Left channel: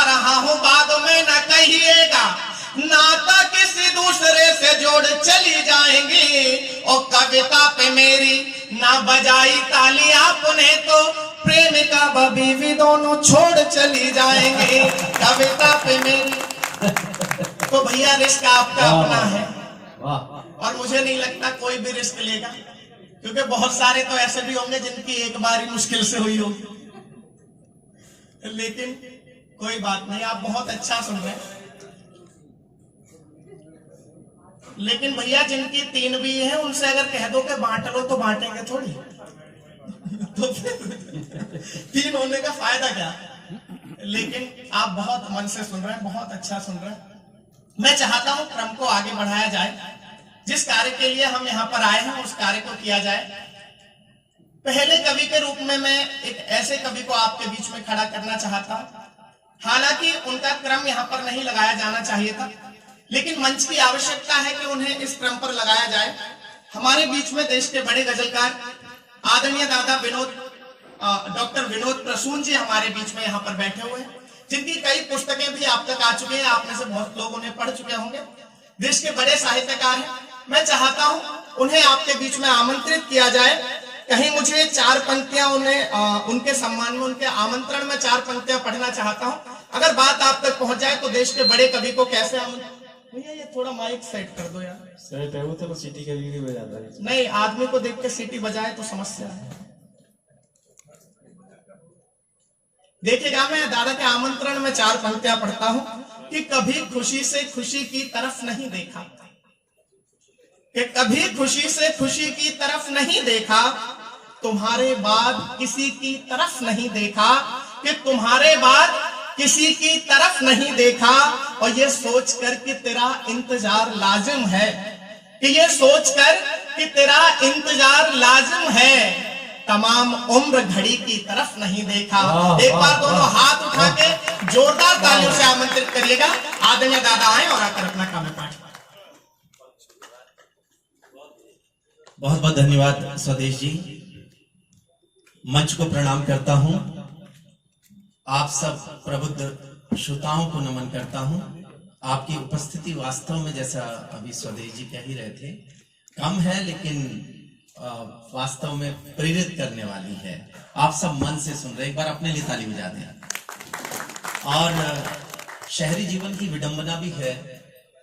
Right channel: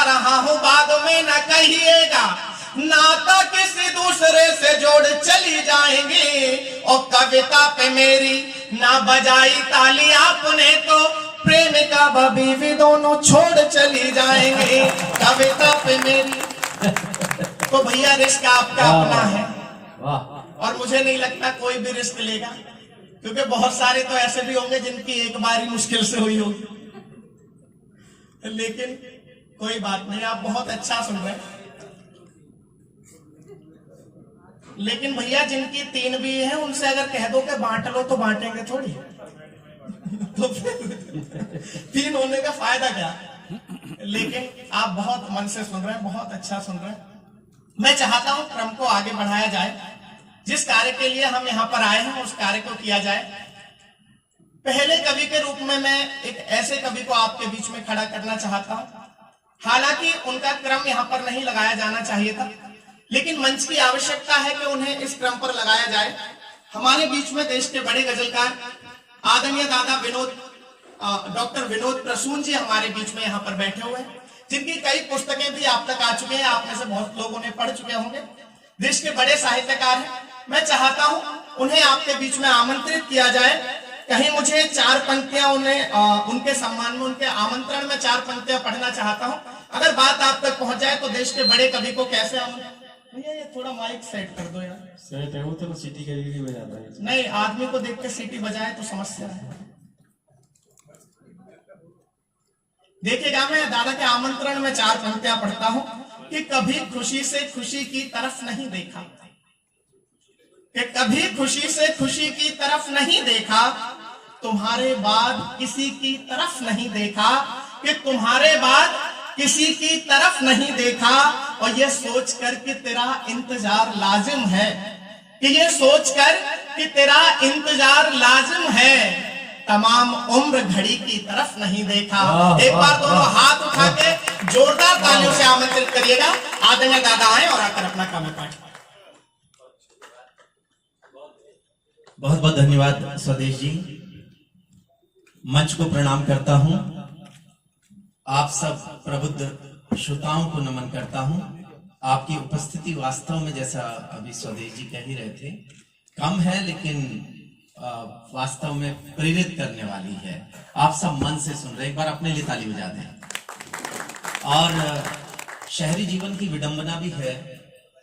बता रहा हूँ, बाद में न कहिएगा, नाता किसी दूसरे से जोड़ चली जाएंगी। और कविता पे मेरी ना बजाई ताली आपने तो प्रेमिका बीवी दोनों छोड़ चली जाएंगे। कविता पे मेरी तो भैया रिस्क आपका अपना है, और मुझे नहीं लगता कोई भी रिस्क लेगा, क्योंकि बहुत सारे तो ऐसे भी होंगे जिनकी एक बार ही मुश्किल से हुई होगी। लेकिन कोई बात नहीं, आप बहुत अच्छा सुन रहे हैं। लेकिन भैया जिनकी 3 भी है उनसे अगर कह दो कि बांट लो तो बांटेंगे थोड़ी। तो फिर 3 होने का फायदा क्या। लेकिन आप बहुत मन से सुन रहे हैं, बहुत अच्छा सुन रहे हैं। मैं चाहता हूं क्रम को आगे बढ़ाया जाए, जिस कार्य के लिए हम यहां पर आए हैं उस कार्य को किया जाए। पहले कवि के रूप में मैं एक ऐसे कवि को आपके बीच में खड़ा करना चाहता हूं। हालांकि उनका क्रम यहां पर नहीं लगाया जाना चाहिए था, लेकिन मंच की आवश्यकता है कि उन्हें इस क्रम पर लगाया जाए। हमारे बीच में देश के बड़े गजलकार आदरणीय दादा डॉक्टर विनोद प्रसून जी हमारे बीच में यहाँ पर बैठे हुए हैं, जिनकी कई पुस्तकें भी आप तक आ चुकी हैं, आप में से बहुत लोग उन्हें पढ़ चुके होंगे। देश के बड़े साहित्यकार हैं। मैं चाहता हूं उन्हें आपके बीच में आमंत्रित किया जाए। कहीं मुझे 4 पंक्तियां उनके सम्मान में, उनके आमंत्रण में 4 पंक्तियां पढ़ना चाहता हूं। अगर बात आप तक पहुंच जाए तो देश के बड़े कवि को कैसे भैया ये थोड़ा माइक सेट कर दो यार। सेट है वो तो सीटी का यूज हो जाता है। नहीं, आदमी को देख के सीटी बजाए तो समस्या है। देखिएगा, मैं दादा के आमंत्रण में 4 पंक्तियां पढ़ता हूं कि कभी खुशी से खुशी की तरफ नहीं देखा, कि कभी खुशी से खुशी की तरफ नहीं देखा, तुम्हारे बाद किसी की तरफ नहीं देखा, कि तुम्हारे बाद किसी की तरफ नहीं देखा। और ये सोचकर कि तेरा इंतजार लाजिम है, कि ये सोचकर कि तेरा इंतजार लाजिम है, तमाम उम्र घड़ी की तरफ नहीं देखा। एक बार दोनों हाथ उठा के जोरदार तालियों से आमंत्रित करिएगा। आदरणीय दादा आए और आकर अपना काम पाठ। बहुत बहुत धन्यवाद स्वदेश जी। मंच को प्रणाम करता हूं, आप सब प्रबुद्ध श्रोताओं को नमन करता हूं। आपकी उपस्थिति वास्तव में, जैसा अभी स्वदेश जी कह ही रहे थे, कम है लेकिन वास्तव में प्रेरित करने वाली है। आप सब मन से सुन रहे, एक बार अपने लिए ताली बजा दें। और शहरी जीवन की विडंबना भी है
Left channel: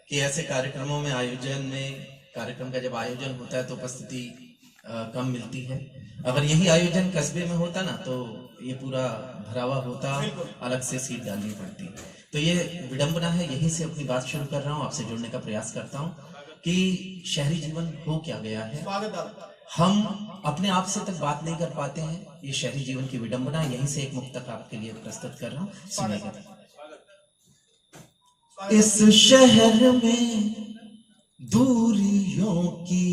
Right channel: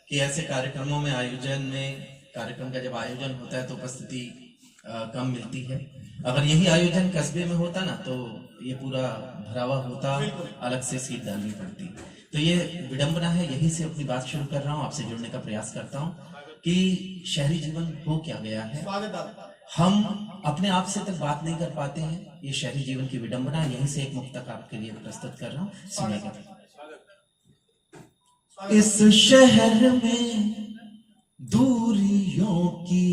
कि ऐसे कार्यक्रमों में, आयोजन में, कार्यक्रम का जब आयोजन होता है तो उपस्थिति कम मिलती है। अगर यही आयोजन कस्बे में होता ना तो ये पूरा भरा हुआ होता, अलग से सीट डालनी पड़ती। तो ये विडंबना है, यही से अपनी बात शुरू कर रहा हूँ, आपसे जुड़ने का प्रयास करता हूँ कि शहरी जीवन हो क्या गया है। हम अपने आप से तक बात नहीं कर पाते हैं, ये शहरी जीवन की विडंबना है। यहीं से एक मुक्तक आपके लिए प्रस्तुत कर रहा हूँ, सुनिएगा। इस शहर में दूरियों की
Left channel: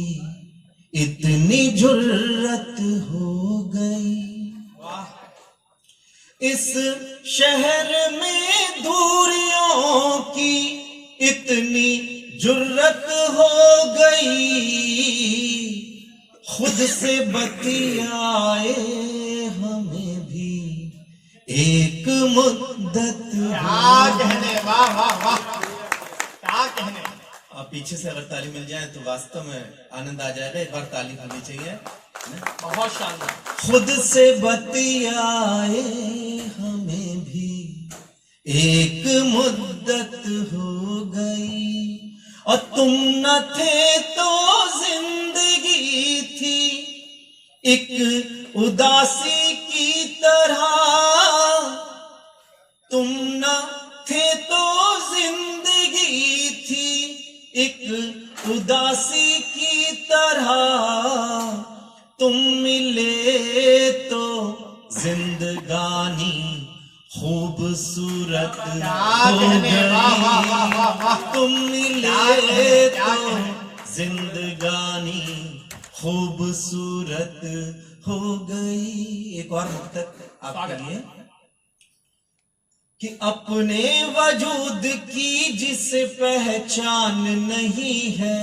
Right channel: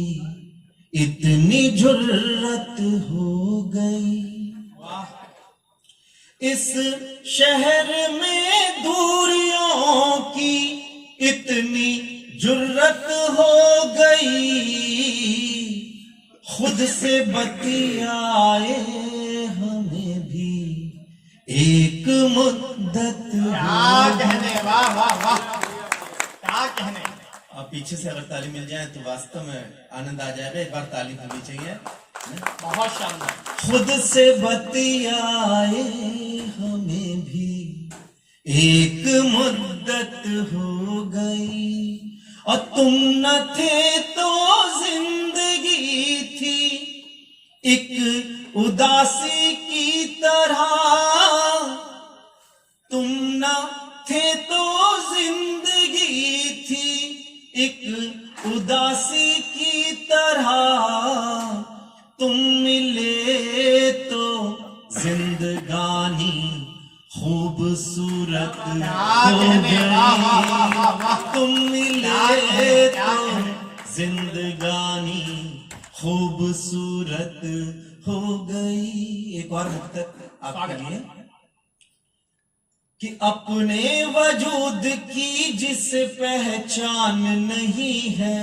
इतनी जुर्रत हो गई, इस शहर में दूरियों की इतनी जुर्रत हो गई, खुद से बतियाए हमें भी एक मुद्दत। क्या कहने, वाह वाह वाह, क्या कहने। आप पीछे से अगर ताली मिल जाए तो वास्तव में आनंद आ जाएगा। एक बार ताली होनी चाहिए। बहुत शानदार। खुद से बतियाए हमें भी एक मुद्दत हो गई, और तुम न थे तो जिंदगी थी एक उदासी की तरह, तुम न थे तो जिंदगी थी एक उदासी की तरह, तुम मिले तो जिंदगानी खूबसूरत हो गई, तुम मिले तो जिंदगानी खूबसूरत हो गई। एक और मुक्तक आपके लिए कि अपने वजूद की जिसे पहचान नहीं है,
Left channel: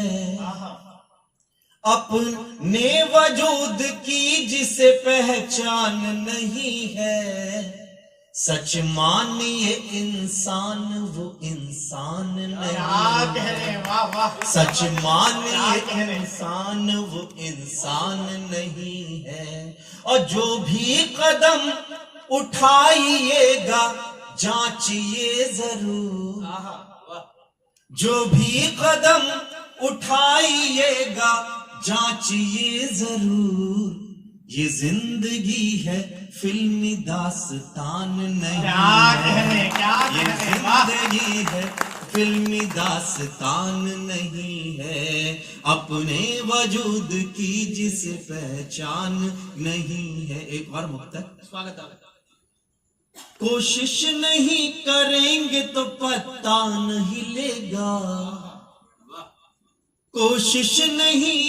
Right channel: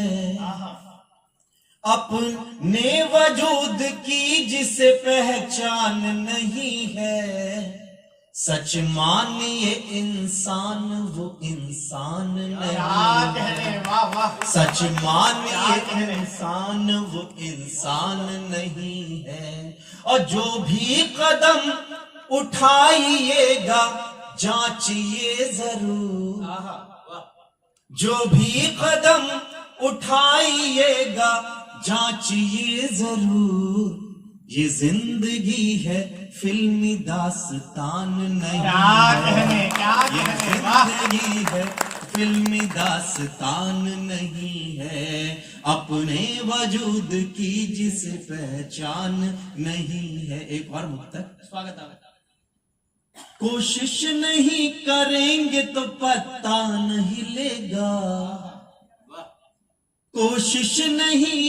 अपने वजूद की जिसे पहचान नहीं है, सच मानिए इंसान वो इंसान क्या कह रहे नहीं, हैं, वाह वाह। सच मानिए इंसान वो इंसान नहीं है। और जो भी कदम उठाइएगा जांचिए जरूर, जो भी कदम उठाइएगा जांचिए जरूर। ये जिंदगी है फिल्मी दास्तान नहीं क्या कह रहे है, हैं, क्या ये कह रहे हैं, वाह। जिंदगी है फिल्मी दास्तान नहीं है। अपने वजूद की जिसे पहचान नहीं है। एक बार मुक्तक स्वागत है। कोशिश नहीं करेंगे तो पता नहीं लेगा, कोशिश नहीं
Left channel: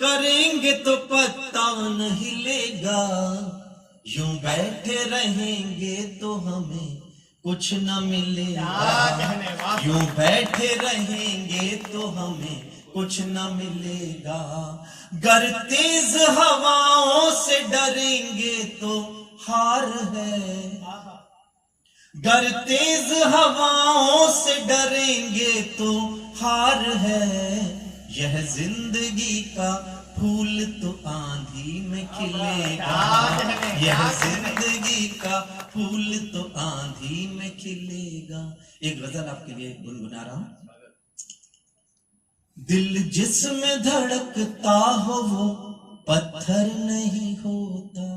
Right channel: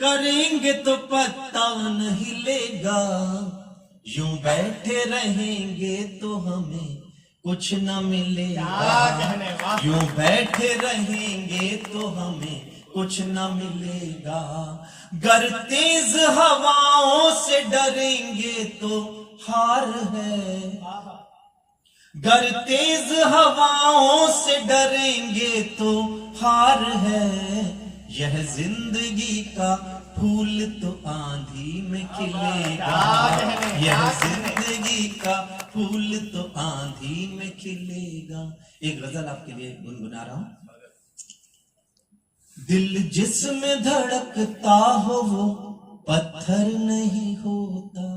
करेंगे तो पता नहीं लेगा। यूं बैठे रहेंगे तो हमें कुछ न मिलेगा, क्या कहने, वाह। यूं बैठे रहेंगे तो हमें कुछ न मिलेगा। गर तेज हवाओं से डरेंगे तो हार है, गर तेज हवाओं से डरेंगे तो हार है। यह जिंदगी का फूल तो आंधी में खिलेगा, यह जिंदगी का फूल तो आंधी में खिलेगा। एक गजल आपके लिए गुनगुना रहा हूं। दिल जिसमें धड़कता हो वो पत्थर नहीं होता,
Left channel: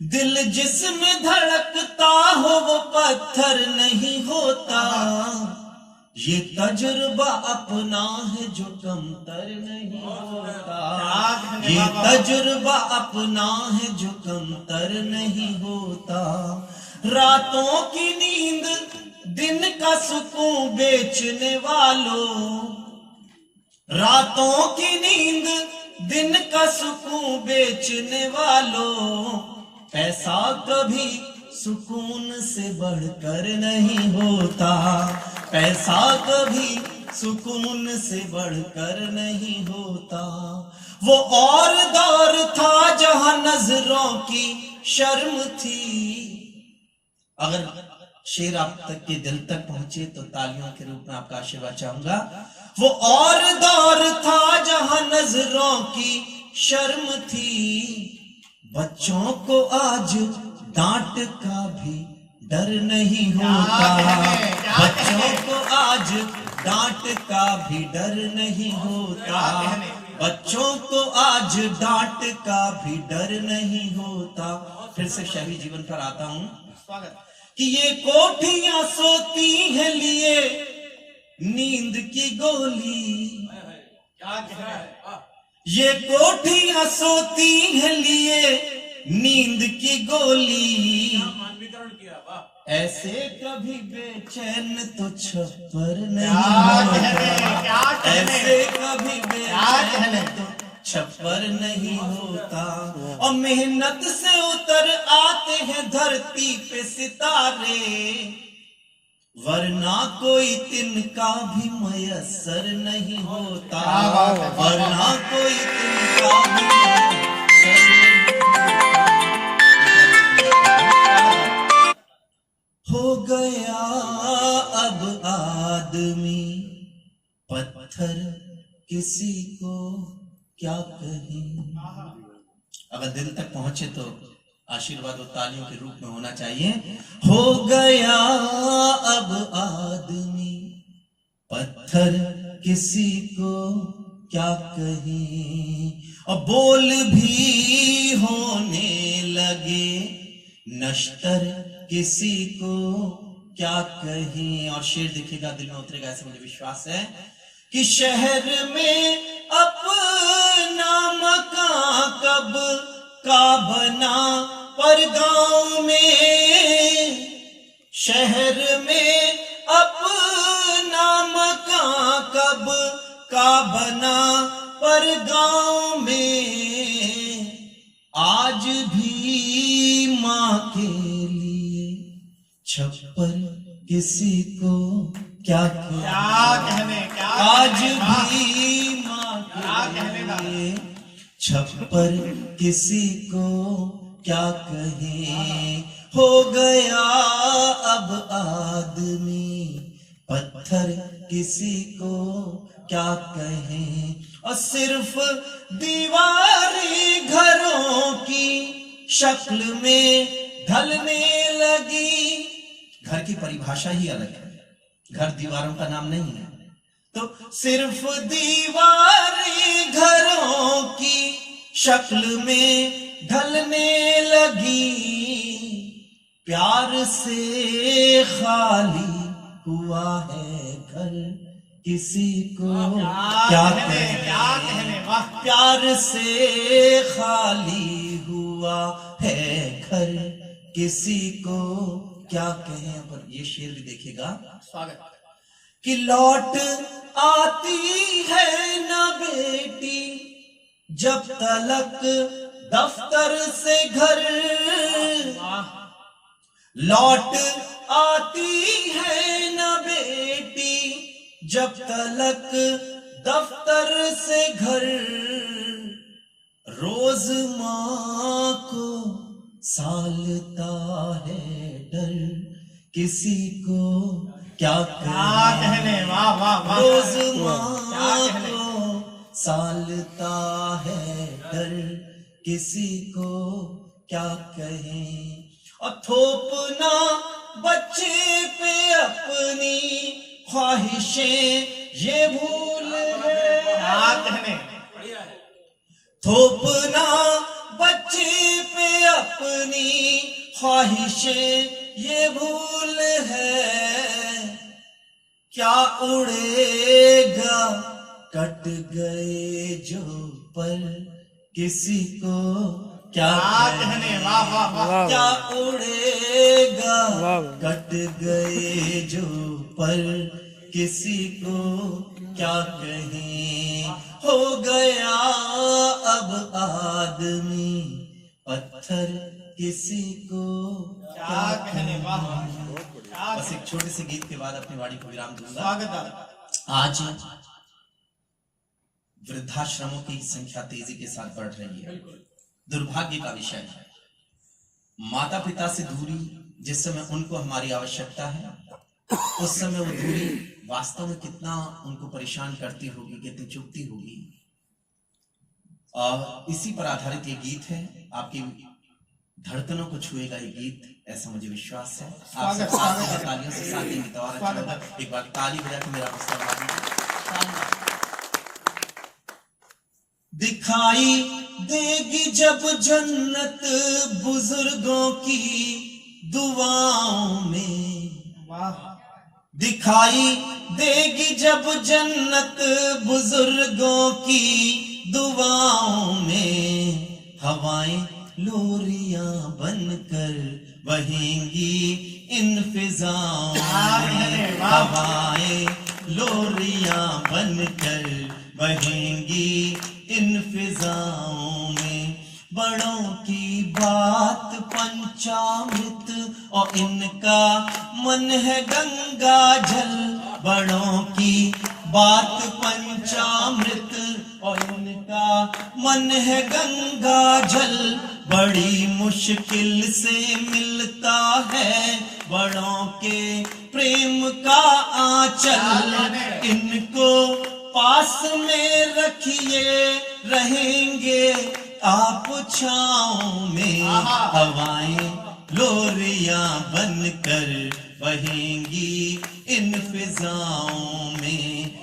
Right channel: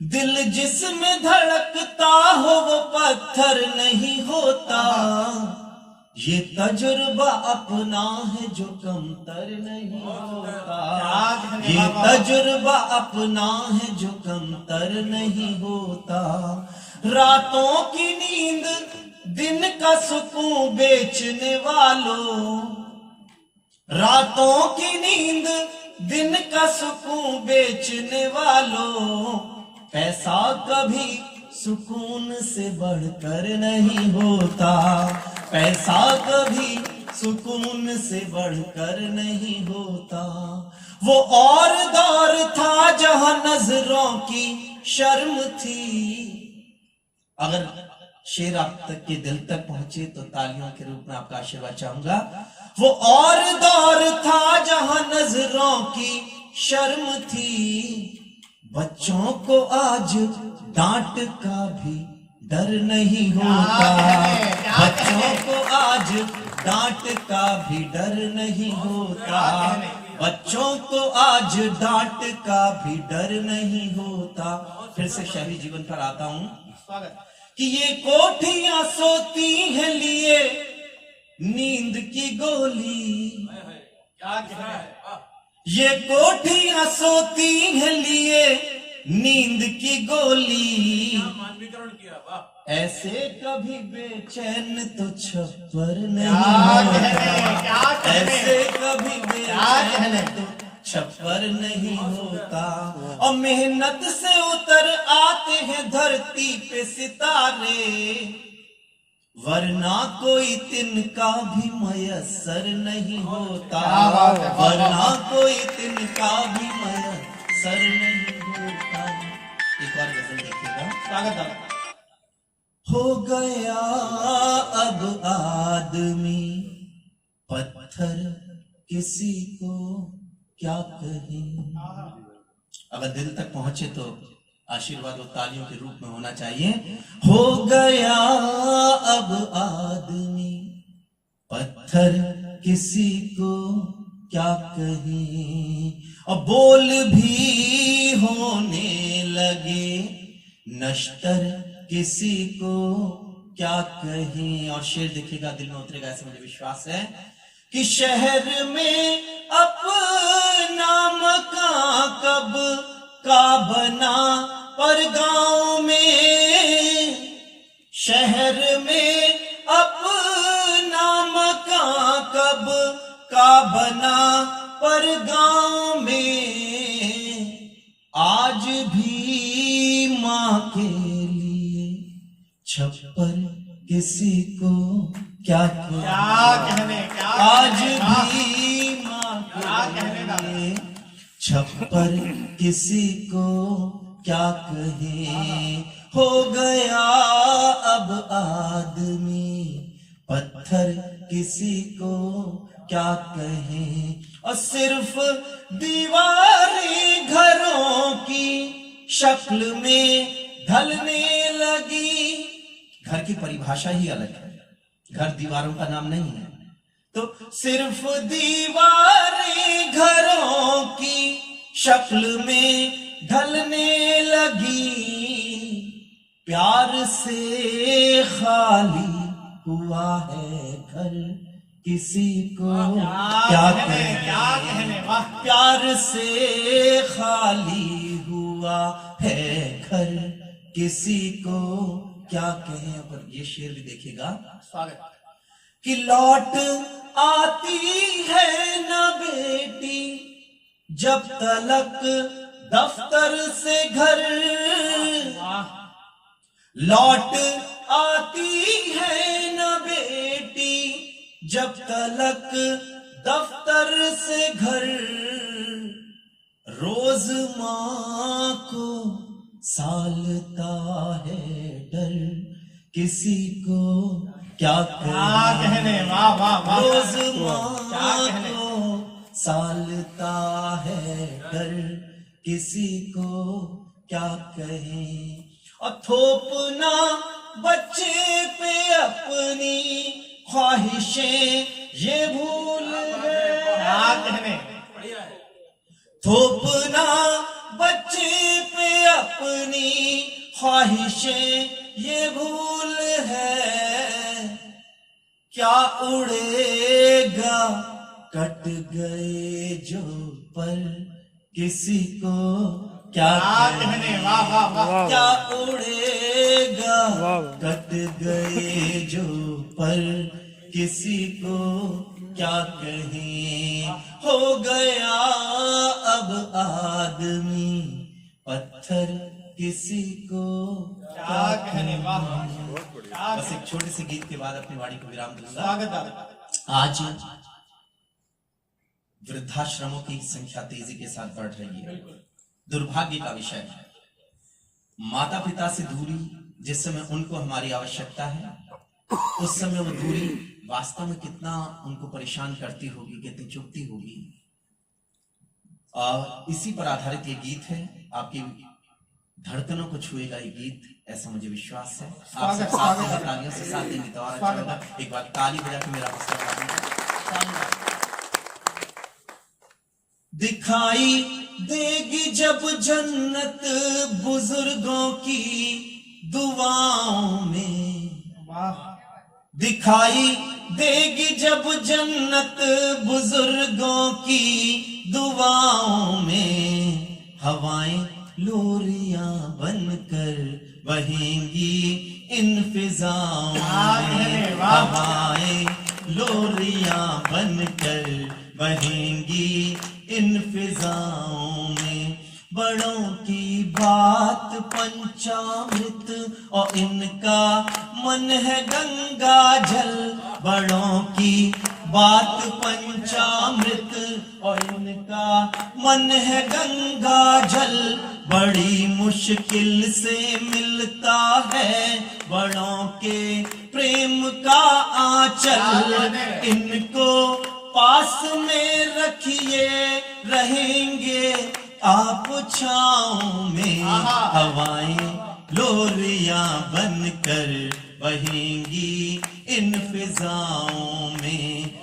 दिल जिसमें धड़कता हो वो पत्थर नहीं होता। ये तजुर्बा अपना है जो कमतर नहीं होता, ये तजुर्बा अपना है जो कमतर नहीं होता। रातों की नींद दिन का सुकून बेचने वालों, रातों की नींद दिन का सुकून बेचने वालों। पैसा कभी सुकून से बढ़कर नहीं होता, पैसा कभी सुकून से बढ़कर नहीं होता। वो और दौर था जहां नजरों की शर्म थी। अगर शेर आप तक के दिल तक पहुंचे तो तालियों के रूप में आपका आशीर्वाद चाहूंगा। वो और दौर था जहां नजरों की शर्म थी। बच्चों को आज डांट का भी डर नहीं होता, बच्चों को आज डांट का भी डर नहीं होता, बच्चों को आज डांट का भी डर नहीं होता। फिर से शहरी जीवन पर आता हूं कि ये कोठियां सोती हैं लिए नींद की गोली, ये कोठियां सोती हैं लिए नींद की गोली। ऐसे कभी बेचैन तो छप्पर नहीं होता, ऐसे कभी बेचैन तो छप्पर नहीं होता। और मेहनत से उतर आते हैं धरती पे सितारे, वरना कोई तिनका भी मयसर नहीं होता, वरना कोई तिनका भी मयसर नहीं होता। हो गया अब आदमी पत्थर किसी को क्या कहें। अगर दिल तक पहुंचे तो आशीर्वाद और तालियों के रूप में होना चाहिए। हो गया अब आदमी पत्थर किसी को क्या कहें। और बोल भी होने लगे नश्तर किसी को क्या कहें। और शेर देखिएगा दिल में उतरेगा ऐसा मुझे विश्वास है कि शहर में अपना मकान कब का बना पर गांव में, शहर में अपना मकान कब का बना पर गांव में। आज भी मां के लिए छप्पर किसी को क्या कहने, आज भी मां के लिए छप्पर किसी को क्या कहे। हो गया अब आदमी पत्थर, किसी को क्या कहें। और सिर्फ दीवारें घरों की शक्ल में ढलने लगी। घर की परिभाषा ही अलग है, घर दीवारों का नाम नहीं है। तो सिर्फ दीवारें घरों की शक्ल में ढलने लगी। प्यार से खाली हुआ है घर, किसी को क्या कहें। प्यार से खाली हुआ है घर, किसी को क्या कहें। पर ये शेर भी देखिएगा, स्वागत कि लौट आती है न बेटी जब तलक दफ्तर से घर। लौट आती है न बेटी जब तलक दफ्तर से घर। रोज माँ को सालता है डर, किसी को क्या कहने। वाह वाह वाह, रोज माँ को सालता है डर, किसी को क्या कहें। और थोपना बच्चे पे अपनी ख्वाहिशें ये भूल है। थोपना बच्चे पे अपनी ख्वाहिशें ये भूल है। क्या उड़ेगा कट गए जो पल, किसी को क्या कहने। वाह वाह वाह, क्या उड़ेगा कट गए जो पल, किसी को क्या कहें। हो गया अब आदमी पत्थर, किसी को क्या कहने। बस एक छोटी सी गीत के बाद अपनी वाणी को विराम दूंगा। स्वागत। आज वृद्धाश्रमों की संख्या तेजी के साथ बढ़ रही है। दुर्भाग्य का विषय है, माता पिता से दूरी जिस समय उनको हमारी आवश्यकता है, उस समय वो दूरी वास्तव में कितना उनको परेशान करती होगी, कितनी चुभती होगी। इसी पर आधारित ये गीत है, आपकी धड़कनों को छुएगा ये गीत, ऐसा मुझे विश्वास है। आप सब साथ में तालियों से साथ देंगे तो और अच्छा होगा। एक बार ताली बजा के मेरा हौसला दिखाई देगी जब जन्नत बुजुर्गों की दुआओं में। दिखाई देगी जब जन्नत बुजुर्गों की दुआओं में। हवाएं लोरियां बनकर बहेंगी इन फिजाओं में। हवाएं लोरियां बनकर बहेंगी इन फिजाओं में। बड़ों की बात पंचामृत और इनका मन है गंगा जल। बड़ों की बात पंचामृत और इनका मन है गंगा जल। बड़ी मुश्किल से मिलता है बड़ों के प्रेम का आंचल। इनको पास में रखिए रहेंगे आप छाँव में। हवाएं लोरियां बनकर बहेंगी इन फिजाओं में।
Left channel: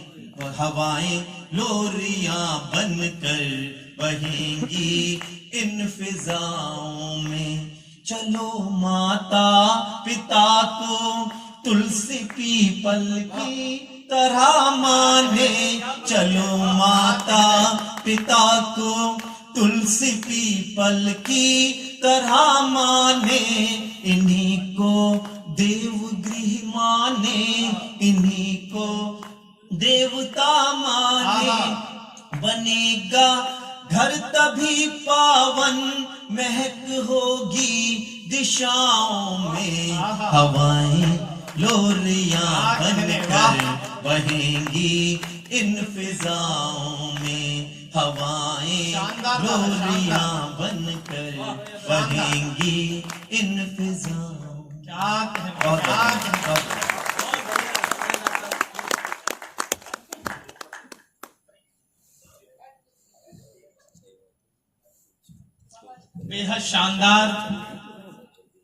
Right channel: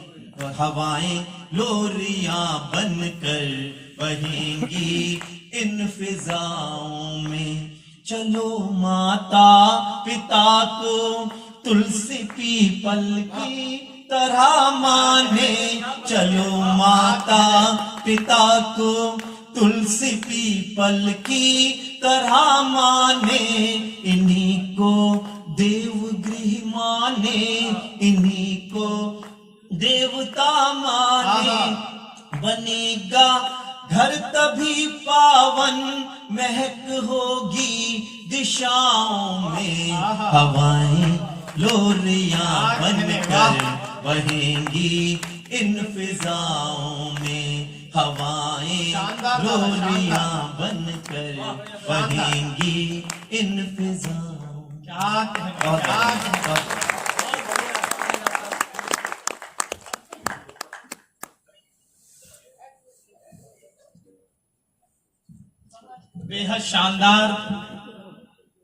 हवाएं लोरियां बनकर बहेंगी इन फिजाओं में। चलो माता पिता को तुलसी पीपल की तरह माने। चलो माता पिता को तुलसी पीपल की तरह माने। इन्हीं को देवगृह माने, इन्हीं को देवता माने। बनेगा घर तभी पावन, महक होगी दिशाओं में। हवाएं लोरियां बनकर बहेंगी इन फिजाओं में। हवाएं शानदार, लोरियां बनकर बहेंगी इन फिजाओं। क्या बहुत बहुत बेहद शानदार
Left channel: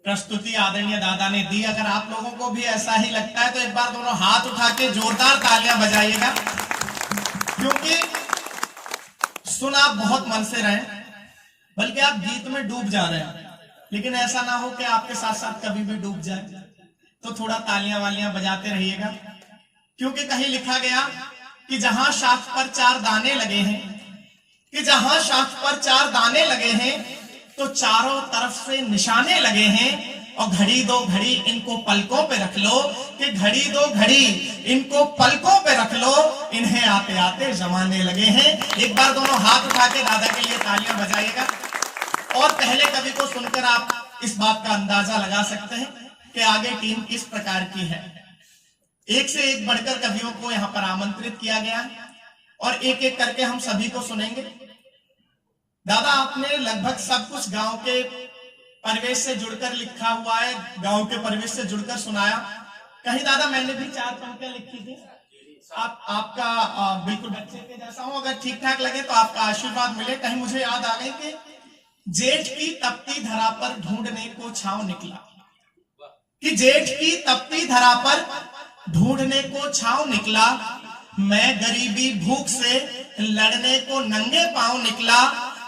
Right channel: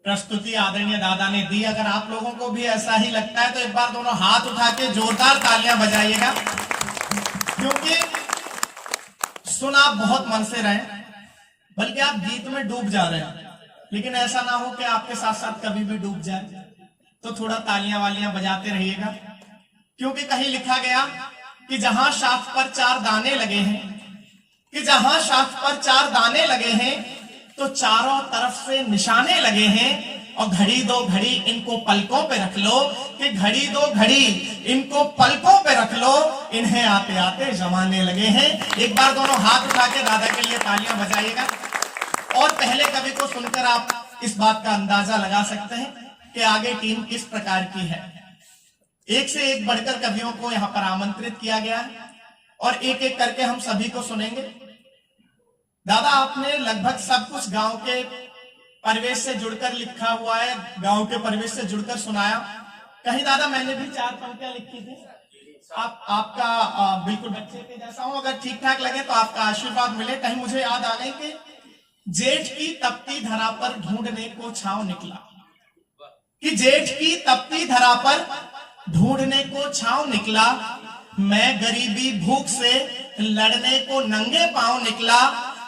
प्रस्तुति आदरणीय दादा ने दी। अगर आप लोगों को भी ऐसा ही लगता है तो एक बार दोनों हाथ उठा के जोरदार तालियां बजाइएगा, क्योंकि सुन आप बहुत मन से रहे, बल्कि आप गीत में डूब जा रहे हैं, लेकिन ऐसा ना हो कि आपके साथ साथ कभी भी डूब जाए। तो थोड़ा तालियां वालियां बजाते रहिएगा, क्योंकि कहीं लिखा गया कि जहां शाख पर 4 दाने लगे हैं, कि जहां शाख पर 4 दाने लगे हैं तो चारों तरफ से निशाने लगे हैं। और घड़ी दो घड़ी इनको पलकों पे रख लो, कि घड़ी दो घड़ी इनको पलकों पे रख लो, इन्हें आते आते जमाने लगे हैं। एक बार दोनों हाथ उठा के दादा के लिए तालियां बजाइएगा। और पहले कवि को सुनकर आप इस बात का अंदाजा लगा सकते हैं कि आगे टीम किस प्रकार की है। एक से एक बढ़कर कवियों को यहां पर आमंत्रित किया गया है और एक एक करके हम सभी को सुनेंगे। दादा, आपने लगभग सब कुछ गांव के परिवेश से जुड़कर लिखा हुआ है, गांव के परिवेश से जुड़कर सुनाया। कहीं दादा मैंने भी 4 पंक्तियां लिखी थी, आपका बिल्कुल बच्चे के जैसा हूं, अगर ठीक ठाक लगे तो आपका आशीर्वाद मिले। कहीं मुझे याद आ गई कि जेठ की तपती धरा पर ढूंढने को छांव निकला, कि जेठ की तपती धरा पर ढूंढने को छांव निकला, मैं गरीबी भूख से लड़ने को नंगे पांव निकला,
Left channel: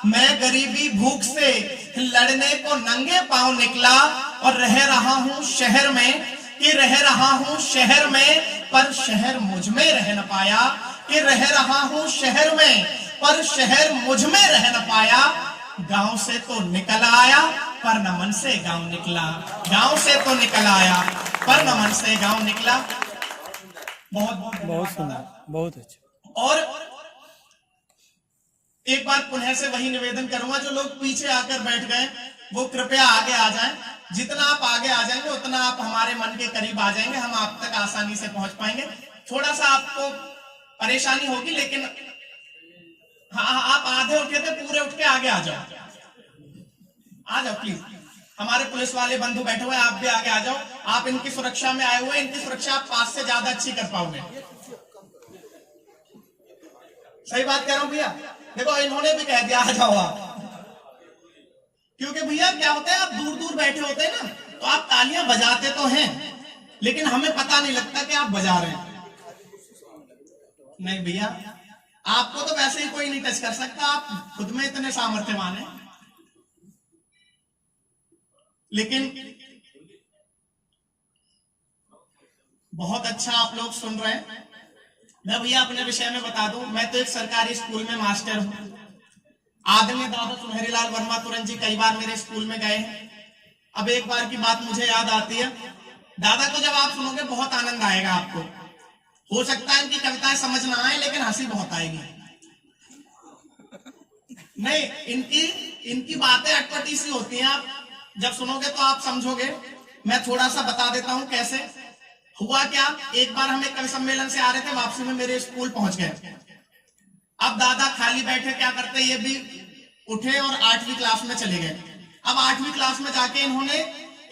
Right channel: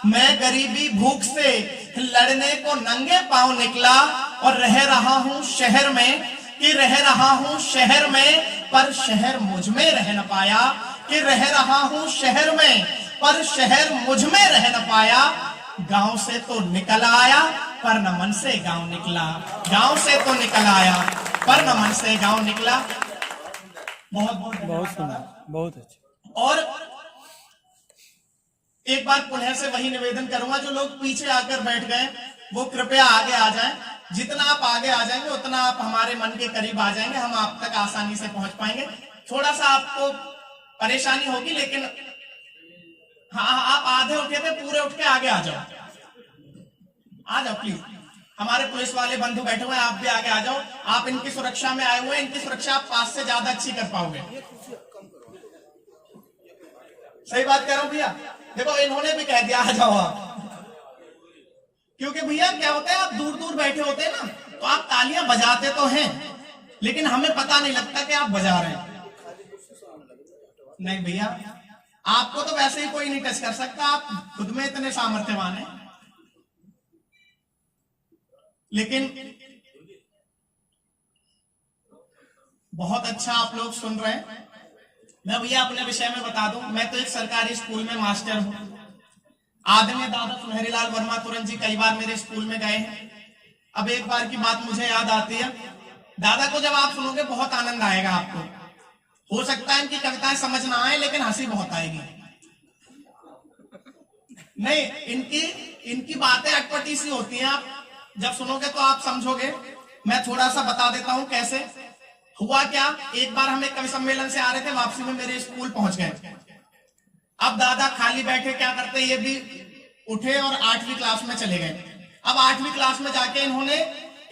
मैं गरीबी भूख से लड़ने को नंगे पांव निकला। और रह रहा हूं शहर में, कि रह रहा हूं शहर में, पर शहर मुझ में रह न पाया, कि रह रहा हूं शहर में, पर शहर मुझ में रह न पाया। गांव से तो निकल आया पर न मन से गांव निकला, गांव से तो निकल आया पर न मन से गांव निकला। बहुत बहुत बहुत सुंदर, बहुत अच्छा। और एक बार पुनः से वही निवेदन करूंगा, जो लोग पीछे आकर बैठ गए वो कृपया आगे आ जाएं। जितना आप आगे आ जाएंगे उतना आप हमारे मन के करीब आ जाएंगे, हम आप तक आसानी से पहुंच पाएंगे। थोड़ा सा आपको परेशानी होगी, लेकिन हाँ, आप आधे उठे थे, पूरे उठ के आगे आ जाओ, आ जाओ प्लीज। हमारे पुलिस वाले बंधु बैठे हुए हैं, आप भी आगे आ जाओ। आप इनकी सुरक्षा में आए हुए हैं, इनकी सुरक्षा आप पास से ज्यादा अच्छी कर पाओगे। सही बात कह रहा हूं भैया? देखो इन्होंने भी कह दिया आ जाओ आप, क्योंकि भैया क्या होता है, आप दूर दूर बैठे होते हैं ना, तो आप तालियां बजाते तो हैं, लेकिन हमें पता नहीं लगता कि आप बजा रहे हैं। नहीं भैया, आपको तो वैसे ही कोई नहीं टच कर सकता, आप खुद में इतने सामर्थ्यवान हैं। लेकिन बहुत अच्छा आप लोग सुन रहे हैं। मैं भैया अपने विषय में बता दूं, मैं तो एक सरकारी स्कूल में मास्टर हूं। आदरणीय दादा सुनहरी लाल वर्मा तुरंत जी कई बार मेरे स्कूल में गए हैं। अब एक बार की बात मुझे याद आती है, दादा को जब आप सुनोगे बहुत आनंद आएगा आपको। हो सकता है इनकी कविताएं समझ ना आए, लेकिन हंसी बहुत आएगी। नहीं, इनकी बातें अटपटी सी होती हैं, आप जब सुनोगे तो आप समझोगे। मैं थोड़ा सा बता देता हूं कैसे हुआ क्या। एक बार हम एक कवि सम्मेलन से आ रहे थे, वापसी में मेरे स्कूल पहुंच गए। अब दादा खाली बैठे क्या करते, ये भी उठे और 8वीं क्लास में चले गए। अब 8वीं क्लास में जाके इन्होंने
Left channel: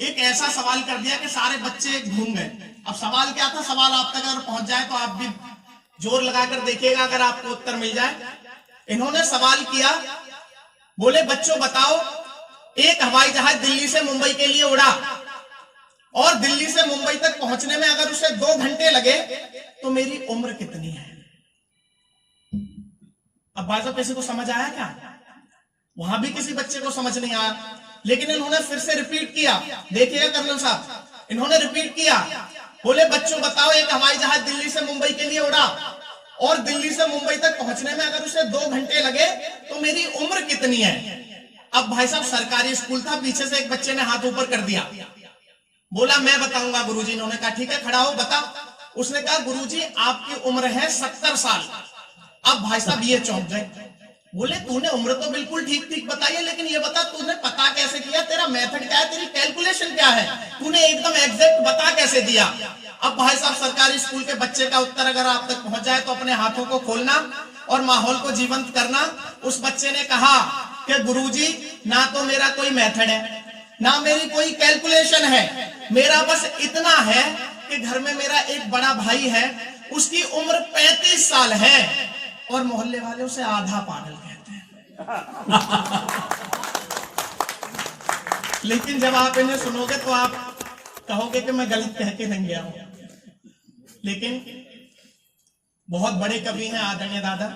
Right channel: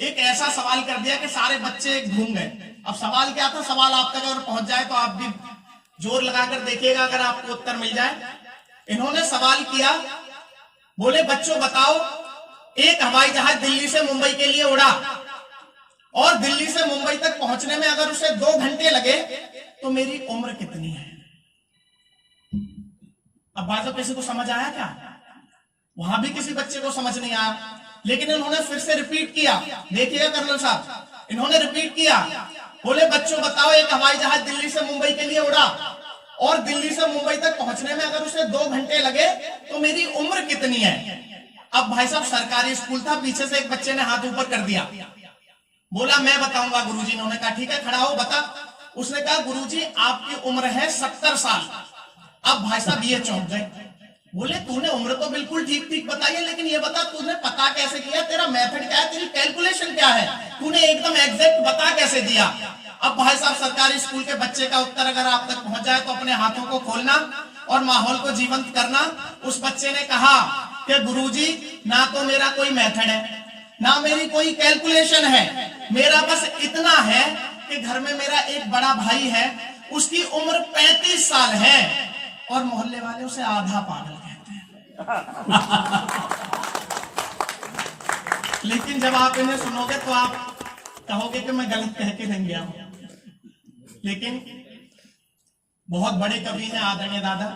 एक ऐसा सवाल कर दिया कि सारे बच्चे घूम गए। अब सवाल क्या था, सवाल आप तक अगर पहुंच जाए तो आप भी जोर लगाकर देखिएगा अगर आपको उत्तर मिल जाए। इन्होंने सवाल किया, बोले बच्चों बताओ, एक हवाई जहाज दिल्ली से मुंबई के लिए उड़ा और दिल्ली से मुंबई तक पहुंचने में अगर उसे 2 घंटे लगे तो मेरी उम्र कितनी है? अब भाई साहब किसी को समझ आया क्या? वहां भी किसी बच्चे को समझ नहीं आया, लेकिन इन्होंने फिर से रिपीट किया। देखिएगा कर्नल साहब, इन्होंने रिपीट किया, बोले बच्चों बताओ, एक हवाई जहाज दिल्ली से मुंबई के लिए उड़ा और दिल्ली से मुंबई तक पहुंचने में अगर उसे 2 घंटे लगे तो मेरी उम्र कितनी है? अब भाई साहब सरकारी स्कूल था, पीछे से एक बच्चे ने हाथ ऊपर कर दिया, बोला मैं बताऊंगा गुरुजी। इन्होंने कहा ठीक है खड़ा हो बता। उसने कहा गुरुजी आपकी उम्र है 70 साल। अब भाई साहब ये चौंक गए, बोले तूने उम्र तो बिल्कुल ठीक ठीक बताई है, लेकिन ये बता तूने पता कैसे किया, तेरा मेथड क्या है, तेरी कैलकुलेशन क्या है, तूने एकदम एग्जैक्ट बता कैसे दिया? अब भाई साहब सरकारी स्कूल के बच्चे का उत्तर अगर आप तक पहुंच जाए तो अपने हाथों को खोलना। और माहौल को जीवंत करना। उस बच्चे ने कहा कि गुरुजी, ना तो मेरा कोई मेथड है, ना मेरी कोई कैलकुलेशन है, मेरा बस इतना है कि घर में मेरा एक बड़ा भाई है, उसकी उम्र 35 साल है और मोहल्ले वाले उसे आधा पागल कहते हैं। लेकिन जब आप इन्हें सुनोगे तो आप कहोगे कि मैं गलत कह के नहीं गया हूं। लेकिन बहुत बड़े कवि हैं आदरणीय दादा,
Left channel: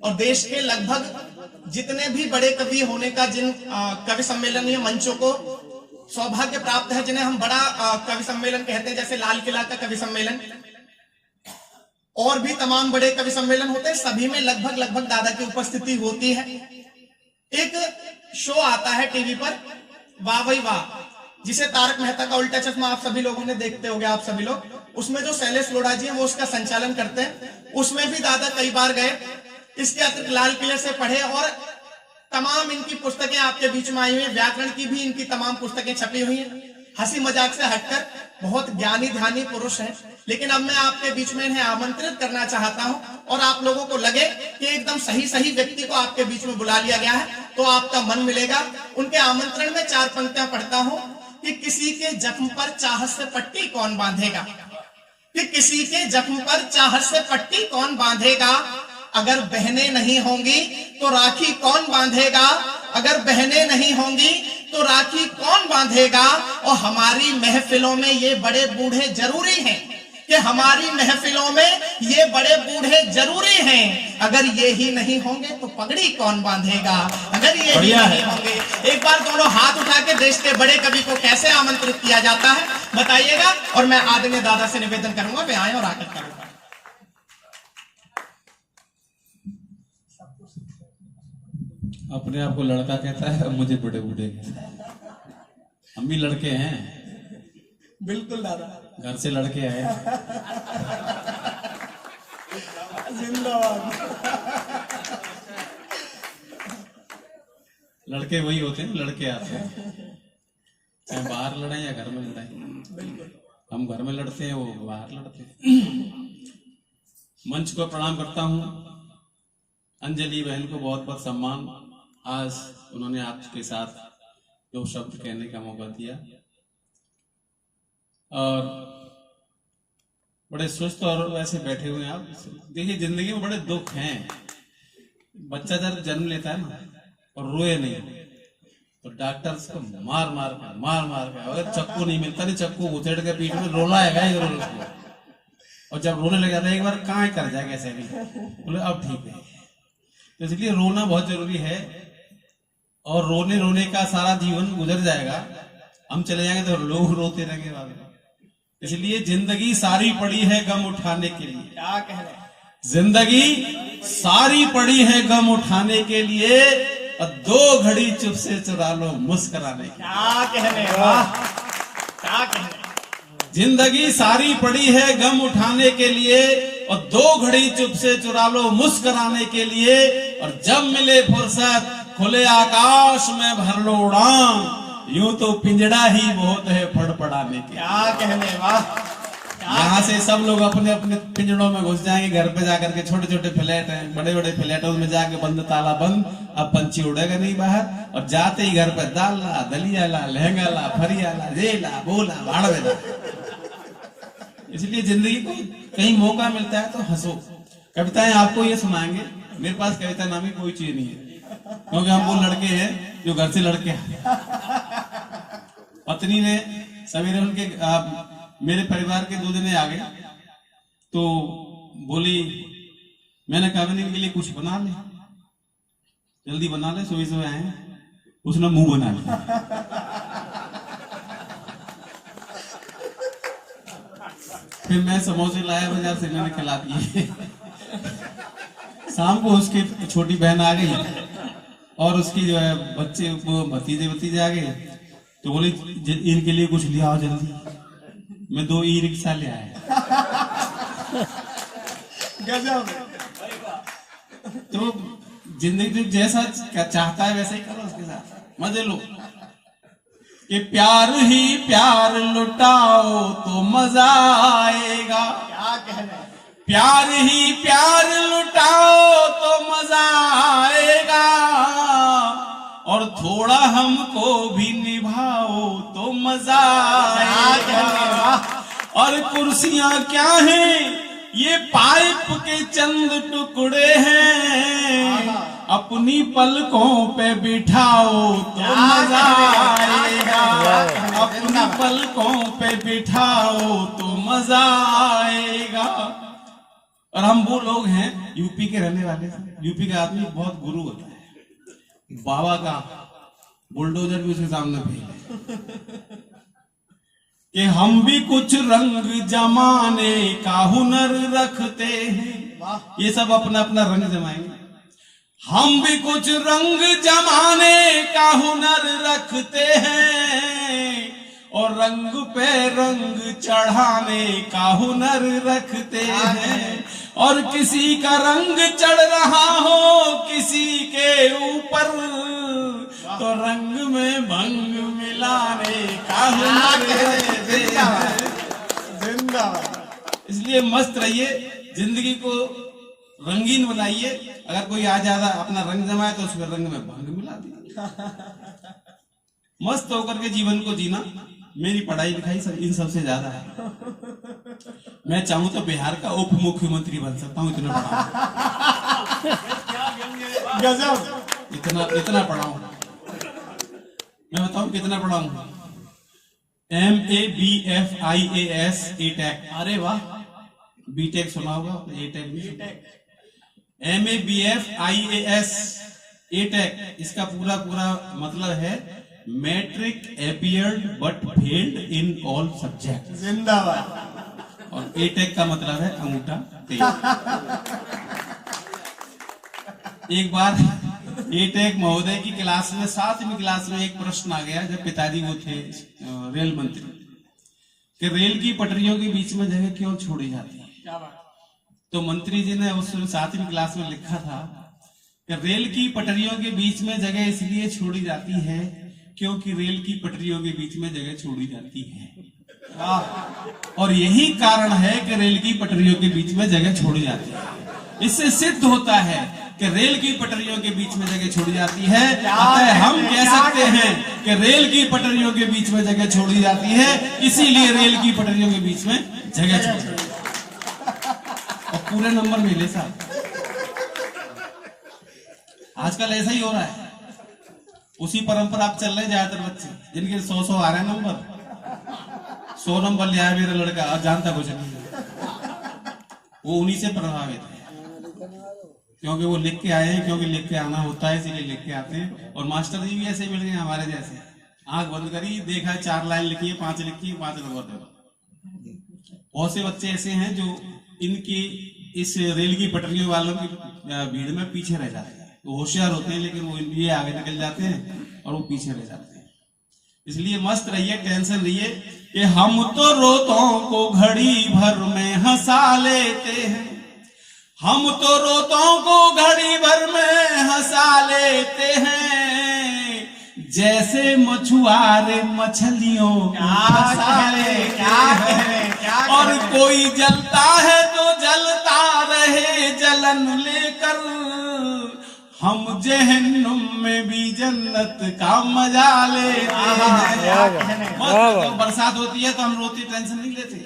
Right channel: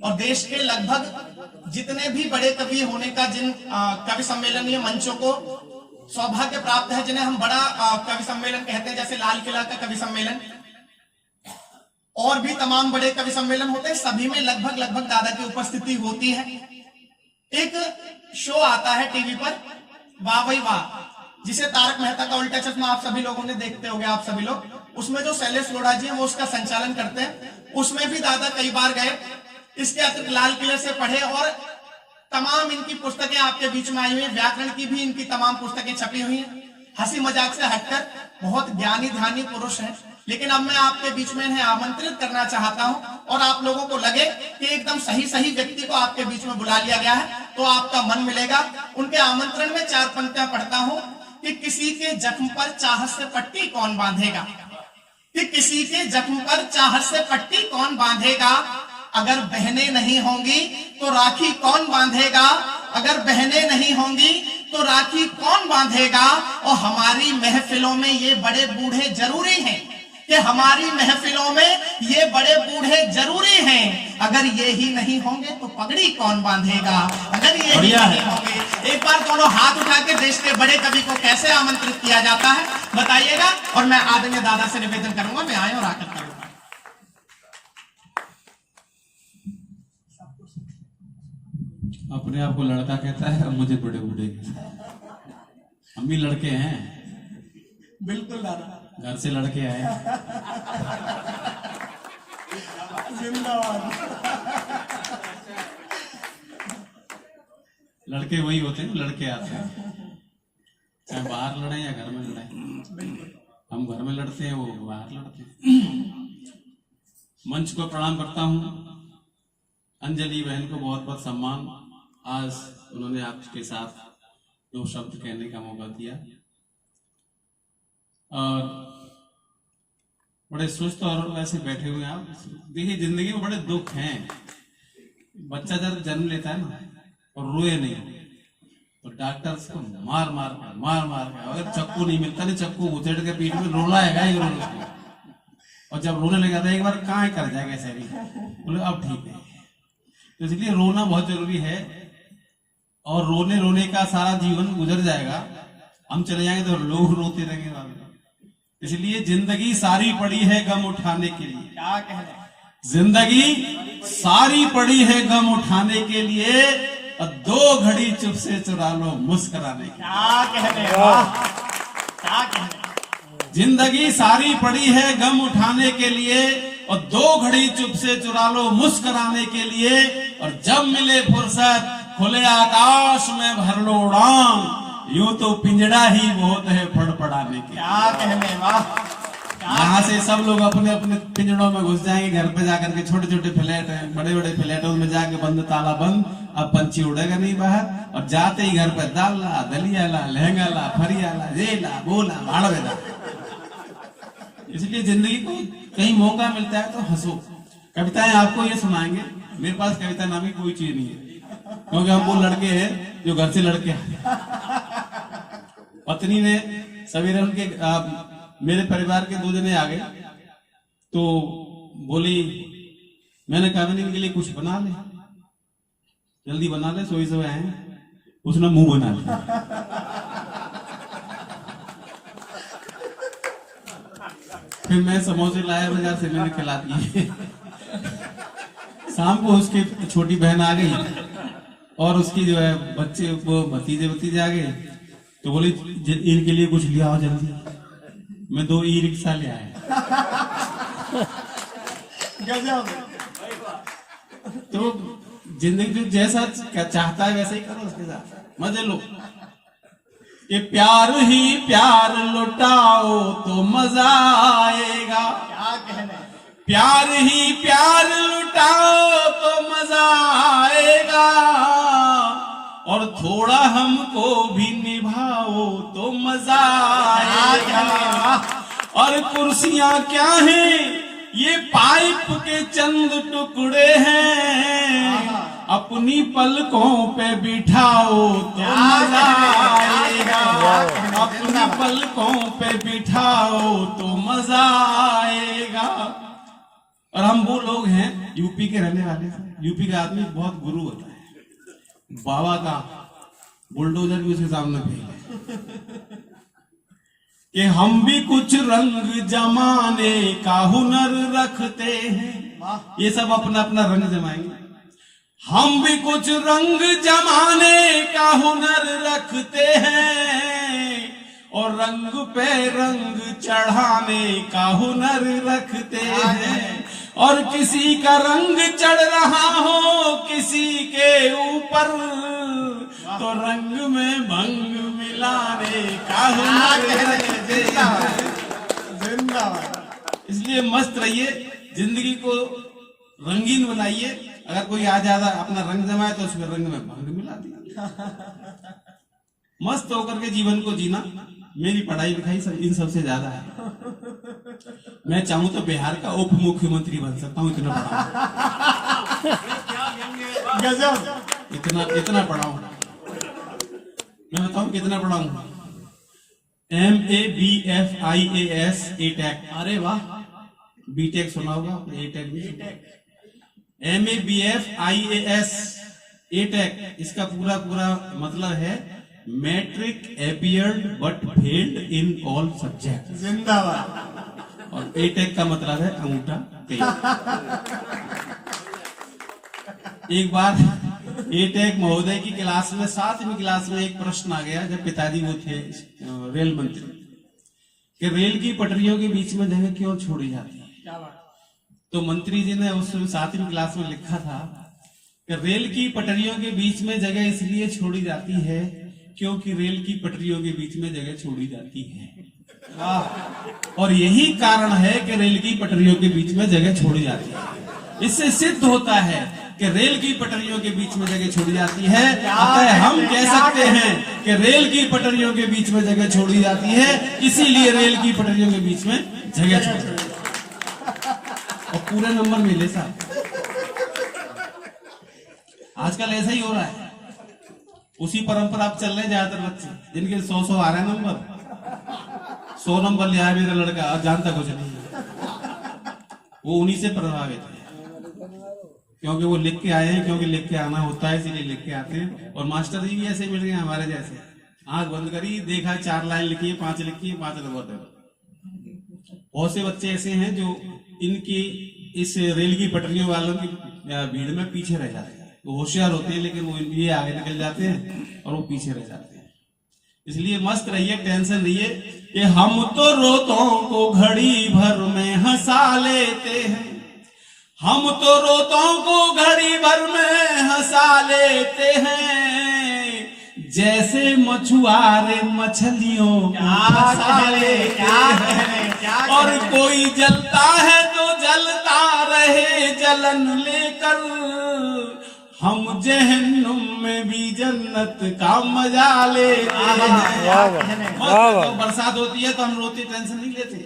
और देश के लगभग जितने भी बड़े कवि होने का जिन कवि सम्मेलन या मंचों को सौभाग्य प्राप्त है, जिन्हें हम बड़ा कवि सम्मेलन कहते हैं, जैसे लाल किला का कवि सम्मेलन और भी तमाम बड़े कवि सम्मेलन होते हैं, सभी में लगभग दादा की उपस्थिति होती है। एक शो आता है टीवी पर, वाह भाई वाह, जिसे तारक मेहता का उल्टा चश्मा आप सभी लोगों ने देखते होंगे, आप सभी लोग। उसमें जो शैलेश लोढ़ा जी हैं वो उसका संचालन करते हैं। उसमें भी दादा कई बार गए। इसके अतिरिक्त लाल किले से पढ़े और तमाम इनकी पुस्तकें आपके बीच में आई हुई हैं, व्याकरण की भी इनकी तमाम पुस्तकें छपी हुई हैं। हंसी मजाक से हटकर बहुत ज्ञानी ध्यानी पुरुष हैं। लेकिन अब मैं आपके बीच में इन्हें आमंत्रित करना चाहता हूं, और आप लोगों को लगे कि एकदम सही व्यक्ति को आपके बीच में बुला लिया गया है तो आपका मन मिलेगा। उनके आमंत्रण में 4 पंक्तियां पढ़ता हूं कि किसी के जख्म पर चाहत से पट्टी कौन बांधेगा, कि किसी के जख्म पर चाहत से पट्टी कौन बांधेगा, अगर बहनें नहीं होंगी तो राखी कौन बांधेगा, अगर बहनें नहीं होंगी तो राखी कौन बांधेगा। और हमारी महफिलों में ये बड़े बूढ़े जरूरी हैं, कि हमारी महफिलों में ये बड़े बूढ़े जरूरी हैं, अगर ये ही नहीं होंगे तो पगड़ी कौन बांधेगा, अगर ये ही नहीं होंगे। एक बार दोनों हाथ उठा के देश के बड़े कवि को कैसे आमंत्रित किया जाता है बताइएगा, और मैं आदरणीय दादा से निवेदन करूंगा वे आए और आकर करूंगा। अपने आप को लड़का कहता है और मुझे बड़े बूढ़े कहता है। हम भी लड़के हैं, बिल्कुल दादा, घर से लड़के आए। जिंदाबाद। लड़के वही होते हैं, लड़के आते हैं, चाहे बाहर लड़े या घर में लड़े। हम घर में लड़ते हैं, वो बाहर लड़ते हैं। मंच को प्रणाम करता हूं। अंजलि बहन को बहुत बहुत सम्मान, आज उन्होंने आपके साथ 2 शब्द कहने का मौका दिया, और बड़े सुस्त और वैसे बैठे हुए हैं आप। देखिए, जिंदगी में बड़े दुख हैं। बच्चा जब जन्म लेता है ना और रोए नहीं तो डॉक्टर उसको मार मार कर अगर चक्कू नहीं मिलता, नहीं चक्कू उचड़ के पीठ में रोना आएगा ही रोना। और जब रोने लग जाता है एक बार कहाँ कर जाएगा ऐसा भी, बोले अब ठीक है। तो इसलिए रोना बहुत जरूरी है, और रोने का सारा जीवन गुजर जाएगा, हम चले जाएंगे तो लोग रोते रहेंगे वाले। इसलिए जिंदगी सारी पड़ी है गम उठाने के लिए। क्या कह रहे हैं? जिंदगी सारी पड़ी है गम उठाने के लिए, और 2 घड़ी चुप से चुरा लो मुस्कुराने के लिए। क्या कह रहे हैं? क्या कह रहे हैं? जिंदगी सारी पड़ी है गम उठाने के लिए, और 2 घड़ी चुप से चुरा लो मुस्कुराने के लिए, और जब मिले फुर्सत खुले आकाश में भर लो उड़ान, यूं तो पिंजड़ा ही बहुत है फड़फड़ाने के। क्या कहने, वाह। यहाँ से सब लोग अपने अपने पिंजड़ों में घुस जाएंगे, घर पे जाकर के छोटे छोटे फ्लैट हैं, बड़े बड़े फ्लैटों में जाके बंद ताला बंद, अब पंछी उड़ेगा नहीं बाहर, और जाते ही घर पे दाल ला, दलिया ला, लहंगा ला, फरिया ला, जे ला, बोला भाड़वे ला। इसलिए जिंदगी को कहीं मौका मिलता है तो हंसो। कविताएं आपको ये सुनाएंगे, मेरे पास कविता नामी कोई चीज नहीं है, क्योंकि हम वो लड़के हैं जो घर से लड़के हैं। पत्नी ने सवेरे उनके मेरे परिवार के 2 जने आ गए, तो बोली, मैंने कहा इनके लिए कुछ बना ले, जल्दी बना ले, सोई सोए हैं। उसने मुंह बना लिया। फिर मैं समोसे लाया बाजार से, मैंने खिला दिए। शाम को उसकी छोटी बहन आ गई और उसकी जो है बच्चे वो भतीजे आ गए, तो बोली इनके लिए कुछ लिया आओ जल्दी। मैं 2 ई-रिक्शा ले आया। गजब। तो जिंदगी जैसा चाहता है वैसे ही करो, उसके साथ मजे लो। कि प्यार ही प्यार लुटाओ तो मजा आएगा। क्या कहना, प्यार ही प्यार लुटाओ तो मजा आएगा, और थोड़ा हमको भी निभाओ तो मजा आएगा। और कुर्सियां क्या हैं, ये पाइप के चंद टुकड़े हैं, अपनी पलकों पे बिठाओ तो मजा आएगा, अपनी पलकों पे बिठाओ तो मजा आएगा। और हम वो लोग हैं यूपी के रहने वाले, यूपी का आदमी बहुत गुरु होता है, बाबा का बुलडोजर भी उसके सामने भी, कि हम भी कुछ रंग जमाने का हुनर रखते हैं। ये सब अपना अपना रंग जमाएंगे। हम भी कुछ रंग जमाने का हुनर रखते हैं, और रंग पे रंग चढ़ाने का हुनर रखते हैं। और किसी का रंग चढ़ रहा हो किसी के ऊपर, तो रंग में भंग मिलाने का हुनर रखते हैं। इसलिए मस्त रहिए, जिंदगी को रंगीन बनाइए। अगर कोई आ जाता अपना रंग जमाए तो उसमें रंग में भंग मिला दिया। मस्त होकर के जीवन को जीना। मेरी पढ़ाई लिखाई सब इन सबसे ज्यादा है। मैं चाहूं तो बिहार का उप मुख्यमंत्री बन सकता हूं, इतना पढ़ा इतना पढ़ा हूं। मैं बताऊं कितना पढ़ा हूं? MABFIAS A-Tech। अरे वाह, बीटेक सुना होगा, A-Tech भी। MABFIAS A-Tech, इसका पूरा मतलब है matric appeared but failed in all subject. जिंदाबाद। और A-Tech का मतलब है अंगूठा तेल। एक बार A-Tech महोदय की क्लास में 7वीं क्लास में एक प्रश्न आ गया, जब पिताजी वो थे रेल मंत्री, कि रेल की पटरियों के बीच में जगह क्यों छोड़ी जाती है। तो मंत्री जी ने उस 7वीं क्लास में लिखा था कि रेल की पटरियों के बीच में जगह इसलिए छोड़ी जाती है क्योंकि रेल की पटरियों के बीच में जगह छोड़ी जाती है। और यही कारण है कि रेल की पटरियों के बीच में जगह छोड़ी जाती है। इससे सिद्ध होता है कि रेल की पटरियों के बीच में जगह छोड़ी जाती है। अतः हम कह सकते हैं कि रेल की पटरियों के बीच में जगह छोड़ी जाती है, इसीलिए रेल की पटरियों के बीच में जगह छोड़ी जाती है। और पूरे नंबर मिले साहब। आजकल ऐसा ही हो रहा है, उसी परंपरा आप चल रहे ज्यादातर बच्चे, जिनके 100 आ रहे हैं नंबर, 100 नंबर ले आया मेरा लड़का और जानता कुछ नहीं। वो उन्हीं से प्रभावित है, क्योंकि वो लिख के आए हैं, क्योंकि लिख के आना होता है इसलिए लिख के आते हैं। और मास्टर जी भी ऐसे मिल गए हमारे जैसे, आंख बंद करी, देखा 4 लाइन लिखी है, 5 लिखी है, 5 नंबर दे। बहुत से बच्चे ऐसे हैं जो इनकी इस रेल की पटरियों वालों की भीड़ में पीछे रह जाते हैं। वो होशियार होते हैं लेकिन वो ये आगे निकल जाते हैं और वो पीछे रह जाते हैं। इसलिए मस्त रहिए, टेंशन रहिए कि हम तो रोतों को घड़ी भर में हंसा लेते हैं, हम तो रोतों को घड़ी भर में हंसा लेते हैं, जैसे मछुआरे मछलियों को फंसा लेते हैं। और कोई जलता है तो जलता रहे जलन लेकर, हम जहन्नुम में भी जन्नत का मजा लेते हैं। जब बरसात होती है तो हम रोते, टेंशन नहीं लेते।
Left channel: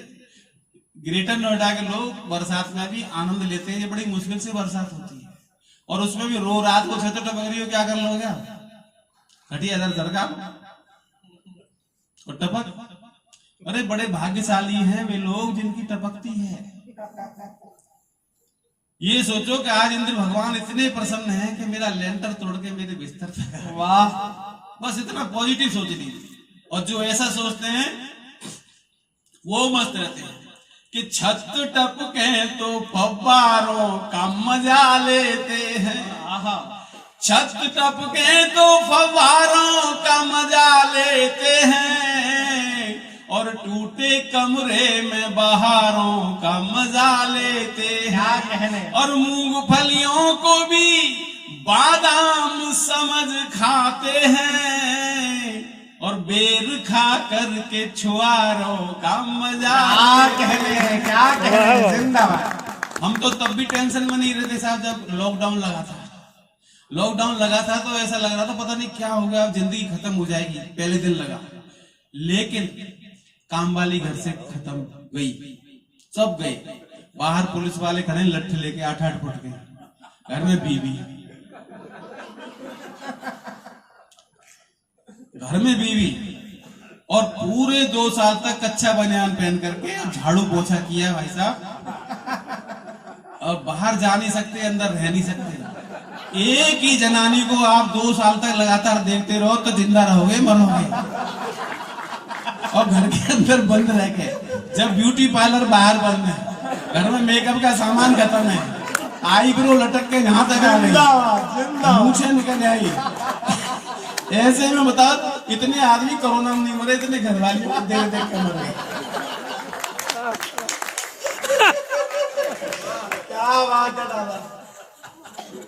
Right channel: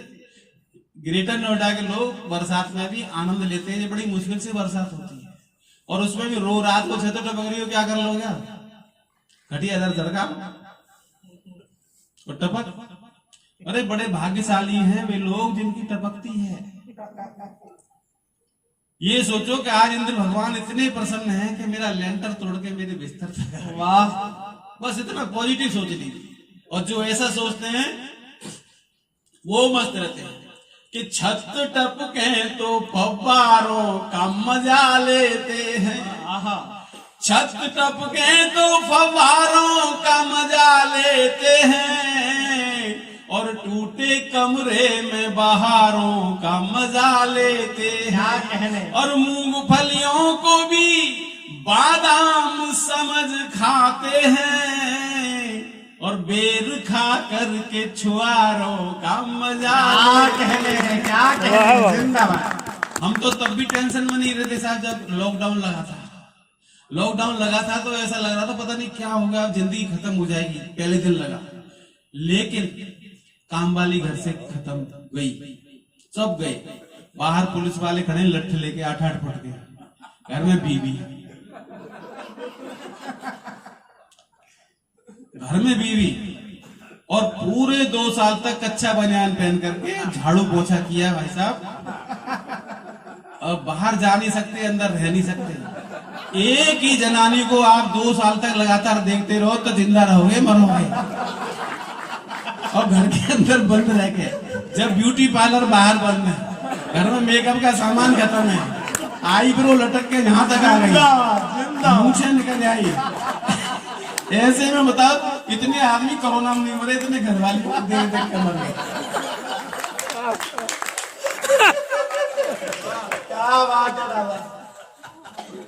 ग्रेटर नोएडा के लोग बरसात में भी आनंद लेते हैं, जब बड़ी मुश्किल से बरसात होती है और उसमें भी रो रात को 6 टपक रही हो, क्या कर लोगे? घटिया दर सरकार और टपक। अरे बड़े भाग्यशाली हैं वे लोग जिनकी टपकती है। ये सोचो कि आज इंद्र भगवान इतने प्रसन्न हैं कि मेरा लेंटर तोड़ के मेरे बिस्तर तक। वाह, बस इतना पॉजिटिव सोच लीजिए। और जो ऐसा सोचते हैं वो मस्त रहते हैं कि छत टपके तो फव्वारों का मजा लेते हैं, छत टपके तो फव्वारों का मजा लेते हैं, और टूटे कमरे में बहारों का मजा लेते हैं। और मूंगफलियों को भी बादाम समझ खाते हैं, और बेर खा करके छुआरों का मजा लेते हैं। क्या कहने हैं, जिंदाबाद। हम तो तब भी टेंशन में नहीं रहते साहब जब लॉकडाउन लगा था। लॉकडाउन लगा था तो ऐसा लग रहा था पता नहीं क्या हो गया, जिंदगी खत्म हो जाएगी, पहले दिन लगा। लेकिन काम वाली घर से खत्म गई, सब गए। बाहर पुलिस वाले खड़े लठ लेके 8-8 फुट के, घर में बीवी, घर में बीवी, और पूरे 2 साल तक कच्चा बनियान पहन करके झाड़ू पोछा किया भाई साहब। और बाहर जा नहीं सकते, अंदर रह नहीं सकते। एक ही जनानी को आप 2 साल तक लगातार देखते रहो तो जिंदा रहोगे, मरोगे। और घर के अंदर बंद रह के, जब ब्यूटी पार्लर बाहर बंद है, घर में मेकअप का सामान खत्म है, आईब्रो लटक के यहाँ तक आ गई, मूछें निकल आई। ऐसे में बताओ इतने आदमी कोरोना में नहीं मरे, इतने घर वाले देख देख कर मर गए। क्या बात है दादा,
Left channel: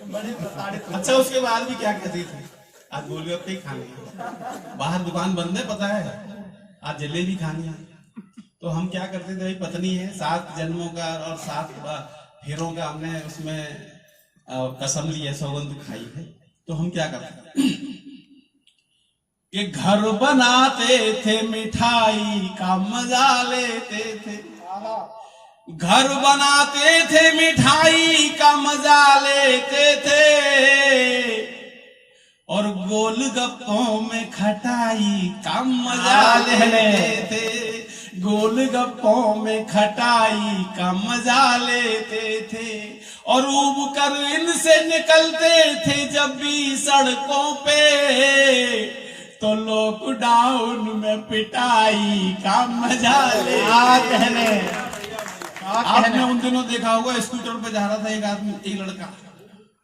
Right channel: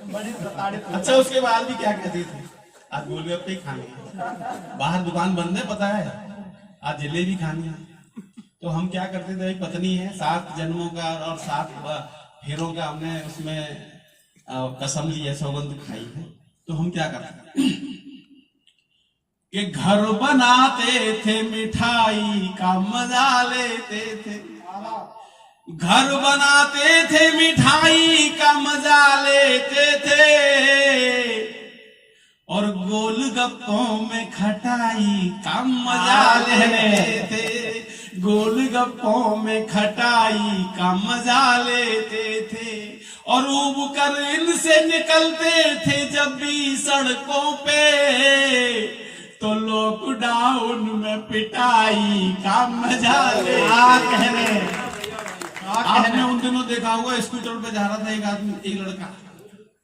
बड़ी प्रताड़ित। अच्छा उसके बाद भी क्या कहती थी, आज गोलगप्पे खाने, बाहर दुकान बंद है पता है, आज जलेबी खानी है। तो हम क्या करते थे, पत्नी है, 7 जन्मों का और 7 फेरों का हमने उसमें कसम ली है, सौगंध खाई है। तो हम क्या करते कि घर बनाते थे, मिठाई का मजा लेते थे, घर बनाते थे, मिठाई का मजा लेते थे, और गोलगप्पों में खटाई का मजा लेते थे, गोलगप्पों में खटाई का मजा लेते थे। और उब कर इनसे निकलते थे जब भी सड़कों पे, तो लॉकडाउन में पिटाई का मजा ले। कहने आपने उन दिनों देखा होगा, स्कूटर पे जा रहा था एक आदमी, एक लड़का,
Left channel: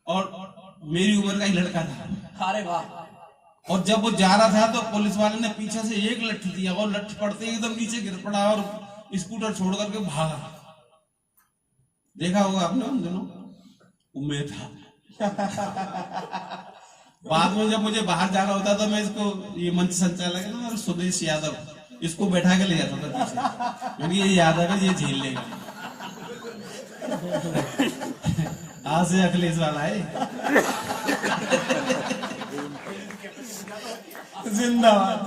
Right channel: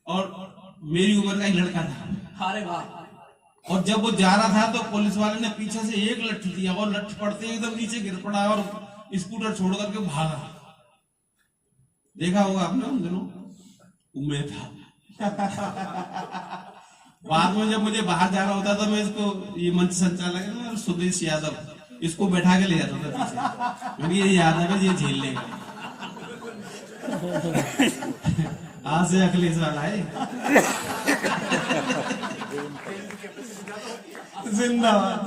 और मेरी उम्र का ही लड़का था। अरे वाह। और जब वो जा रहा था तो पुलिस वाले ने पीछे से एक लठ दिया, और लठ पड़ते ही एकदम नीचे गिर पड़ा और स्कूटर छोड़ करके भागा। देखा होगा आपने उन दिनों, उम्मीद था। बाद में जब मुझे बाहर जाना होता तो मैं इसको, ये मंच संचालक सुदेश यादव, इसको बैठा के ले जाता था पीछे, क्योंकि ये यादव है, ये झेल लेगा। आज से अखिलेश वाला है। जिंदाबाद,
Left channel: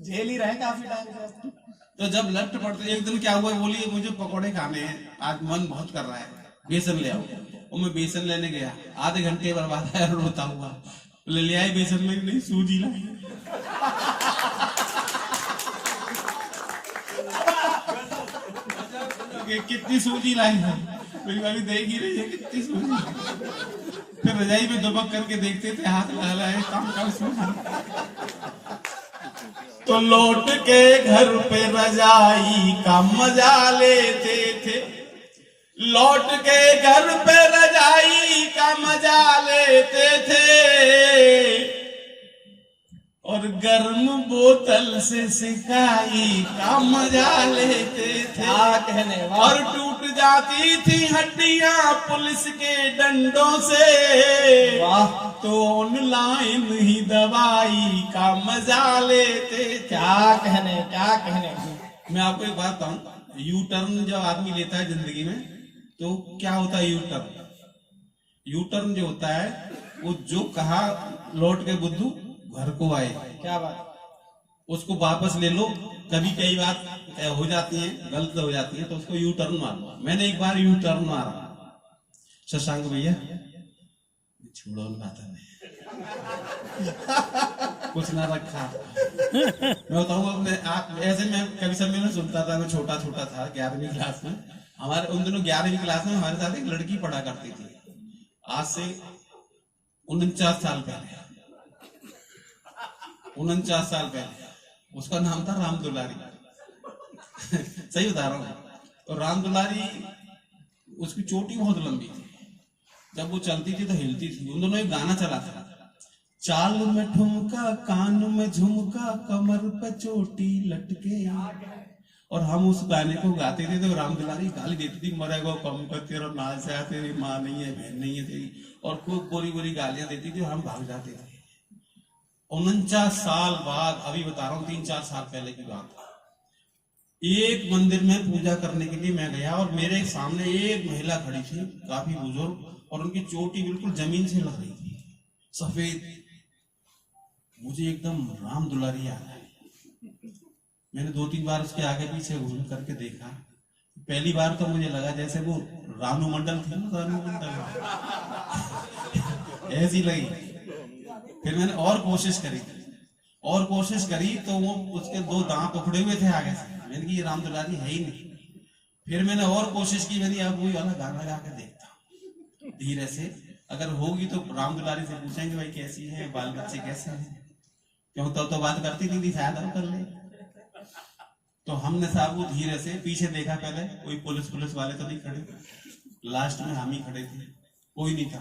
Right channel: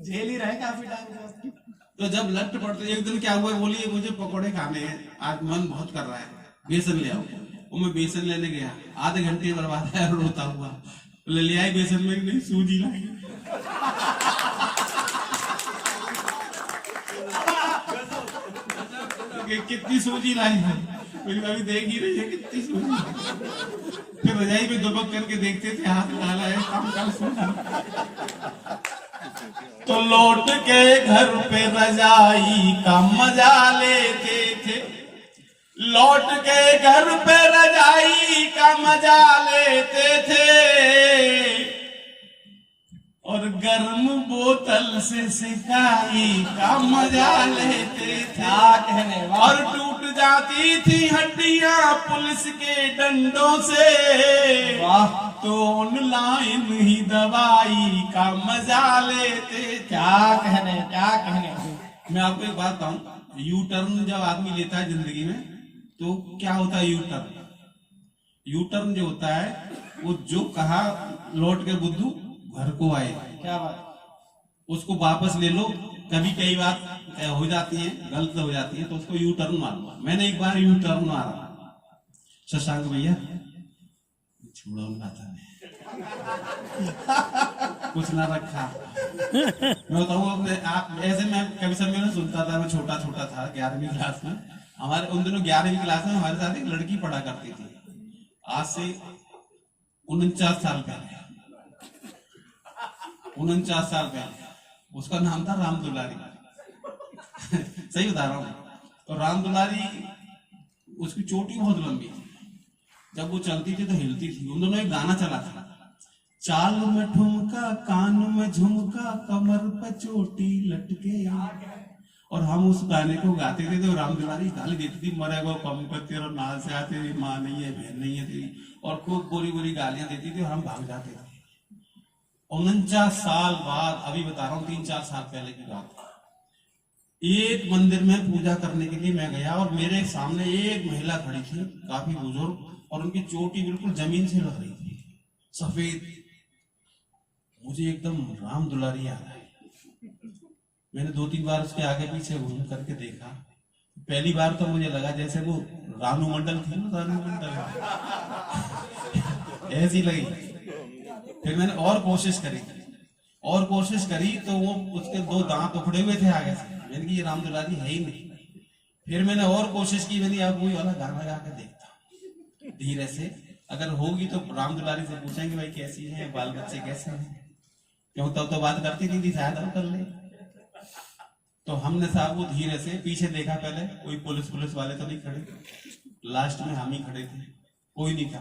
झेल ही रहे काफी टाइम। तो जब लट पड़ते, एक दिन क्या हुआ, बोली मुझे पकौड़े खाने हैं, आज मन बहुत कर रहा है, बेसन ले आओ। और मैं बेसन लेने गया, आधे घंटे बर्बाद है, रोता हुआ ले आए बेसन में, नहीं सूजी लाई। कितनी सूजी लाई है, अभी देख ही रही है कितनी सूजी। फिर रजाई में दुबक करके देखते थे, हाथ लगा है काम सूजी। तो लौट के घर पे रजाई का मजा लेते थे, लौट के घर पे रजाई का मजा लेते थे, और गर्म बोतल से सिकाई का मजा लेते थे। कहने और टूट जाती थी हड्डियां पुलिस के डंडों से, वाह। तो ऑनलाइन ही दवाई का मजा लेते। क्या कहने, क्या कहने। मैं आपको एक बात बताऊं, यू टर्न जब आदमी लेता है जिंदगी में, तो क्या होता है यू टर्न? यू टर्न जो होता है, वो जो कहा लौट के बुद्धू घर को आए, क्या बात, उसको वापस ले लो। कभी कई बात हो जाती है, गलत हो जाती है, तो उसको यू टर्न मारो। मैंने एक बार यू टर्न मारा, शशांक भैया छोड़ो बात कुछ ना रखा। मैं बताऊँ आप, ऐसे मैं कभी सम्मेलन सुनता था, मैं छोटा छोटा था 11वीं क्लास में। हमारे उन दिनों 11वीं क्लास में हमारे साथ एक लड़की पढ़ा करती थी, आज से 49 साल पहले, 49 साल पहले। उसका नाम था राम दुलारी। सही बता रहा हूँ। तो राम दुलारी, उसकी चोटी बहुत लंबी थी, जब वो चलती थी तो हिलती थी। उन दोनों एक गाना चला था, चाल में ठुमका, कान में झुमका, कमर पे चोटी लटके। और हम उस गाने को गाते थे तो राम दुलारी गाली देती थी, मरेगा कम कर, तेरा नाल से आ, तेरी माँ नहीं है, बहन नहीं है तेरी, और खूब बुरी बुरी गालियां देती थी, और हम भाग जाते थे। 49 साल बाद, अभी बता रहा हूँ 3-4 साल पहले की बात, एक मंदिर में पूजा करने के लिए मैं गया और मेरे सामने एक महिला खड़ी थी, काफी बुजुर्ग, और उनकी चोटी बिल्कुल जमीन से लग रही थी, सफेद। मुझे एकदम राम दुलारी आ रहा है। मैंने 2-3 बार उसके आगे पीछे घूम करके देखा। पहली बार तो मुझे लगा जैसे वो रानू मंडल थी ना, रानू मंडल ऐसी लगी। फिर मैंने और कोशिश करी तो वो उसके 2 दांत उखड़े हुए थे आगे से। मैंने कहा ये राम दुलारी है ही नहीं। फिर मैंने और कोशिश की, मैंने अब वही वाला गाना गा के देखता धीरे से, अगर होगी तो राम दुलारी से पूछेंगे भाई कैसी है, बाल बच्चे कैसे हैं, क्यों तो बात करती नहीं थी, शायद हम कर ले। तो हमने साहब वो धीरे से पीछे देखा, पहले कोई पुलिस वाले तो नहीं खड़े, लास्ट में हम ही खड़े थे, कोई नहीं था।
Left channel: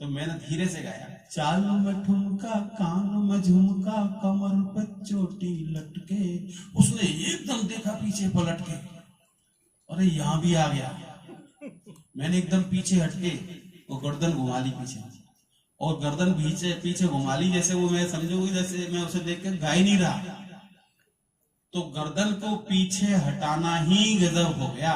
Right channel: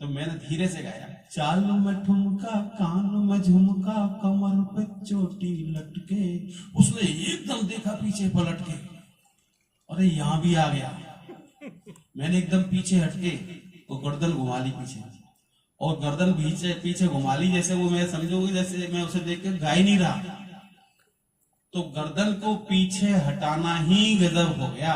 तो मैंने धीरे से गाया, चाल में ठुमका, कान में झुमका, कमर पे चोटी लटके। उसने एकदम देखा पीछे पलट के, अरे यहाँ भी आ गया। मैंने एकदम पीछे हटके वो गर्दन घुमा ली पीछे, और गर्दन पीछे घुमा ली जैसे वो, मैं समझूंगी जैसे मैं उसे देख के गा ही नहीं रहा। तो गर्दन को पीछे हटाना ही गजब हो गया।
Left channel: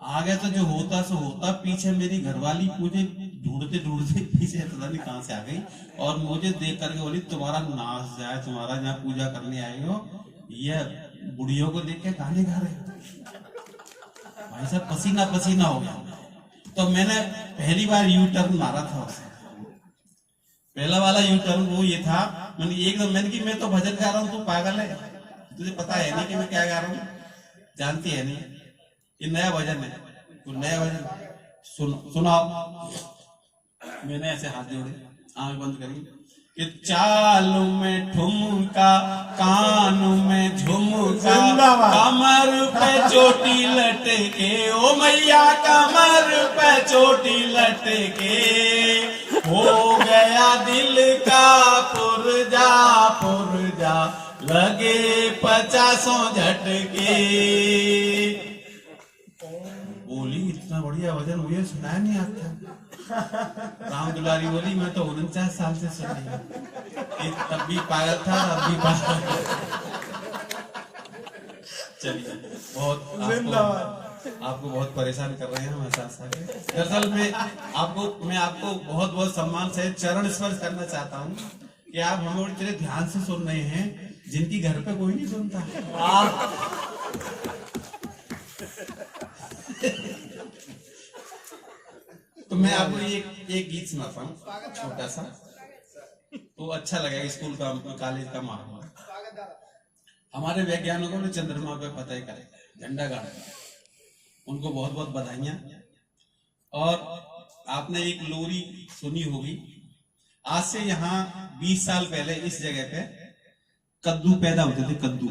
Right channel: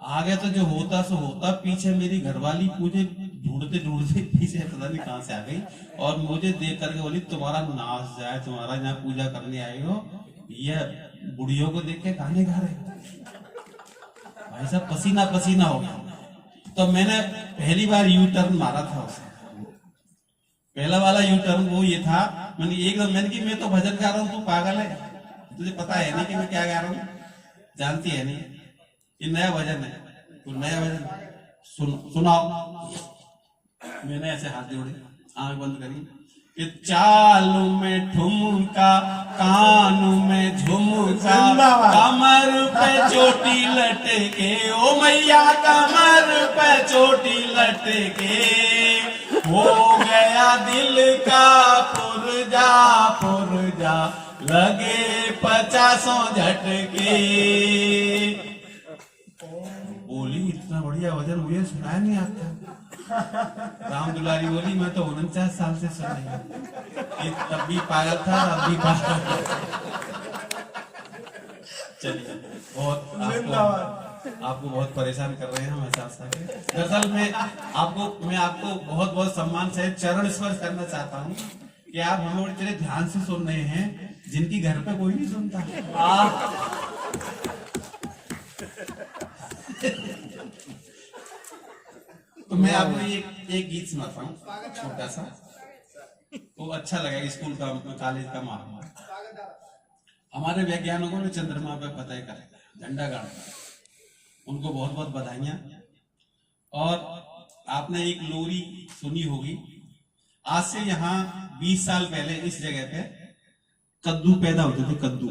आगे तो जो होता सो होता, पीछे मेरी घरवाली मुझे ढूंढते पीछे पता नहीं कहां से आ गई, और मुझे देख करके बोली तुम्हारा नाच जाए, तुम्हारा यहाँ पूजा करने आए हो, ये बुढ़ियों को देख के गाने गा रहे। भाई साहब पसीना हो गया। तो मैंने पहली बार यू टर्न मारा था उसे। पहला वाला यू टर्न वो ये था, मैंने कि मैं तो भजन गा रहा हूँ, तू पागल है, तुझे पता है नहीं कि मैं क्या गा रहा हूँ, जानती है नहीं, ये नया भजन है, तो नया भजन सुनाओ। मैंने ऐसे हाथ जोड़े, आंख बंद करी, कि चालू में ठुमका, कानू में झुमका, कमर पे चोटी लटके, ओ मैया कमर पे चोटी लटके, हो गया दिल का पुरजा, लगे 50 झटके। बोली इतना बढ़िया भजन मुझे सुनाया नहीं आता। राम दुलारी बोली मैं तो 49 साल से सुन रही हूँ, तब भी पागल था और अब भी पागल। चलिए, आपको बहुत परेशान कर रहे हैं हम एहसास है। दरअसल मैं आपको बहुत बहुत सम्मान से चरण स्पर्श करना चाहता हूँ कि आप हमें इतने ध्यान से सुन रहे हैं, जिनकी घर पे कोई नहीं सुनता। तो मैं आपको एक गीत सुनाता हूँ छोटा सा, तो अच्छा लगेगा। स्कूल का कॉलेज का माहौल। हमारे वैज्ञानिकों ने चंद्रमा पे फतह का झंडा गाड़ा, उनको बहुत बहुत बधाइयां। और आपने एक लोरी सुनी होगी, आज से यहाँ 20 साल पहले इस जगह पे कद्दू पैदा होते थे, कद्दू।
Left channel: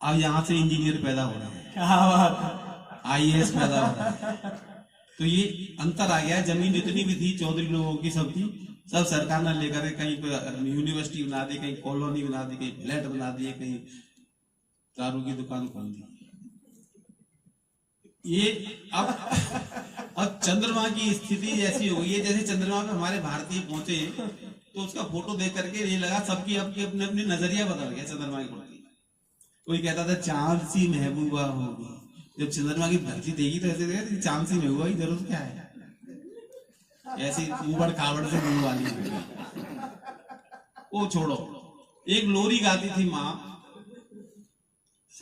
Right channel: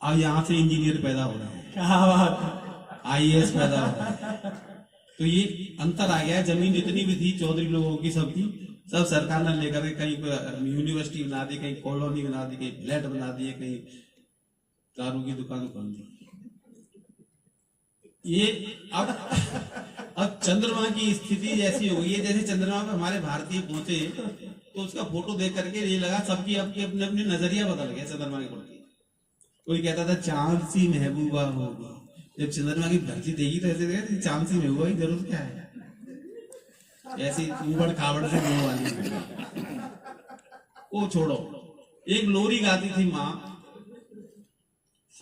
अब यहाँ से इंजीनियर पैदा हो रहे हैं, IAS पैदा हो रहे हैं। तो ये अंतर आ गया है। जमीन जितनी भी थी चौधरी लोगों की सब थी, सब सरकार ने लेकर कहीं यूनिवर्सिटी बना दी, कहीं कॉलोनी बना दी, कहीं फ्लैट बना दिए, कहीं दारू की दुकान खोल दी। ये अब चंद्रमा की स्थिति ऐसी हो गई है, जैसे चंद्रमा पे हमारे भारतीय पहुंचे तो उसका फोटो देख करके ये लगा सबकी अपनी अपनी नजरिया बदल गया चंद्रमा के प्रति। कोई कहता था चांद सी महबूबा होगी, जब चंद्रमा की धरती देखी तो ऐसे चांद सी महबूबा की जरूरत क्या है, ऐसी ऊबड़ खाबड़ से मुंह वाली। वो छोड़ो, एक लोरी गाती थी माँ,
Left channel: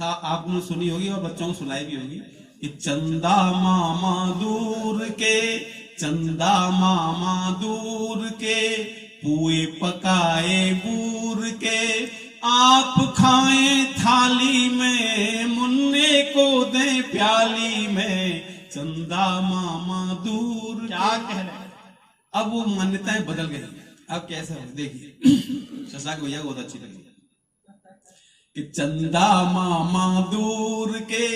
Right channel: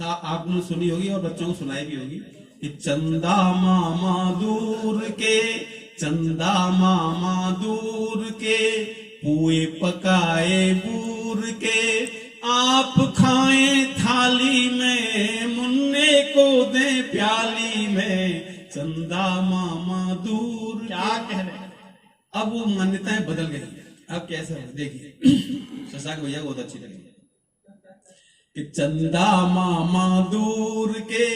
आपने सुनी होगी और बच्चों को सुनाई भी होगी कि चंदा मामा दूर के, चंदा मामा दूर के, पुए पकाए बूर के, आप खाएं थाली में, मुन्ने को दे प्याली में, चंदा मामा दूर। क्या कह रहे? अब वो मान्यताएं बदल गई। अब कैसे हो देखिए, शशांक भैया बहुत अच्छी लगी कि चंदा मामा दूर के,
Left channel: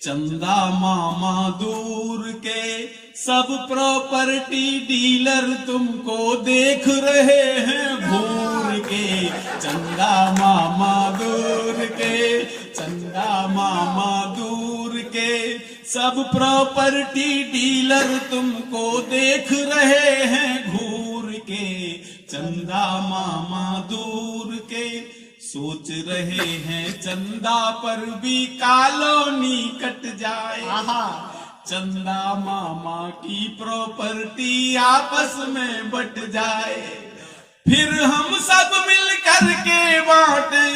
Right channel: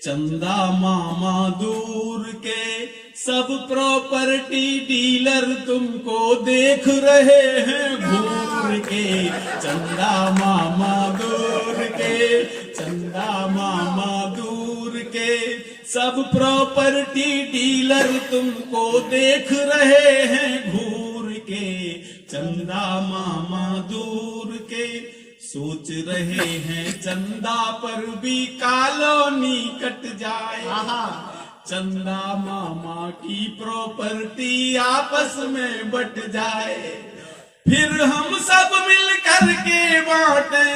चंदा मामा दूर के, सब प्रॉपर्टी डीलर तुमको देख रहे हैं घूर के, चंदा मामा दूर के, चंदा मामा दूर के, सब प्रॉपर्टी डीलर तुमको देख रहे हैं घूर के, चंदा मामा दूर के, सोच रहे हैं चंदा पर भी कॉलोनी कट जाए, चंदा मामा की प्रॉपर्टी आपस में बट जाए, फिर हम सब मिल करके बांटे,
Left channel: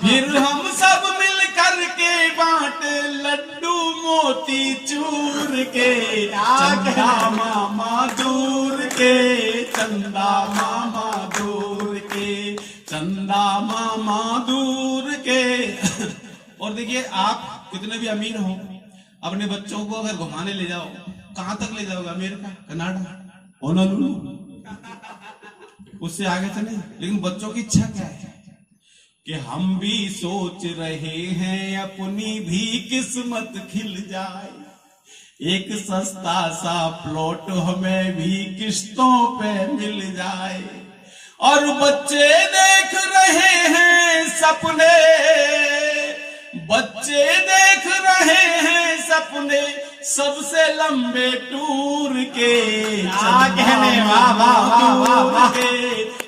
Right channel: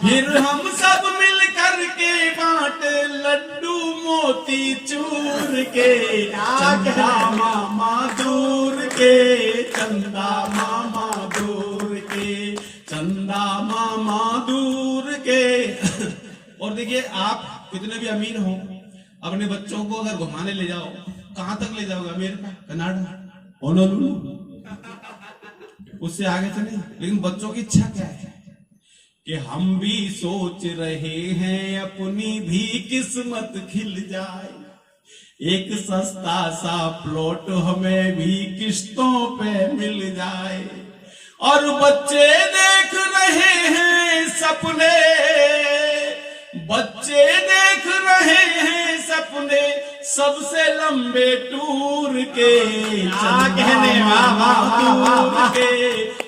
फिर हम सब मिल करके बांटे लड्डू मोती चूर के, चंदा मामा दूर के, चंदा मामा दूर के, चंदा मामा दूर के। और देखिए, आप कितने भी अमीर हो, अपने बच्चों को अगर घुमाने ले जाओ, कहां तक ले जाओगे? अमेरिका, कनाडा, होनोलुलु, उससे आगे तो नहीं। लेकिन बच्चों की इच्छा क्या है कि हम भी सोच रहे हैं अपनी भी किस्मत खिल जाए, एक सस्ता सा प्लॉट हमें भी किस्तों पे मिल जाए, और बच्चे देख रहे हैं सपने, बच्चे देख रहे हैं सपने सबसे लंबे टूर के, चंदा मामा दूर के,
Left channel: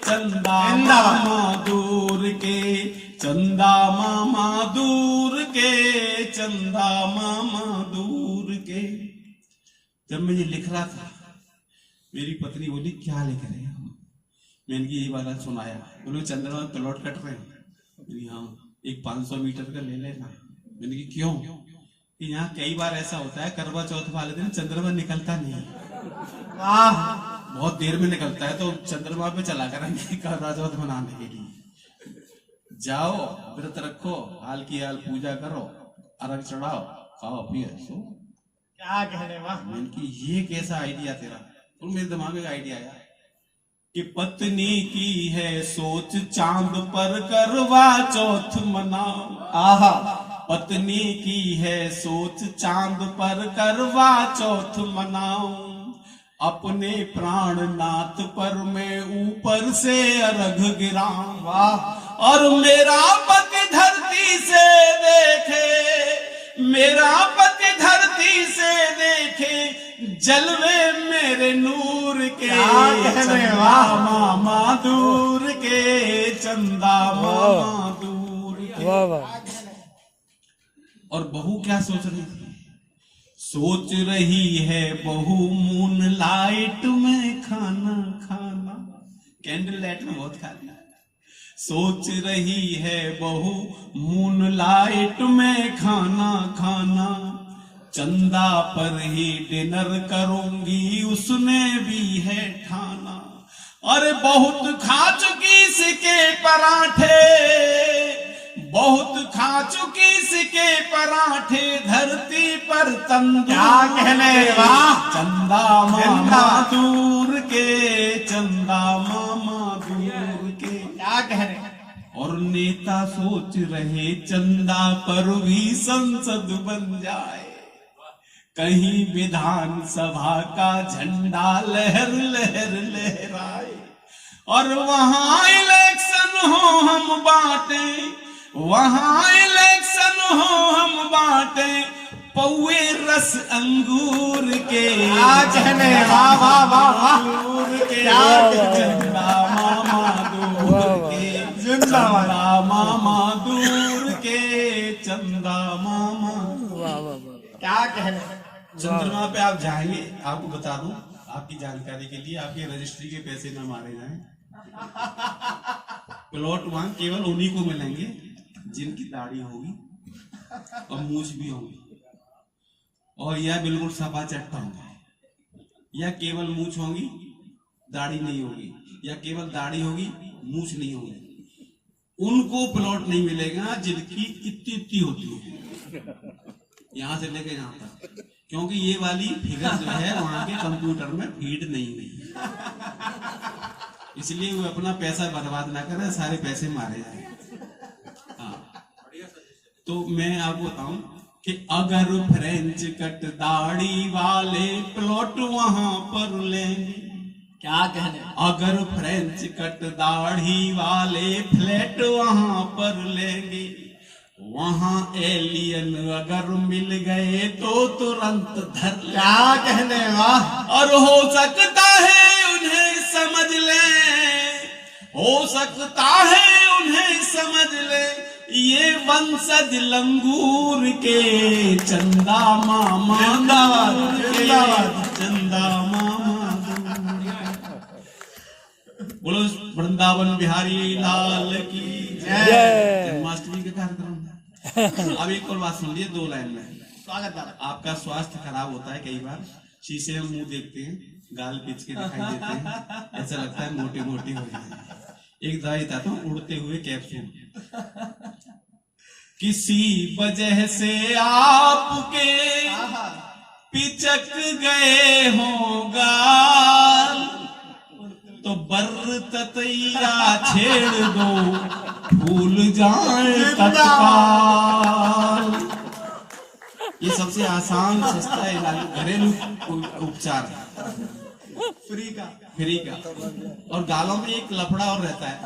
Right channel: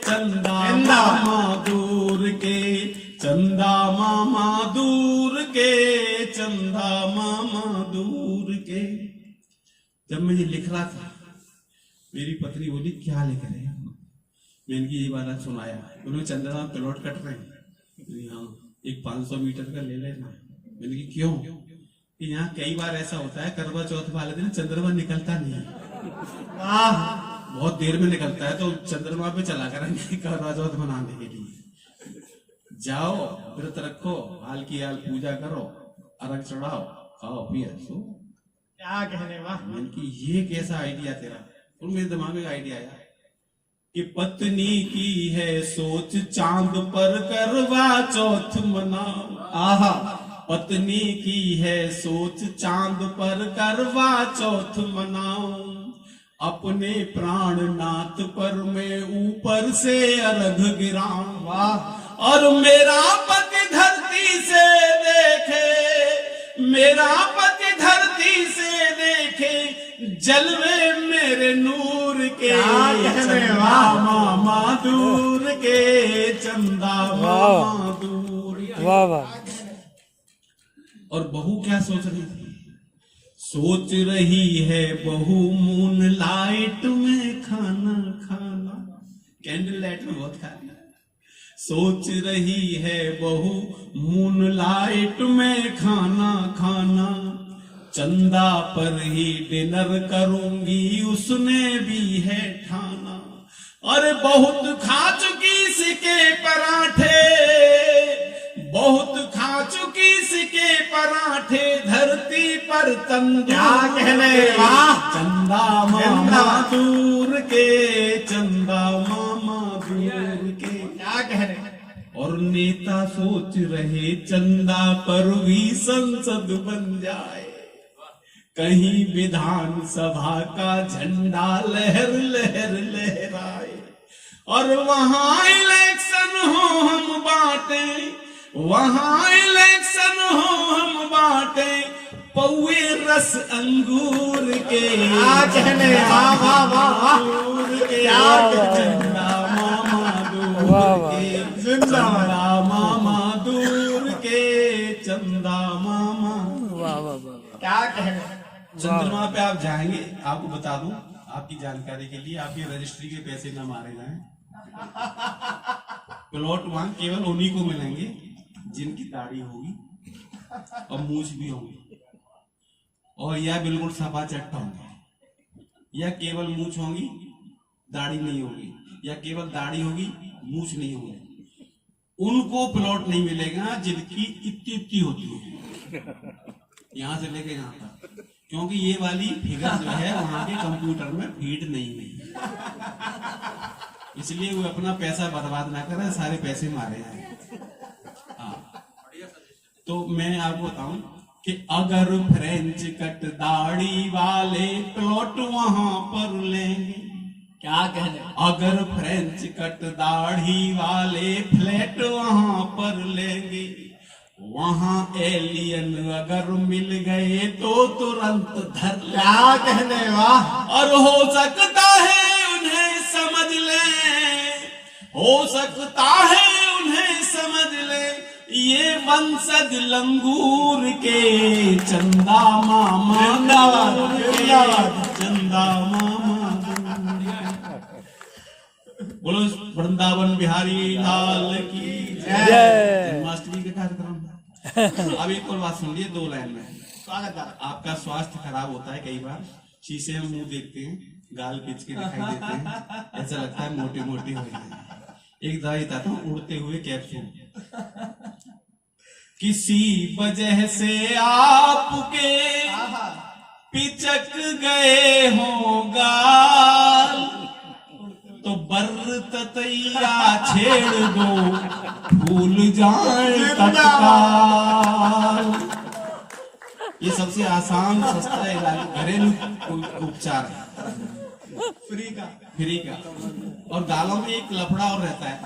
चंदा मामा दूर के, चंदा मामा दूर के। जब मैं ये लिख रहा था, मेरी पत्नी बोली क्या लिख रहे हो? मैंने ये वाला सुनाया, उन्होंने चंद्रमा में प्लॉट कट रहे हैं, हाँ एक 500 मीटर का ले लेना। मैंने कहा क्यों? कि यहाँ कई बार ऐसा होता है करवा चौथ वाले दिन चंद्रमा निकलता नहीं है, बहुत देर में निकलता है, तो चंद्रमा पे चला करेंगे करवा चौथ मनाने के लिए। जाओ, व्रत रखो, हाल की हाल पूजा करो, अर्घ चढ़ाओ, खाओ पियो सो। क्या कहने वाह। मैंने कि ये कैसा आइडिया तेरा? और मेरे दिमाग में आइडिया आया कि पत्नी की है सोच चांद पर करवा चौथ मनाओ, आहा, पत्नी की है सोच चांद पर करवा चौथ मनाओ, अपने प्राणनाथ पर मैं ऊपर से अर्घ गिराऊं, वाह, और मेरा पति धरती से देखे, मेरा पति धरती से देखे जलवे मेरे नूर के, चंदा मामा दूर के, चंदा मामा दूर के। वाह वाह। और बहू क्या सोच रही थी? सोच रही है बहू मून लाइट में खाना खाना, कैंडल लाइट में बहुत खाना। सोच रही है बहू मून लाइट में खाना खाना, चंदा पर ही डिनर करूंगी उसने भी है ठाना, और बहुत खा चुकी इसके पराठे, बहुत खा चुकी इसके पराठे, धरती पर तंदूर, क्या कहने वाह, चंदा मामा दूर के, चंदा मामा दूर के, क्या कह रहे? और नेता सोच रहे चंदा पर भी संसद बन जाए, कहीं विधानसभा का झंडा लहर लहर लहराए, और वहां इलेक्शन हो हम बांटे, वहां इलेक्शन हो हम बांटे, पौए रस अंगूर के, कहने वाह वाह वाह वाह, चंदा मामा दूर के, चंदा मामा दूर के, चंदा मामा। वाह वाह वाह। क्या कहने? चंद्रमा पे आप जाएंगे, आपको बता दूं आपकी जानकारी के लिए, आपके रजिस्ट्री के पैसे ना मारे जाएं। प्लॉट वहां केवल उन्हीं को मिलेंगे जिनकी दाढ़ी होगी और मूछ भी होंगी, और या बिल्कुल सफा चट्टा होंगे, या केवल मूछ होंगी दाढ़ी नहीं होगी, या केवल दाढ़ी होगी मूछ नहीं होगी। उनको प्लॉट नहीं मिलेगा जिनकी इतनी इतनी होती है, यहां से लेके यहां तक, क्योंकि ये वाली फिगर जो है वहां के कंप्यूटर में फीड नहीं हुई, इसलिए वो अपना पैसा बर्बाद ना करें, सारे पैसे मारे जाए। हाँ, तो मैं आपको बताऊं कि अगर फ्रेंच कट दाढ़ी वाले प्लॉट वहां पर लेंगे, क्या कहने? अगर फ्रेंच कट दाढ़ी वाले फ्लैट वहां पर लेंगे, वहां एलियन अगर मिल गए तो तुरंत धर, क्या कहने वाह। और हो सकता है उन्हें समझ ले, हो सकता है उन्हें समझ समझ ले ये वंशज लंगूर के, चंदा मामा चंदा मामा। बोलो वृंदावन बिहारी लाल की जय। जन्माष्टमी के कार्यक्रम। अब एक और बात सुन लिए 2 लाइन में। स्वागत है। आपका स्वास्थ्य खराब होता है कई बार, शीशे में मुंह देखते हैं, गाल पिच के दिखाई देते हैं, ऐसा लगता है मोटी मोटी हो रही है। एक दवाई था तो उड़ते हुए कैप्सूल। किसी वजह से आपके पिचक गए हो गाल, तो बर ततैया छेड़ दो भूल जाए तत्काल। ये सबसे आसान सस्ता इलाज घरेलू उपचार है, फ्री का। और गालों में एक लफड़ा और रहता है।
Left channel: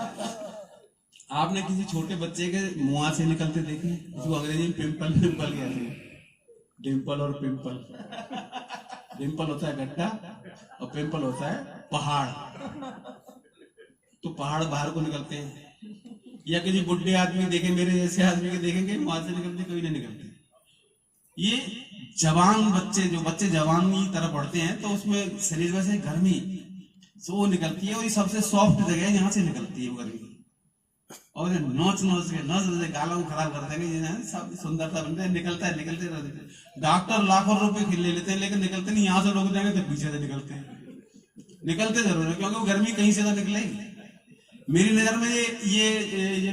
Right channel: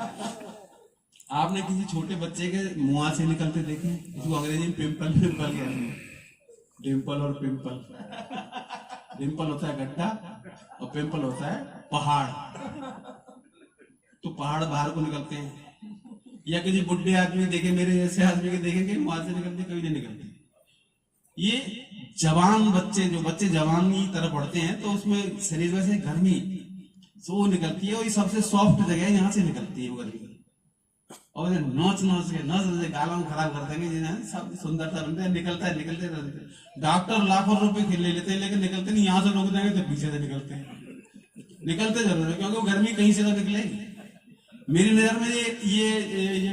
आपने किसी छोटे बच्चे के मुंह से निकलते देखे, जो अंग्रेजी में पिंपल कहते हैं। डिम्पल और पिंपल। डिम्पल होता है गड्ढा और पिंपल होता है पहाड़। तो पहाड़ बाहर को निकलते हैं। या किसी बुढ़े आदमी देखे, मेरे जैसे आदमी के देखेंगे मुंह से निकलते, कभी नहीं निकलते। ये जवान बच्चे, जो बच्चे जवानी की तरफ बढ़ते हैं, तो उसमें शरीर में से गर्मी वो निकलती है, और ये सबसे सॉफ्ट जगह है, यहाँ से निकलती है वो गर्मी। और नोच के गालों को खराब कर देंगे, सब सुंदरता बनते हैं, निकलते रहते हैं। डॉक्टर लाखों रुपए ले लेते हैं, लेकिन निकलते नहीं। यहाँ से रोक देंगे तो पीछे से निकलते हैं। निकलते जरूर है, क्योंकि वो गर्मी कहीं से तो निकलेगी। मेरी नजर में ये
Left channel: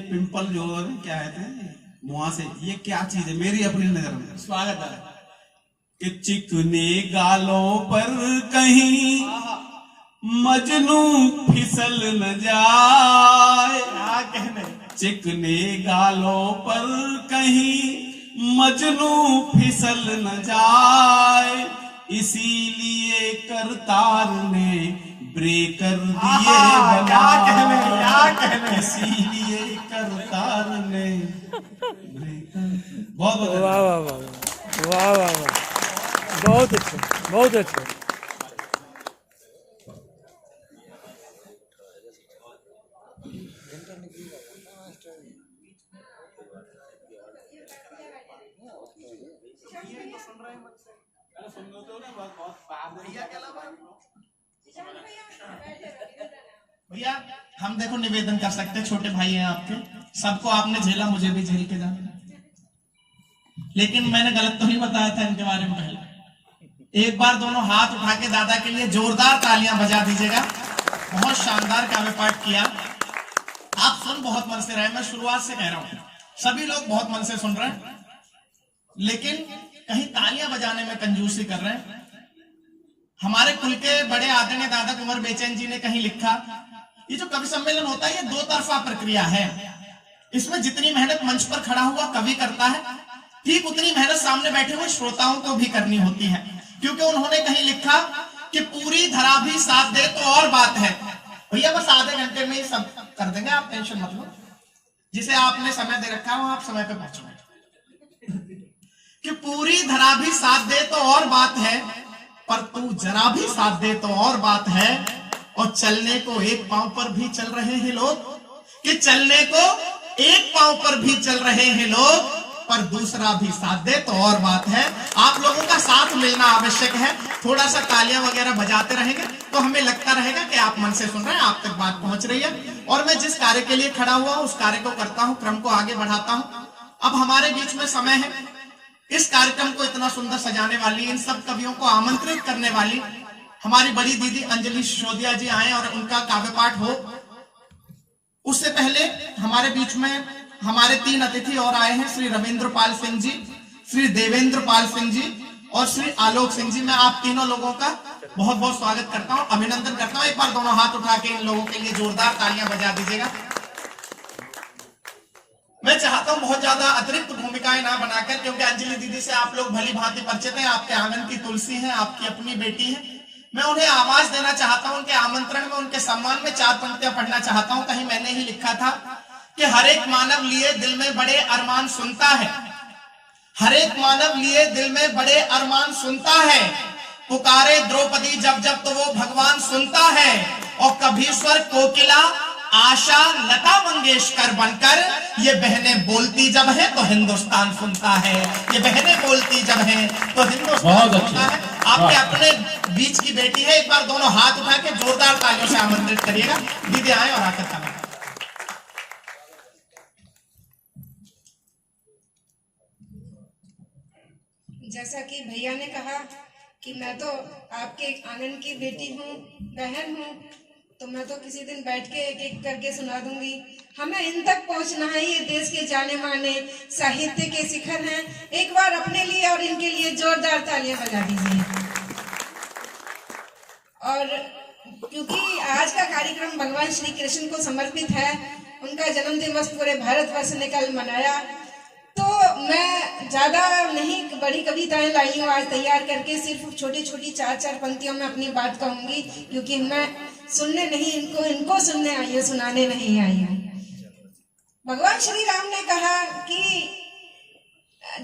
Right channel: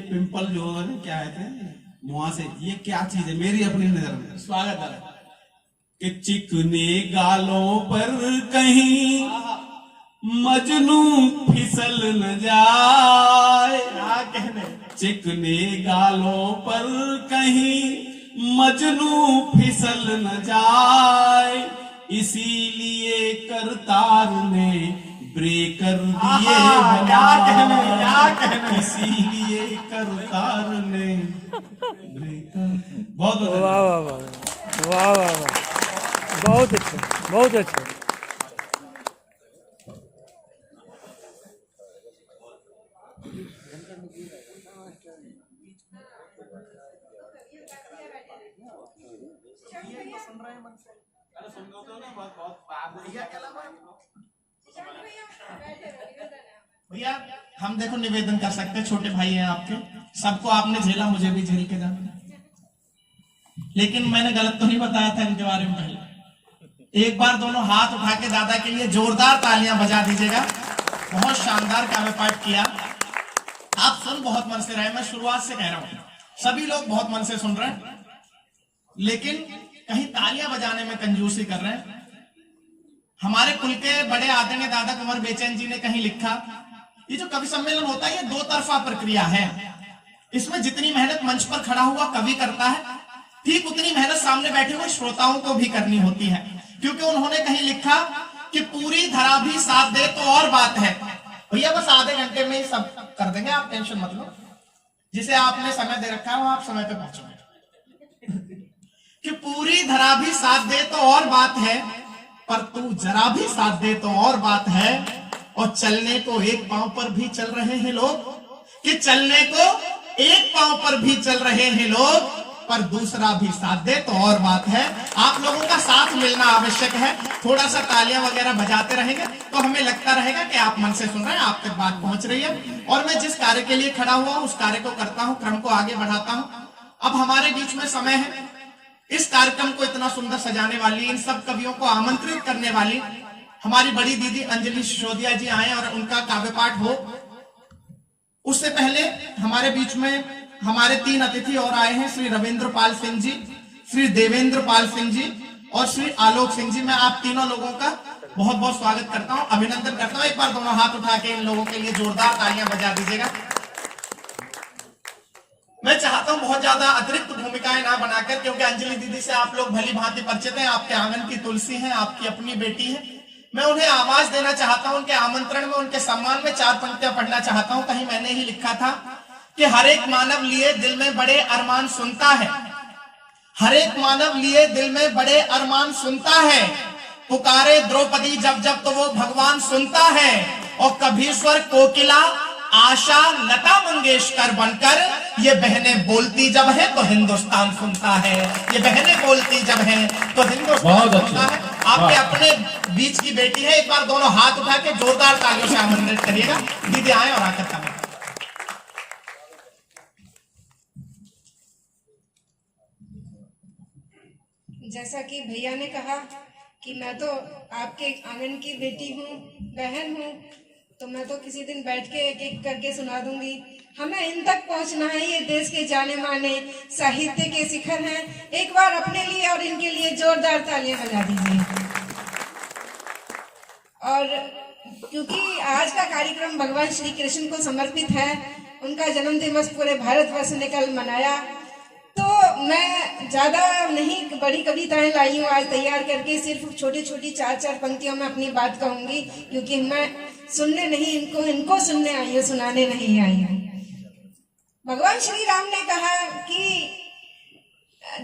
पिंपल जो है क्या कहते हैं मुंह से, ये क्या चीज है मेरी अपनी नजर में। स्वागत है। कि चिकने गालों पर कहीं मजनू फिसल न जाए, क्या कहने। चिकने गालों पर कहीं मजनू फिसल न जाए, इसीलिए करतार ने ब्रेकर दिए क्या कहने। इसीलिए करतार ने ब्रेकर। बहुत वाह वाह वाह वाह वाह वाह, बहुत अच्छा, बहुत अच्छा। भैया हम देखो निवेदन कर सकते हैं, छोटे भाई हैं आपके, सबको आपने झेला, मुझे भी झेल के जाना। लेकिन मैंने गलत तो नहीं बताया था इनके बारे में पहले। एक बार दोनों हाथ उठा के दादा के लिए जोरदार तालियां बजा दीजिएगा। बहुत शानदार काव्य पाठ किया। आप सुन बहुत मन से रहे, मैं शुरुआत से कह रहा हूं, सभी लोग बहुत मन से सुन रहे हैं, लेकिन कहीं तालियां बजाने में कंजूसी कर रहे हैं। हमारे कुल के बड़े आदरणीय दादा कुंवर बेचैन जी ने कहीं लिखा, ये जो कवि सम्मेलन होता है ये 2 तरफा प्रक्रिया है। इसमें जितनी मेहनत मंच पर खड़ा हुआ कवि करता है, ठीक उतनी मेहनत सामने बैठे हुए श्रोताओं को भी करनी होती है। क्योंकि उन्होंने कहीं लिखा कि पूरी धरा भी साथ दे तो और बात है। भैया बस आधे घंटे में ही सब कर देंगे, आप टेंशन मत लो। जिसे आपने समय दे रखा है वो आप समय पे पहुंचोगे। कि पूरी धरा भी साथ दे तो और बात है, पर तू जरा भी साथ दे तो और बात है। और चलने को एक पांव पर भी चल रहे हैं लोग, कि चलने को एक पांव पर भी चल रहे हैं लोग, पर दूसरा भी साथ दे तो और बात है। आप लोगों का साथ मिलना आवश्यक है। थोड़ा सा तालियां वगैरह बजाते रहेंगे तो हमें लगता रहेगा कि आप मन से सुन रहे हैं, आप तक बात पहुंच रही है। और मैं जिस कार्य के लिए खड़ा हुआ हूं उस कार्य को करता हूं, क्रम को आगे बढ़ाता हूं। अब हमारे बीच में समय है इस कार्यक्रम को इतना सुंदर सजाने वाली, इन सब कवियों को आमंत्रित करने वाली हमारी बड़ी दीदी अंजलि सिसोदिया जी आए और उनका काव्य पाठ हो। उससे पहले हमारे बीच में हमारे 3 अतिथि और आए हैं, श्री रविंद्र पाल सिंह जी, श्री देवेंद्र पाल सिंह जी और श्री आलोक सिंह जी। मैं आप तीनों लोगों का बहुत बहुत स्वागत करता हूं, अभिनंदन करता हूं। एक बार दोनों हाथ उठा के इन लोगों के लिए जोरदार तालियां बजा दीजिएगा। मैं चाहता हूं बहुत ज्यादा अतिरिक्त भूमिकाएं ना बनाकर, क्योंकि अंजलि दीदी से आप लोग भली भांति परिचित हैं, आपके आंगन की तुलसी हैं, आपकी अपनी बेटी है। मैं उन्हें आवाज देना चाहता हूं, उनके आमंत्रण में, उनके सम्मान में 4 पंक्तियां पढ़ना चाहता हूं। कहीं मैंने ही लिखा था कि हर एक मानव लिए दिल में बड़े अरमान सुनता है, हर एक मानव लिए दिल में बड़े अरमान सुनता है। पुकारे द्रौपदी जब जब तो वो भगवान सुनता है। और कभी स्वर कोकिला आशा लता मंगेशकर बनकर ये बहनें बोलती जब है तो हिंदुस्तान सुनता है, ये बहनें बोलती जब है तो हिंदुस्तान बहुत सुनता अच्छे। है। आपके अपने बीच की बेटी है, एक बार दोनों हाथ उठा के जोरदार तालियों से आमंत्रित करिएगा। दीदी आए और आकर करें। जैसा कि भैया ने कहा कि मैं तो आपके आंगन की बेटी हूँ, बहन हूँ, तो मैं तो किसी दिन बैठ के एक एक करके सुना दूंगी। हमें इन तक पहुंचना है, ये देश के जाने माने साहित्य के शिखर हैं। एक बार अपने लिए और इनके लिए जोरदार तालियां बजा दीजिए। और क्योंकि आज का कार्यक्रम भगवान श्री कृष्ण को समर्पित है, उनका जन्म दिवस पूरे भारतवर्ष ने कल मनाया, तो मैं ज्यादा नहीं बड़ी कविताएं लाई हूँ आज तैयार करके, सिर्फ छोटी छोटी 4-4 पंक्तियों में अपनी बात कहूंगी, क्योंकि मैं सुनने नहीं, इनको सुनने आई हूँ, सुनाने नहीं आई हूँ। भगवान श्री राम ने कहा कि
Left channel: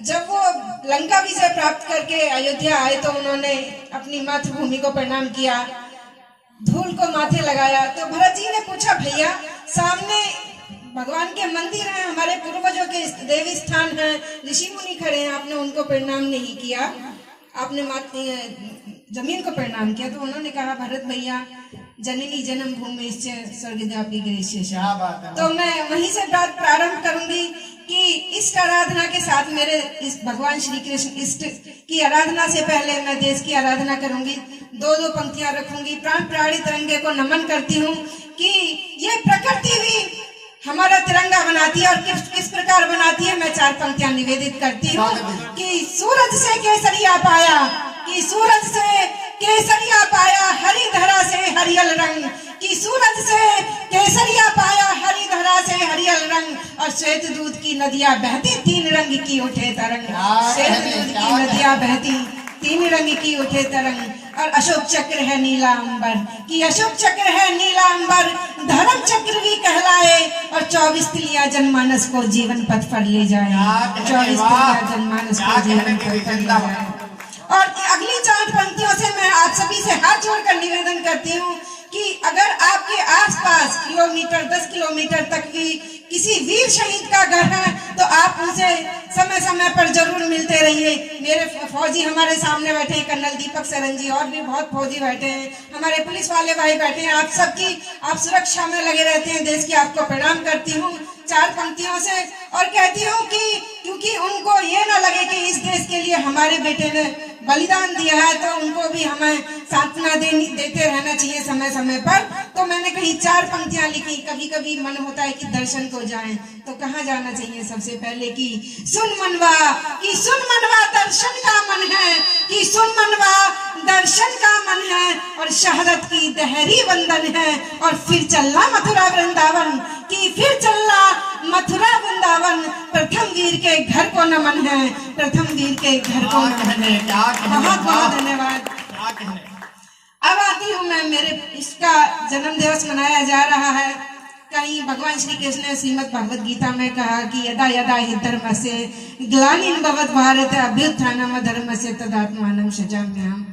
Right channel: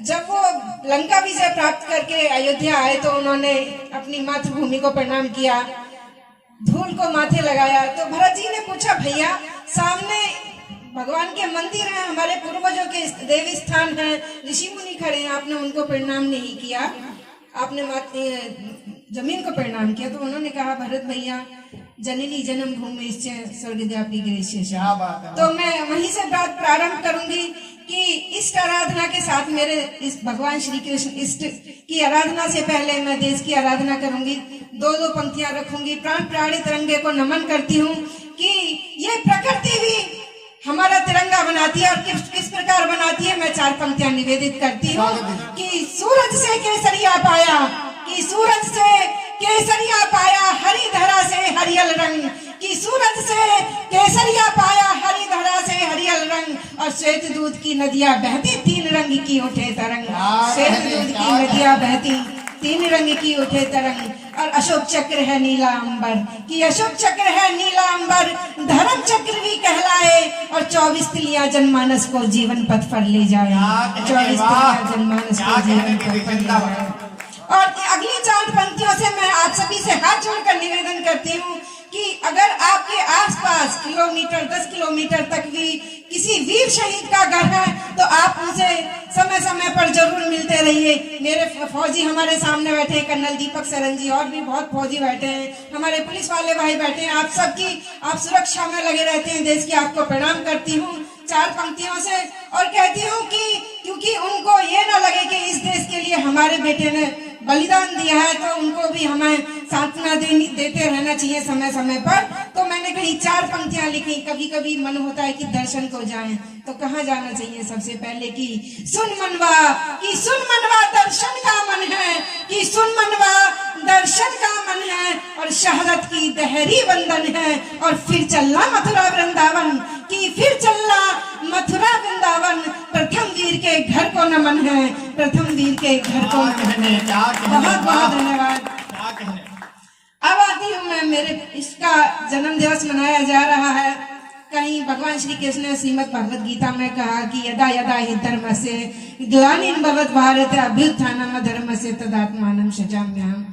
जब वो लंका विजय प्राप्त करके अयोध्या आए तो उन्होंने अपनी मातृभूमि को प्रणाम किया, धूल को माथे लगाया। तो भरत जी ने पूछा, भैया सामने भगवान के मंदिर हैं, हमारे पूर्वजों के देवी स्थान हैं, ऋषि मुनि खड़े हैं, आपने उनको प्रणाम नहीं किया, आपने जमीन को प्रणाम किया। तो उन्होंने कहा, भरत भैया जननी जन्म भूमि इससे स्वर्गव्यापी गृह। तो मैं वहीं से बात प्रारंभ करूंगी कि इष्ट आराधना के साथ मेरे इस भगवान श्री कृष्ण इष्ट की आराधना से पहले मैं देश की आराधना करूंगी। 2-2 पंक्तियां रखूंगी। प्राण प्राणी तिरंगे को नमन करती हूँ कि ये प्रकृति भी हमारा तिरंगा बनाती है, और किस प्रकार बनाती है मैं 4 पंक्तियां निवेदित करती हूँ कि सूरज से केसरिया पाया, कि सूरज से केसरिया पाया, हरी धरा से हरियल रंग, कि सूरज से केसरिया पाया, हरी धरा से हरियल रंग, और श्वेत दूध की नदियां बहती 3 रंग की उठे तरंग, श्वेत दूध की नदियां बहती 3 रंग की उठे तरंग, और अशोक चक्र है नीला अंबर, कि अशोक चक्र है नीला अंबर, धर्म चक्र भी कहलाए, और 24 तिलियां जनमानस को जीवन पथ पर ले जाए, 24 तिलियां जनमानस को जीवन पथ पर ले जाए। और अगली 4 पंक्तियों से मैं आप सभी से हाथ जोड़कर निवेदन करती हूँ कि अगर आपके आसपास किलोमीटर 10 किलोमीटर तक भी किसी वीर शहीद का घर है तो आप उनसे समय समय पर जरूर मिलते रहिए। मेरे फौजी हमारे सामने बैठे हैं, कर्नल दीपक सरन जी, और भी बहुत फौजी बैठे हैं, हमारे पुलिस वाले भाई बैठे हैं, आप सुरक्षा में लगे रहते हैं। देश की आपको प्रणाम करती हूँ 4 पंक्तियों से, और कहती हूँ कि क्योंकि उनको ये ना लगे कि इस देश के लिए हमारे बेटे ने बलिदान दिया है, तो उनको भी हमें सांत्वना देते रहना चाहिए समय समय पर। तो मैंने कहीं 4 पंक्तियां लिखी। कभी कभी मन होता है कि दर्शन को जाएं, तो कहाँ जाना चाहिए? सबसे पहले कि सुन मनवा, कि सुन मनवा दर्शन का मन है, कि सुन मनवा दर्शन का मन है, और शहरत की दहरी वंदन है, और फिर चलना मथुरा वृंदावन, कि फिर चलना मथुरा वृंदावन, प्रथम वीर के घर को नमन है, प्रथम वीर के घर को नमन है। बहुत बहुत धन्यवाद। अब आती हूँ मैं, मेरे इसका जन्म दिवस मनाया जा रहा है। कहीं भगवान श्री कृष्ण ने श्रीमद् भगवद गीता में कहा कि यदा यदा हि धर्मस्य ग्लानिर्भवति भवत भारत अभ्युत्थानम् धर्मस्य तदात्मानं सृजाम्यहम्।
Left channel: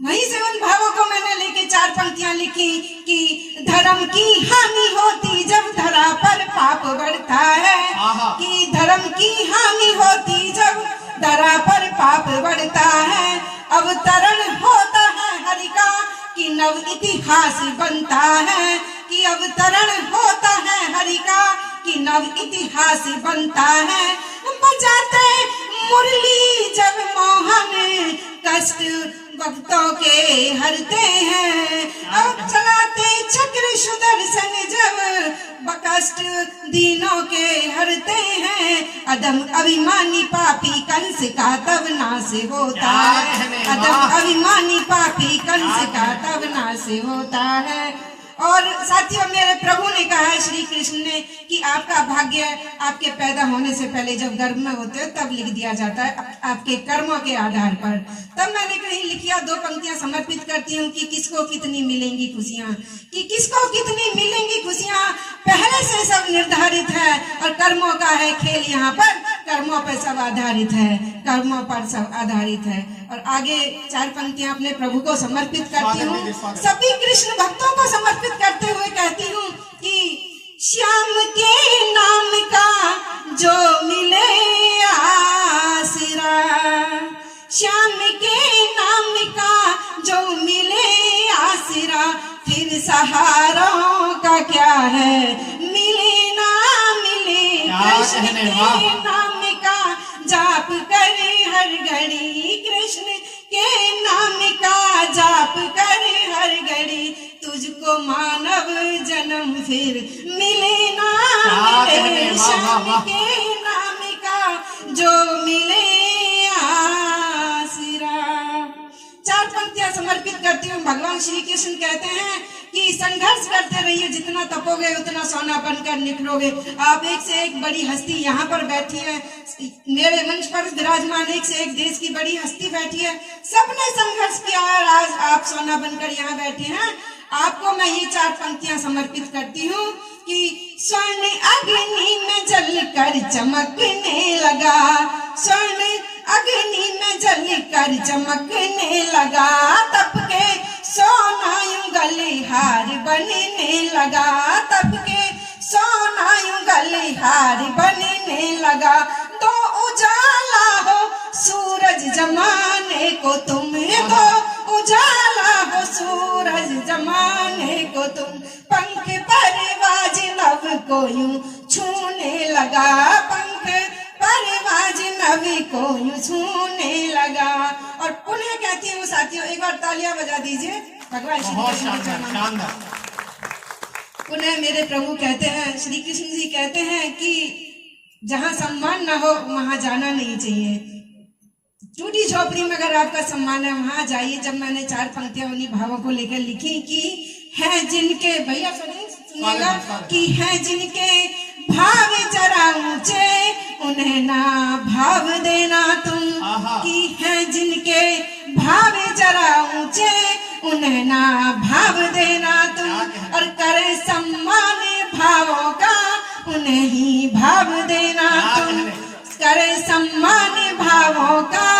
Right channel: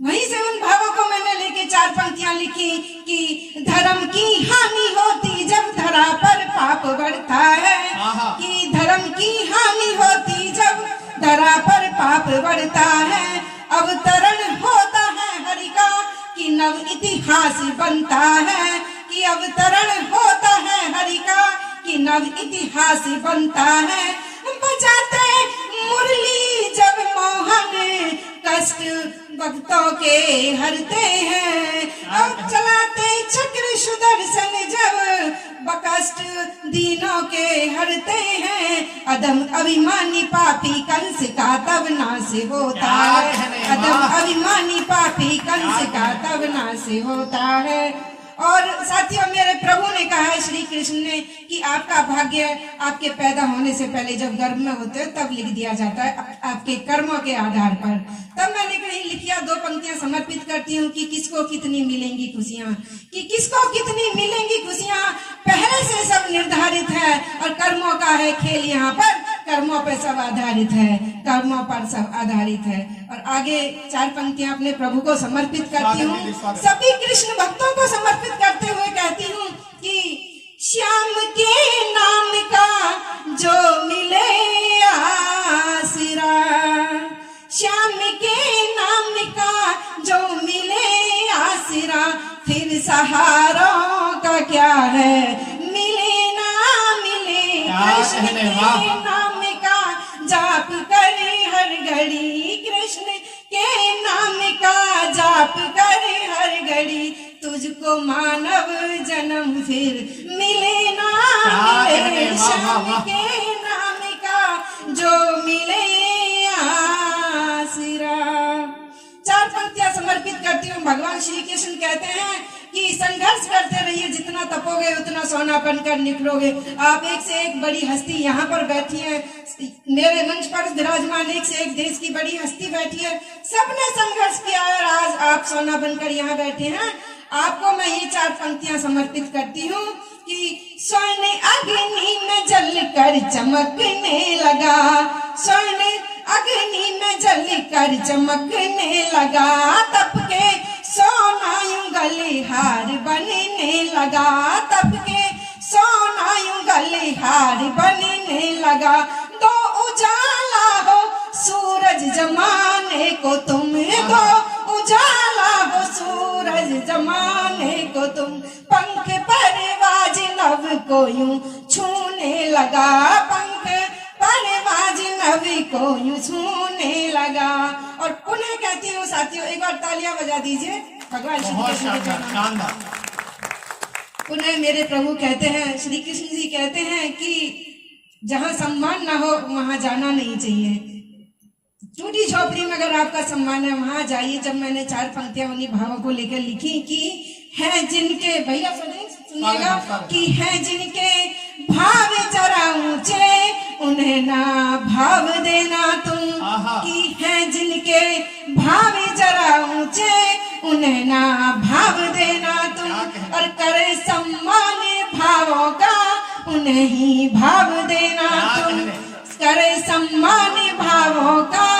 वहीं से उन भावों को मैंने लेके 4 पंक्तियां लिखी कि धर्म की हानि होती जब धरा पर पाप बढ़ता है, कि धर्म की हानि होती जब धरा पर पाप बढ़ता है, अवतरण होता है हरि का कि नव इतिहास बनता है, कि अवतरण होता है हरि का कि नव इतिहास बनता है। बजाते मुरली जब मोहन कष्ट भक्तों के हरते हैं, अब चलाते चक्र सुदर्शन जब बकष्ट दीनों के हरते हैं, अदम अभिमानी पापी कंस का तब नाश होता है, अदम अभिमानी पापी कंस का तब नाश होता है। और साथियों, मेरे प्रभु ने कहा है, श्री कृष्ण ने, कि आपका भाग्य आपके पैदा होने से पहले जब गर्भ में होते हो तब लिख दिया जाता है आपके कर्मों के आधार पर। तब मैंने कहीं लिखिया 2 पंक्तियां समर्पित करती हूँ कि किसको कितनी मिलेंगी खुशियाँ, कि किसको कितनी मिलेंगी खुशियाँ पहले से सब निर्धारित है, और कर्मों का है खेल यहाँ पर, कर्मों पर सब आधारित है, कर्मों पर सब आधारित है। और आगे 4 पंक्तियां अपने प्रभु को समर्पित करती हूँ, सभी कृष्ण भक्तों को समर्पित करते हुए कहती हूँ कि श्याम के नाम का कहने वाह। के नाम का जाप करे हर घड़ी, कृष्ण के नाम का जाप करे हर घड़ी, तुझको मानव जन्म फिर मिले ना मिले, श्याम के नाम का जो मिले आसरा। चार पंक्तियां समर्पित करती हूँ। भगवान श्री कृष्ण कहते हैं कि संघर्ष करते रहिए, जितना तपोगे उतना सोना बनकर निकलोगे। आप एक से एक बड़ी हस्ती यहाँ पर बैठी है, मेरे मंच पर विराजमान एक से एक देश की बड़ी हस्ती बैठी है, सबने संघर्ष किया और आज आप सोना बनकर यहाँ बैठे हैं। आपको मैं ये चार पंक्तियां समर्पित करती हूँ कि स्वर्ण अग्नि में जलकर चमकने लगा, स्वर्ण अग्नि में जलकर चमकने लगा, तप के सोना यूं गले हार बनने लगा, तप के सोना यूं गले हार बनने लगा। दो उजाला हो सूरज जमाने को तुम, दो उजाला हो सूरज जमाने को तुम, पंख परवाज नभ को यूं छूने लगा, पंख परवाज नभ को यूं छूने लगा। और पुनः कहती हूँ साथियों, एक बार तालियां बजा दीजिए भगवान श्री बहुत कृष्ण के शानदार चरणों में। शानदार। पुनः मेरे प्रभु कहते हैं, श्री कृष्ण जी कहते हैं कि जहाँ सम्मान ना हो वहां जाना नहीं चाहिए। टूटी झोपड़ी में अगर आपका सम्मान है वहां जाइए। जब मैंने चार पंक्तियां उन्हीं भावों को लेकर लिखी कि हैं जिनके, भैया सुनिएगा, कि हैं जिनके भाव जरा ऊंचे उन्हें ना भाव देना तुम, कि हैं जिनके भाव जरा ऊंचे उन्हें ना भाव देना तुम, और करे सम्मान भावों का उन्हें ही भाव देना तुम, करे सम्मान भावों का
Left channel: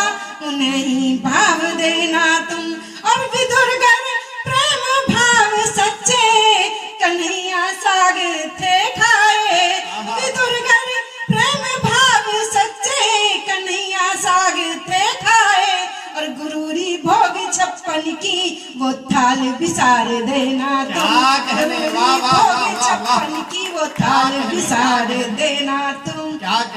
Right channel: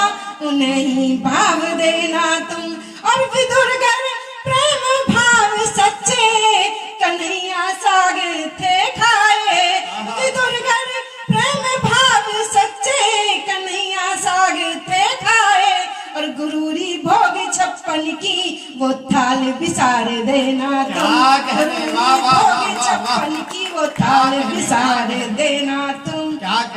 उन्हें ही भाव देना तुम। और विदुरगर प्रेम भाव सच्चे कन्हैया साग थे खाए, विदुरगर प्रेम भाव सच्चे कन्हैया साग थे खाए, और गुरूरी भोग 56 की वो थाल बिसार देना तुम, गुरूरी भोग 56 की वो थाल बिसार देना तुम।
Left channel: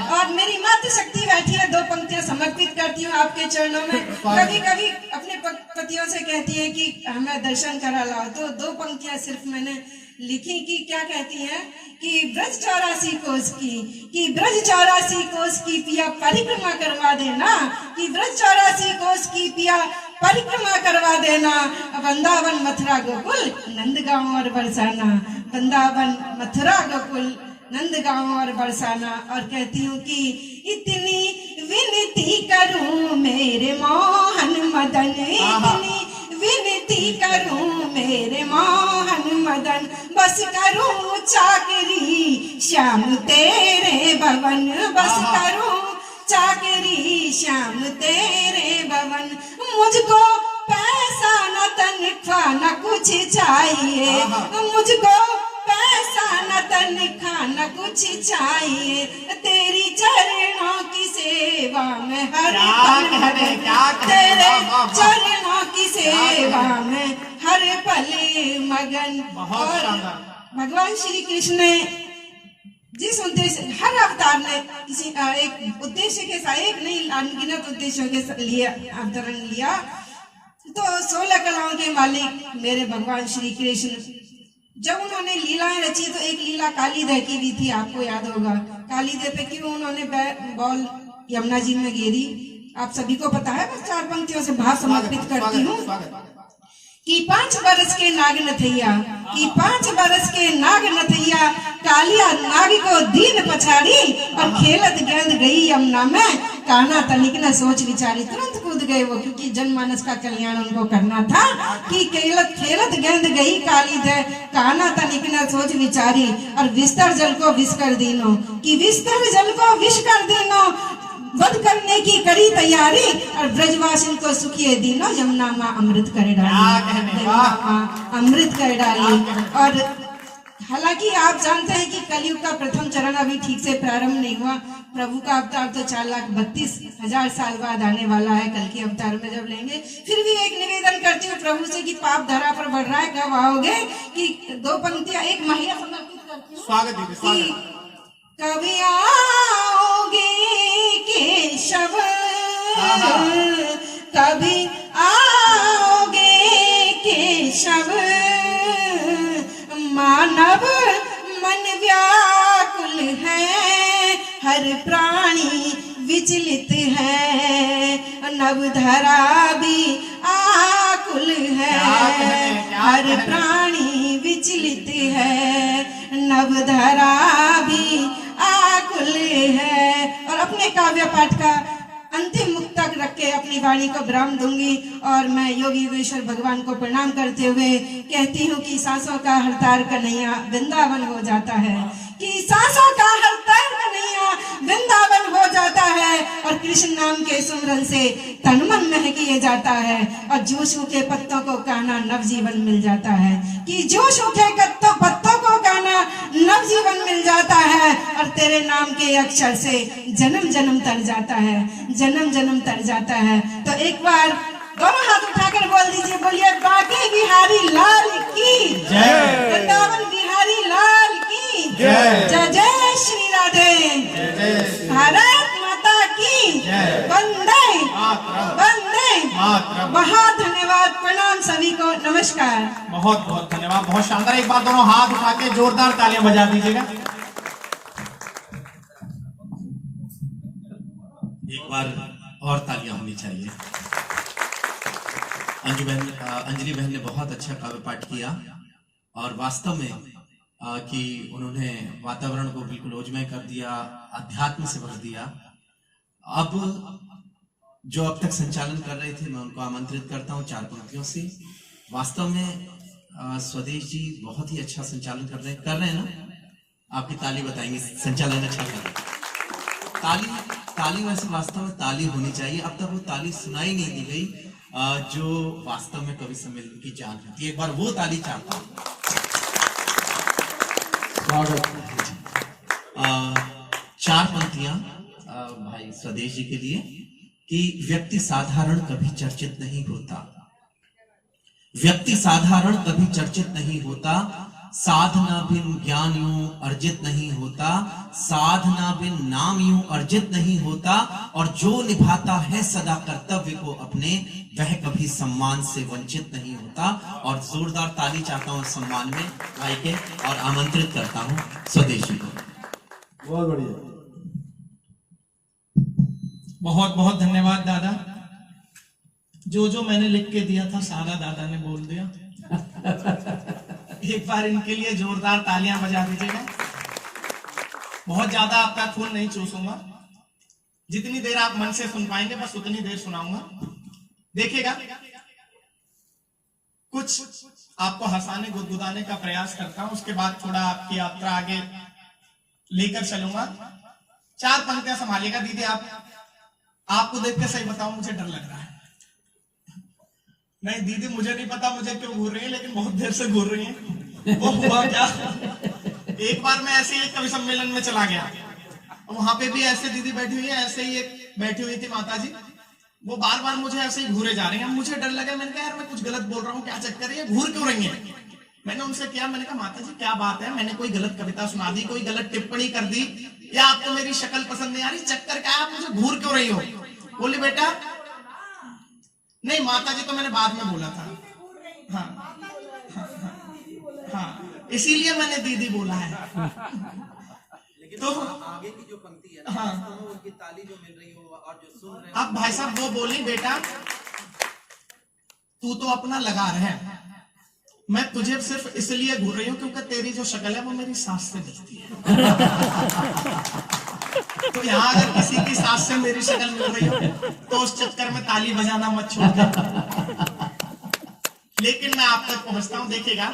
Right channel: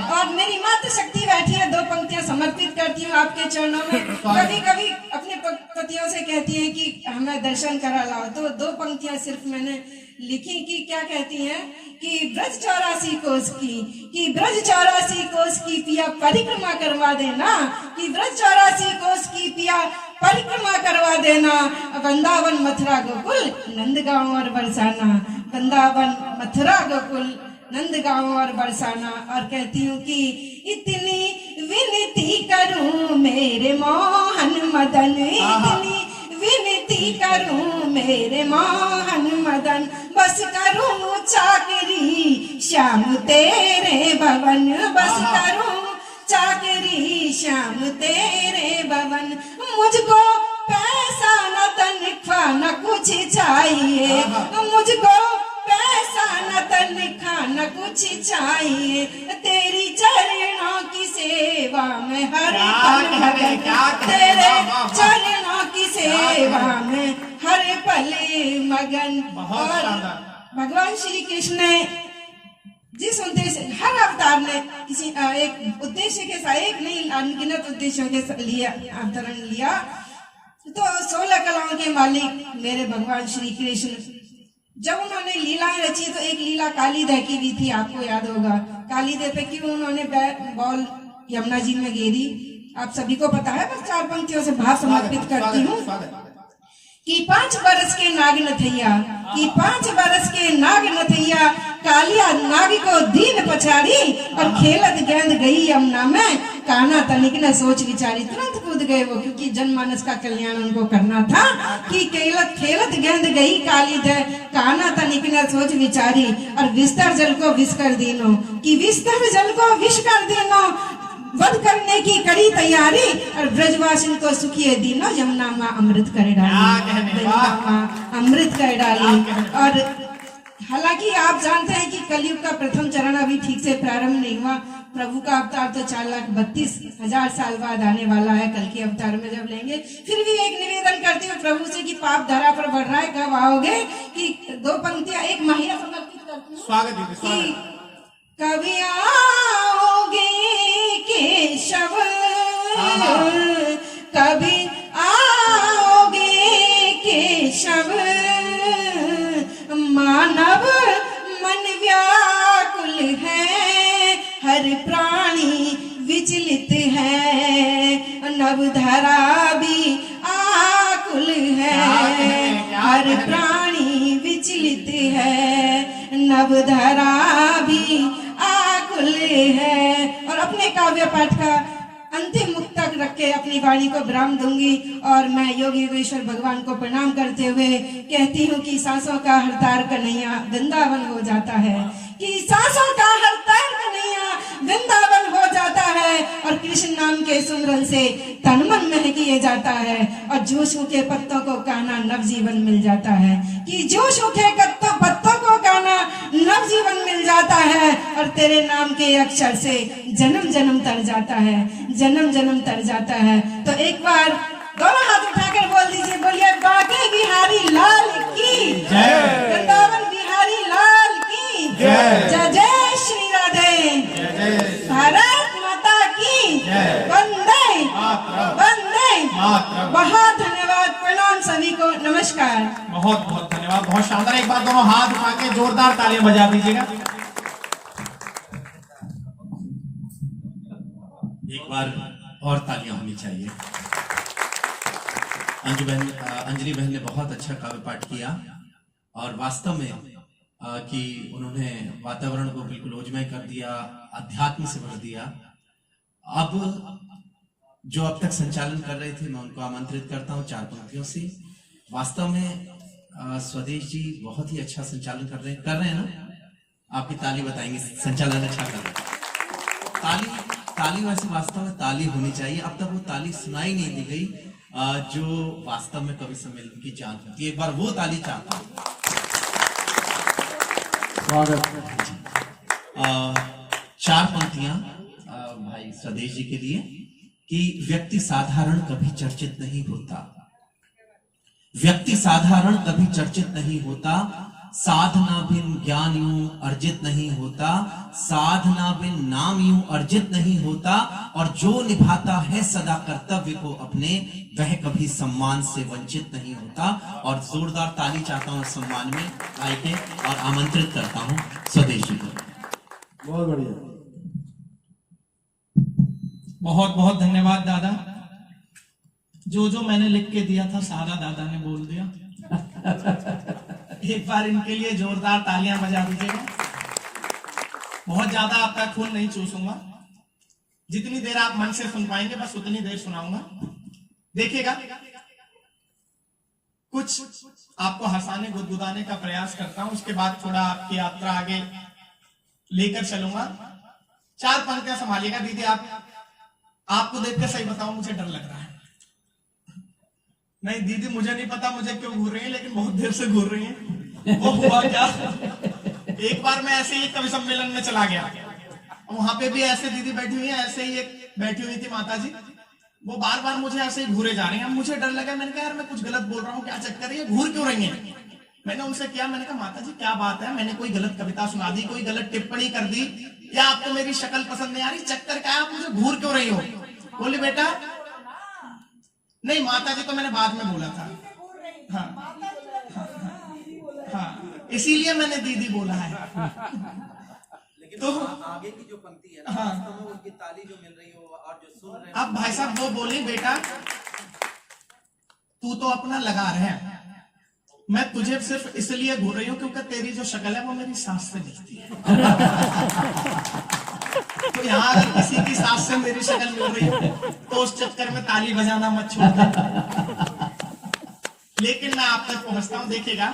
और मेरी मातृ शक्ति बैठी है, दो पंक्तियां समर्पित करती हूँ आपके चरणों में। कभी कभी अपने पतियों से कहती है कि हमें दर्शन करा लाओ, तो दो पंक्तियां सिर्फ मैंने लिखी कि क्या कहती हैं कि ब्रज 84 कोस की, कि ब्रज 84 कोस की पिया परिक्रमा करवा देना, कि ब्रज 84 कोस की पिया परिक्रमा करवा देना, वृंदावन मथुरा गोकुल नंदगांव और बरसाना, वृंदावन मथुरा गोकुल नंदगांव और बरसाना। और कहती हूँ कि इतनी विनती करूं मेरे मोहन मदन, इतनी विनती करूं मेरे मोहन मदन, बस करूं चाकरी श्याम तेरे भवन, बस करूं चाकरी श्याम तेरे भवन, मुझको पैसा न तनख्वाह न कुछ चाहिए, मुझको पैसा न तनख्वाह न कुछ चाहिए, तेरी चरणों की सेवा में हर पल, तेरे चरणों की सेवा में हर पल मगन। और भगवान श्री कृष्ण ने जिस उद्देश्य, हर अवतार ने किसी एक उद्देश्य के साथ, एक नहीं अनगिनत उद्देश्यों के लिए अवतरण लिया। तो 16 कलाओं के मालिक मेरे भगवान श्री कृष्ण, जब उन्होंने लीलाएं रची तो एक लीला कालीदह की भी थी, आपको याद होगा। कालीदह पे क्यों उन्होंने बॉल यमुना जी में घेरी, आप सभी को पता है। बस चार पंक्तियों से भाव समर्पित करती हूँ कि 5 बरस के नाग नथैया, कि 5 बरस के नाग नथैया, कालिया नाग को दीन पछाड़ी और खेलत गेंद गई यमुना में, कान्हा तनिक न सोच विचारी, तुरंत कूद गए वो, क्योंकि जनमानस का कल्याण उनको करना था। कि खेलत गेंद गई कालीदह, कान्हा तनिक न सोच विचारी, और विस्तर जल को विष कर दीनो, कि विस्तर जल को विष कर दीनो, वध करने की कड़ी तैयारी, और ब्रजवासिन को सुखिए दीनो, यमुना माँ अमृत कर डाली, अमृत कर डाली। और हालांकि आप जानते हैं कि कलयुग का प्रथम चरण अभी ठीक से प्रारंभ नहीं हुआ, प्रभु का अवतार तो 4,32,000 साल बाद आने वाला है, कल के अवतार में जब लेंगे। फिर भी एक निवेदन करती हूँ प्रभु से कि पाप धरा पर बढ़ रहा है, कब आओगे। कि 2 पंक्तियां एक महिला समर्पित करती हूँ, स्वागत कभी धरा भी आकुल है, हर प्राणी विचलित है, नव धरा भी आकुल है। और अपने काव्य पाठ का अंतिम मुक्तक रख के अपनी वाणी को विराम दूंगी और मैं योगी योगेश्वर भगवान को प्रणाम करते हुए कहती हूँ कि सांसों का हर तार कन्हैया वृंदावन हो जाता है, कि सांसों का हर तार कन्हैया वृंदावन हो जाता है, और कृष्ण नाम के सुमरन से तन मन महकिए जाता है, और जो सूखे पत्तों को काना नवजीवन मिल जाता है, कि जो सूखे पत्तों को काना नवजीवन मिल जाता है, और तेरे नाम के अक्षर से जन्म जन्म तर जाता है, जन्म जन्म तर जाता है। तो एक बार दोनों हाथ उठाकर बोल दीजिए, बोलिए बांके बिहारी लाल की जय, वृंदावन बिहारी लाल की जय, जय जय श्री राधे, भारत माता की वंदे वंदे। बहुत धन्यवाद, प्रणाम सभी को, नमस्कार। बहुत बहुत धन्यवाद, बहुत शानदार। एक बार दोनों हाथ उठा के जोरदार तालियां बजा दीजिएगा। एक बार और तालियां होनी चाहिए। अंजलि बहन ने बहुत अच्छा काव्य पाठ किया और वास्तव में कि उन्होंने वातावरण को बिल्कुल ओजमय कर दिया, अध्यात्म से भर दिया। अब जो अब तक संचालन कर रहे थे मैं उनको आमंत्रित करता हूं 4 पंक्तियों से। वास्तव में स्वदेश जी बहुत ही अच्छा संचालन कर रहे हैं ना? आपकी ताली बताएंगे, संचालन अच्छा कर रहे हैं। ताली वैसे वास्तव में ताली होनी चाहिए। अब तक वो ताली सुनाई नहीं दी गई जो वास्तव में कवि सम्मेलन की जान होती है। एक बार वो ताली चाहता हूं। 4 पंक्तियां भाई स्वदेश जी के लिए कि व्यक्ति साधारण कभी चर्चित नहीं होता, व्यक्ति साधारण कभी चर्चित नहीं होता, साधना बिन ज्ञान यूं अर्जित नहीं होता, साधना बिन नाम यूं अर्जित नहीं होता, और जो निभाता है सदा कर्तव्य को अपने वह कभी सम्मान से वंचित नहीं होता। और जोरदार ताली चाहता हूं सम्मान में भाई के और आमंत्रित करता हूं स्वदेश जी को। बहुत बढ़िया, बहुत बहुत धन्यवाद दादा। जो मैंने लिख के दिया था सारा दादा ने बोल दिया। एक बार इनके लिए जोरदार तालियां बजा दीजिएगा। बहुत ज्यादा आपका खून नहीं चूसूंगा, जितनी देर आप मन से सुन पाएंगे बस उतनी देर सुनाऊंगा। देखिएगा, कुछ आपको हंसाने गुदगुदाने का प्रयास करता हूं, उसके बाद थोड़ा आपकी यात्रा आगे लेकर चलूंगा। 4 पंक्तियां संभालिएगा। दीदी आपको देख के सही बताऊं मुझे डर लग रहा है। नहीं दीदी, मुझे नहीं पता मुझे क्यों घूर रही है, लेकिन बहुत देर से घूर रही है। वो हुआ क्या, एक बार मैं ऐसे ही कवि सम्मेलन में चला गया, वहां पे भी ऐसे दीदी बैठी हुई है, ऐसे ही एक बैठी हुई थी माता जी, वो बार बार मुझे ऐसे ही घूरे जा रहे हैं। अब मुझे डर लगा, मैंने कहा यार मैं कुछ गलत बोल रहा हूँ, क्या चक्कर है, घूर क्यों रही है। मैंने उनसे किया, मैंने कहा माता जी क्या बात है, मैंने कोई गलत कविता सुना दी, कोई गलत टिप्पणी कर दी, या आपको मेरी शक्ल पसंद नहीं आ रही, चक्कर क्या है, आप मुझे घूर क्यों रही हो। बोली बेटा नहीं माता जी, तो मैंने बाद में बोला था। हाँ, इसीलिए मैंने दीदी बोला है। लेकिन तो आगे की जो पंक्ति है ना, वास्तव में उनकी ताली जो मिल रही हो और जो सुन रहे हैं। अब भाई साहब वो बोली बेटा तू तो अपना लगा रहे हैं, मैं तुझे सिर्फ इसलिए घूर रही हूं क्योंकि तेरी जो शक्ल है वो मेरी सास से मिलती है। तो यहाँ अगर किसी की सास से मेरी शक्ल मिल रही हो तो उस चक्कर में ताली बजाना मत छोड़ना। लेकिन मैं आप तक पहुंचता हूं, देखिएगा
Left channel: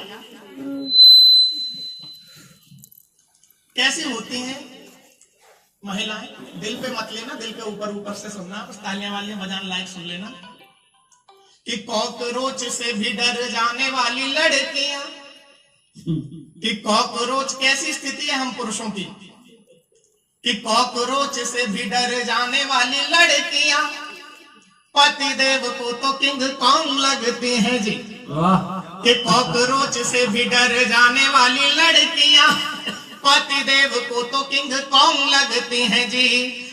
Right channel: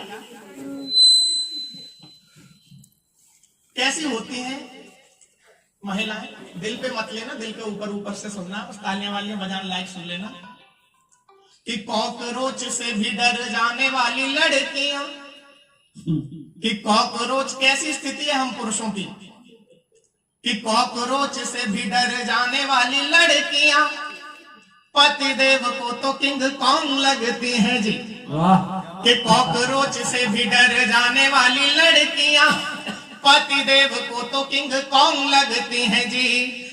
कैसी होती हैं महिलाएं। दिल पे मत लेना, दिल पे ऊपर ऊपर से सुनना, बस तालियां वालियां बजाने लायक सुन लेना। कि कॉकरोच से भी डर जाने वाली लड़कियां, कि कॉकरोच कैसी स्थिति है हम पुरुषों की, कि कॉकरोच से भी डर जाने वाली लड़कियां पति देव को तो किंग कॉन्ग लगते हैं जी। कि कॉकरोच से भी डर जाने वाली लड़कियां पति देव को तो किंग कॉन्ग लगती हैं जी।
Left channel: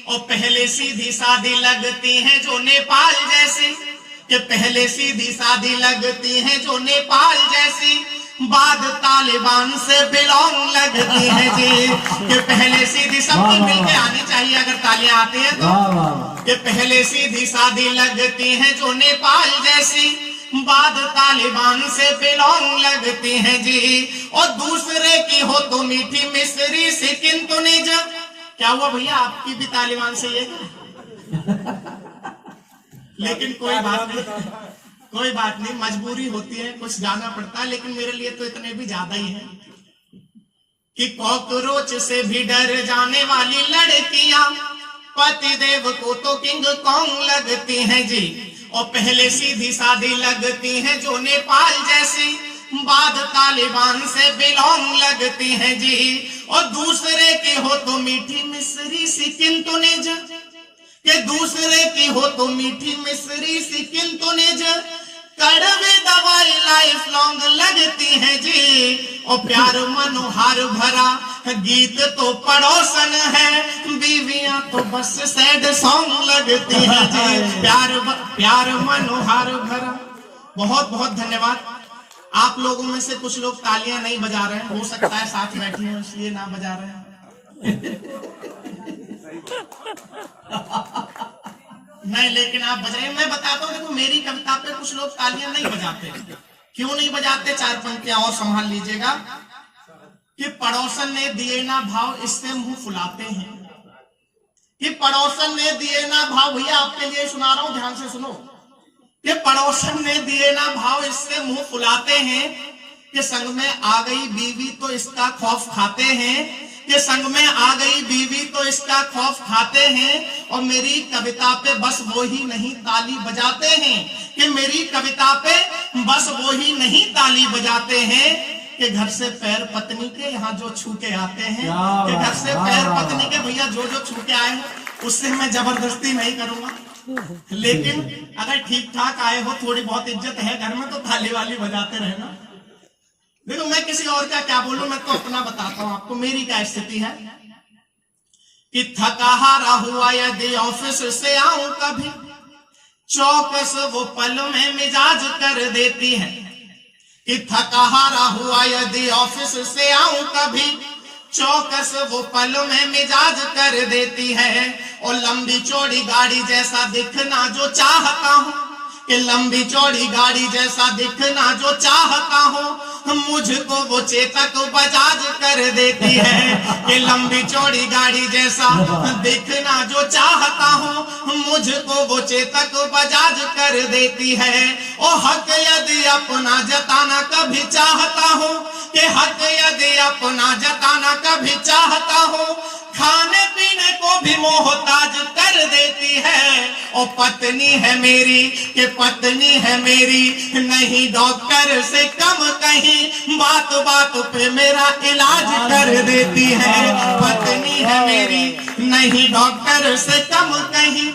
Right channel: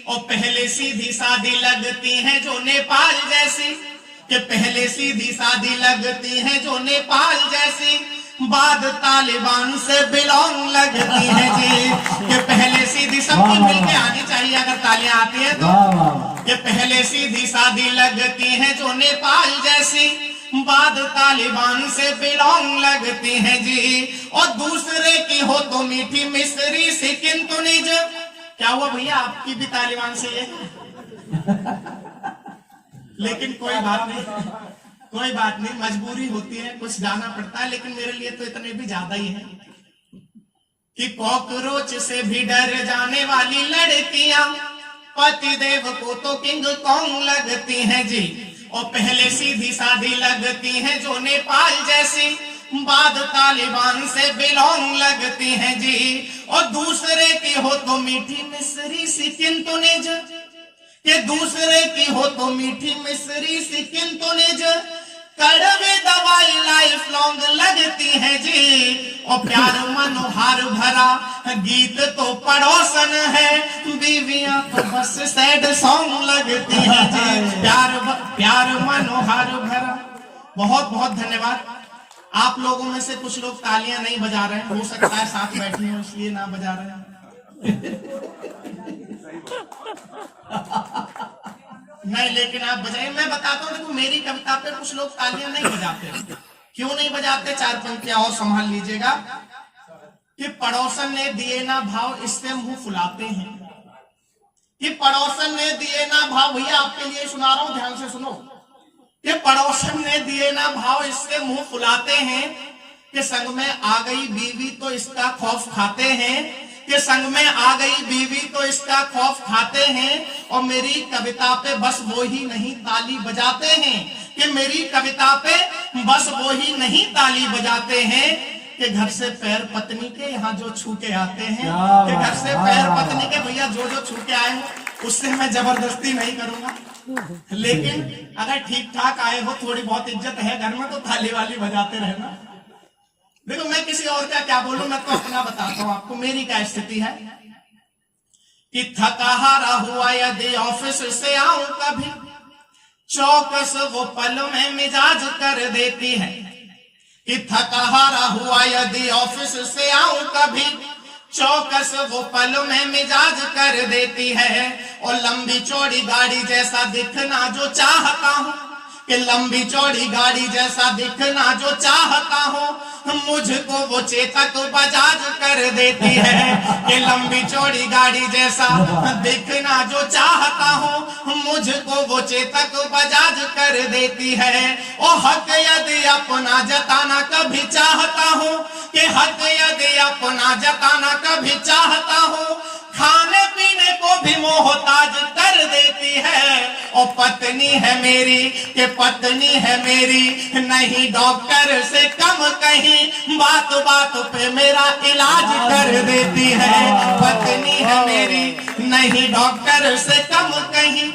और पहले सीधी सादी लगती हैं जो नेपाल जैसी, कि पहले सीधी सादी लगती हैं जो नेपाल जैसी, बाद तालिबान से बिलोंग लगती है जी। कि पहले सीधी सबकी मिलके आनी चाहिए अगर तालियां आती है तो। कि पहले सीधी सादी लगती है जो नेपाल जैसी, बाद तालिबान से बिलोंग लगती है जी। और दूसरे की हो तो मीठी मिश्री सी किंतु निज। क्या हुआ भैया, आपकी भी तालिबान से ये? लेकिन कोई बात नहीं, कोई बात नहीं, मजबूरी होती है, कुछ जाना पड़ता है। लेकिन मेरे लिए तो इतने भी ज्यादा ही है कि कॉकरोच से भी डर जाने वाली लड़कियां पति देव को तो किंग कॉन्ग लगती हैं जी। और पहले सीधी सादी लगती हैं जो नेपाल जैसी, बाद तालिबान से बिलोंग लगती हैं जी। और दूसरे की हो तो मीठी मिश्री सी किंतु निज। कि दूसरे की हो तो मीठी मिश्री सी किंतु निज, कड़वी दवाई लाइफ लॉन्ग लगती है जी। और प्यार मनोहार भरा गीत तो पड़ोसन है, बीवियां तो बस सैड सॉन्ग लगती है जी। प्यार मनोहार भरा। बहुत बहुत धन्यवाद। आप लोगों में से कुछ लोग तालियां नहीं बजा रहे हैं, हो सकता है साथ बैठे हैं इसलिए ना बजा रहे हैं। नहीं, लेकिन आप बजाइए। मैं बताता हूँ, देखो मेरी कविता पे कुछ लोग तालियां नहीं बजाते। क्यों नहीं बजाते? 4 पंक्तियां और संभाल लीजिएगा। कि पड़ोसन ने दिए ना भाव, इससे मुंह फुलाते हैं। कि पड़ोसन ने दिए ना भाव, भैया आपके लिए सुना रहा हूं, ध्यान से सुनो। कि पड़ोसन ने दिए ना भाव, इससे मुंह फुलाते हैं। कि संग में आ गई बीवी तो इसका खौफ खाते हैं। कि संग में आ गई बीवी तो इसका खौफ खाते हैं। और मेरी कविता पे बस वो ही नहीं ताली बजाते हैं। कि मेरी कविता पे बस वो ही नहीं ताली बजाते हैं। कि घर से पैर पत्नी के यहाँ जो छू के आते हैं। कि घर से पैर पत्नी के भैया जो छू के आए उससे मैं जबरदस्ती नहीं करूंगा। लेकिन अगर ठीक ठाक आए हो, थोड़ी बहुत इज्जत है घर में, तो ताली वाली बजाते रहना। देखो मैं किसी और का क्या बोलूं, मैं तो अपना बताता हूं आपको। मेरी क्या स्थिति है कि थका हारा हुआ यदि ऑफिस से आऊं कभी, चौकस वो पल में मिजाज कर देती है। कि थका हारा हुआ यदि ऑफिस से आऊं कभी, चौकस वो पल में मिजाज कर देती है। और लंबी चौड़ी गाड़ी जैसा दिखना जो चाहता हूँ, कि लंबी चौड़ी गाड़ी जैसा दिखना जो चाहता हूँ, मुझको वो चेतक बजाज कर देती है। कि लंबी चौड़ी गाड़ी जैसा दिखना जो चाहता हूँ, मुझको वो चेतक बजाज कर देती है। और हक यदि अपना जताना कभी चाहता हूँ, कि हक यदि अपना जताना कभी चाहता हूँ, खाने पीने को भी मोहताज कर देती है। और पत्नी है मेरी, कि पत्नी है मेरी, नहीं डॉक्टर से कम कहीं, बात बात पे मेरा इलाज कर देती है। पत्नी है मेरी, नहीं डॉक्टर से कम कहीं।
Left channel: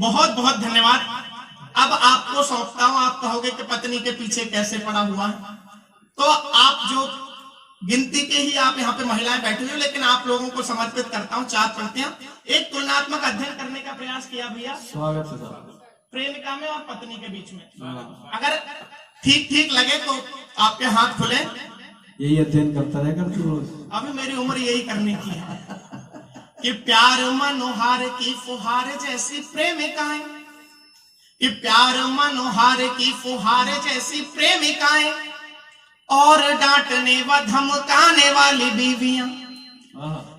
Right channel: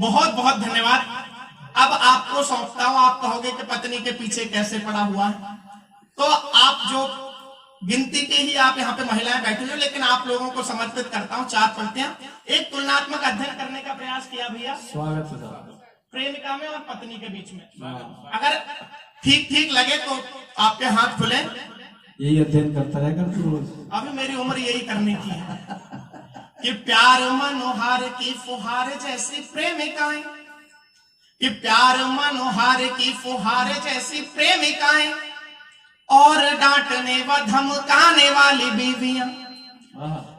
बहुत बहुत धन्यवाद। अब आपको सौंपता हूं। आप कहोगे कि पत्नी के पीछे कैसे पड़ा हुआ है, तो आप जो गिनती के ही आप यहाँ पे महिलाएं बैठी हो, लेकिन आप लोगों को समर्पित करता हूँ 4 पंक्तियां। एक तुलनात्मक अध्ययन करने का प्रयास किया भैया, स्वागत है सर। प्रेमिका में और पत्नी के बीच में। अगर ठीक ठीक लगे तो आपके हाथ खुले। यही अध्ययन करता रहेगा। अभी मेरी उम्र यही करने की है। कि प्यार मनोहार की फुहार जैसी प्रेमिकाएं, कि प्यार मनोहार की फुहार जैसी प्रेमिकाएं, और डांटने व धमकाने वाली बीवियां।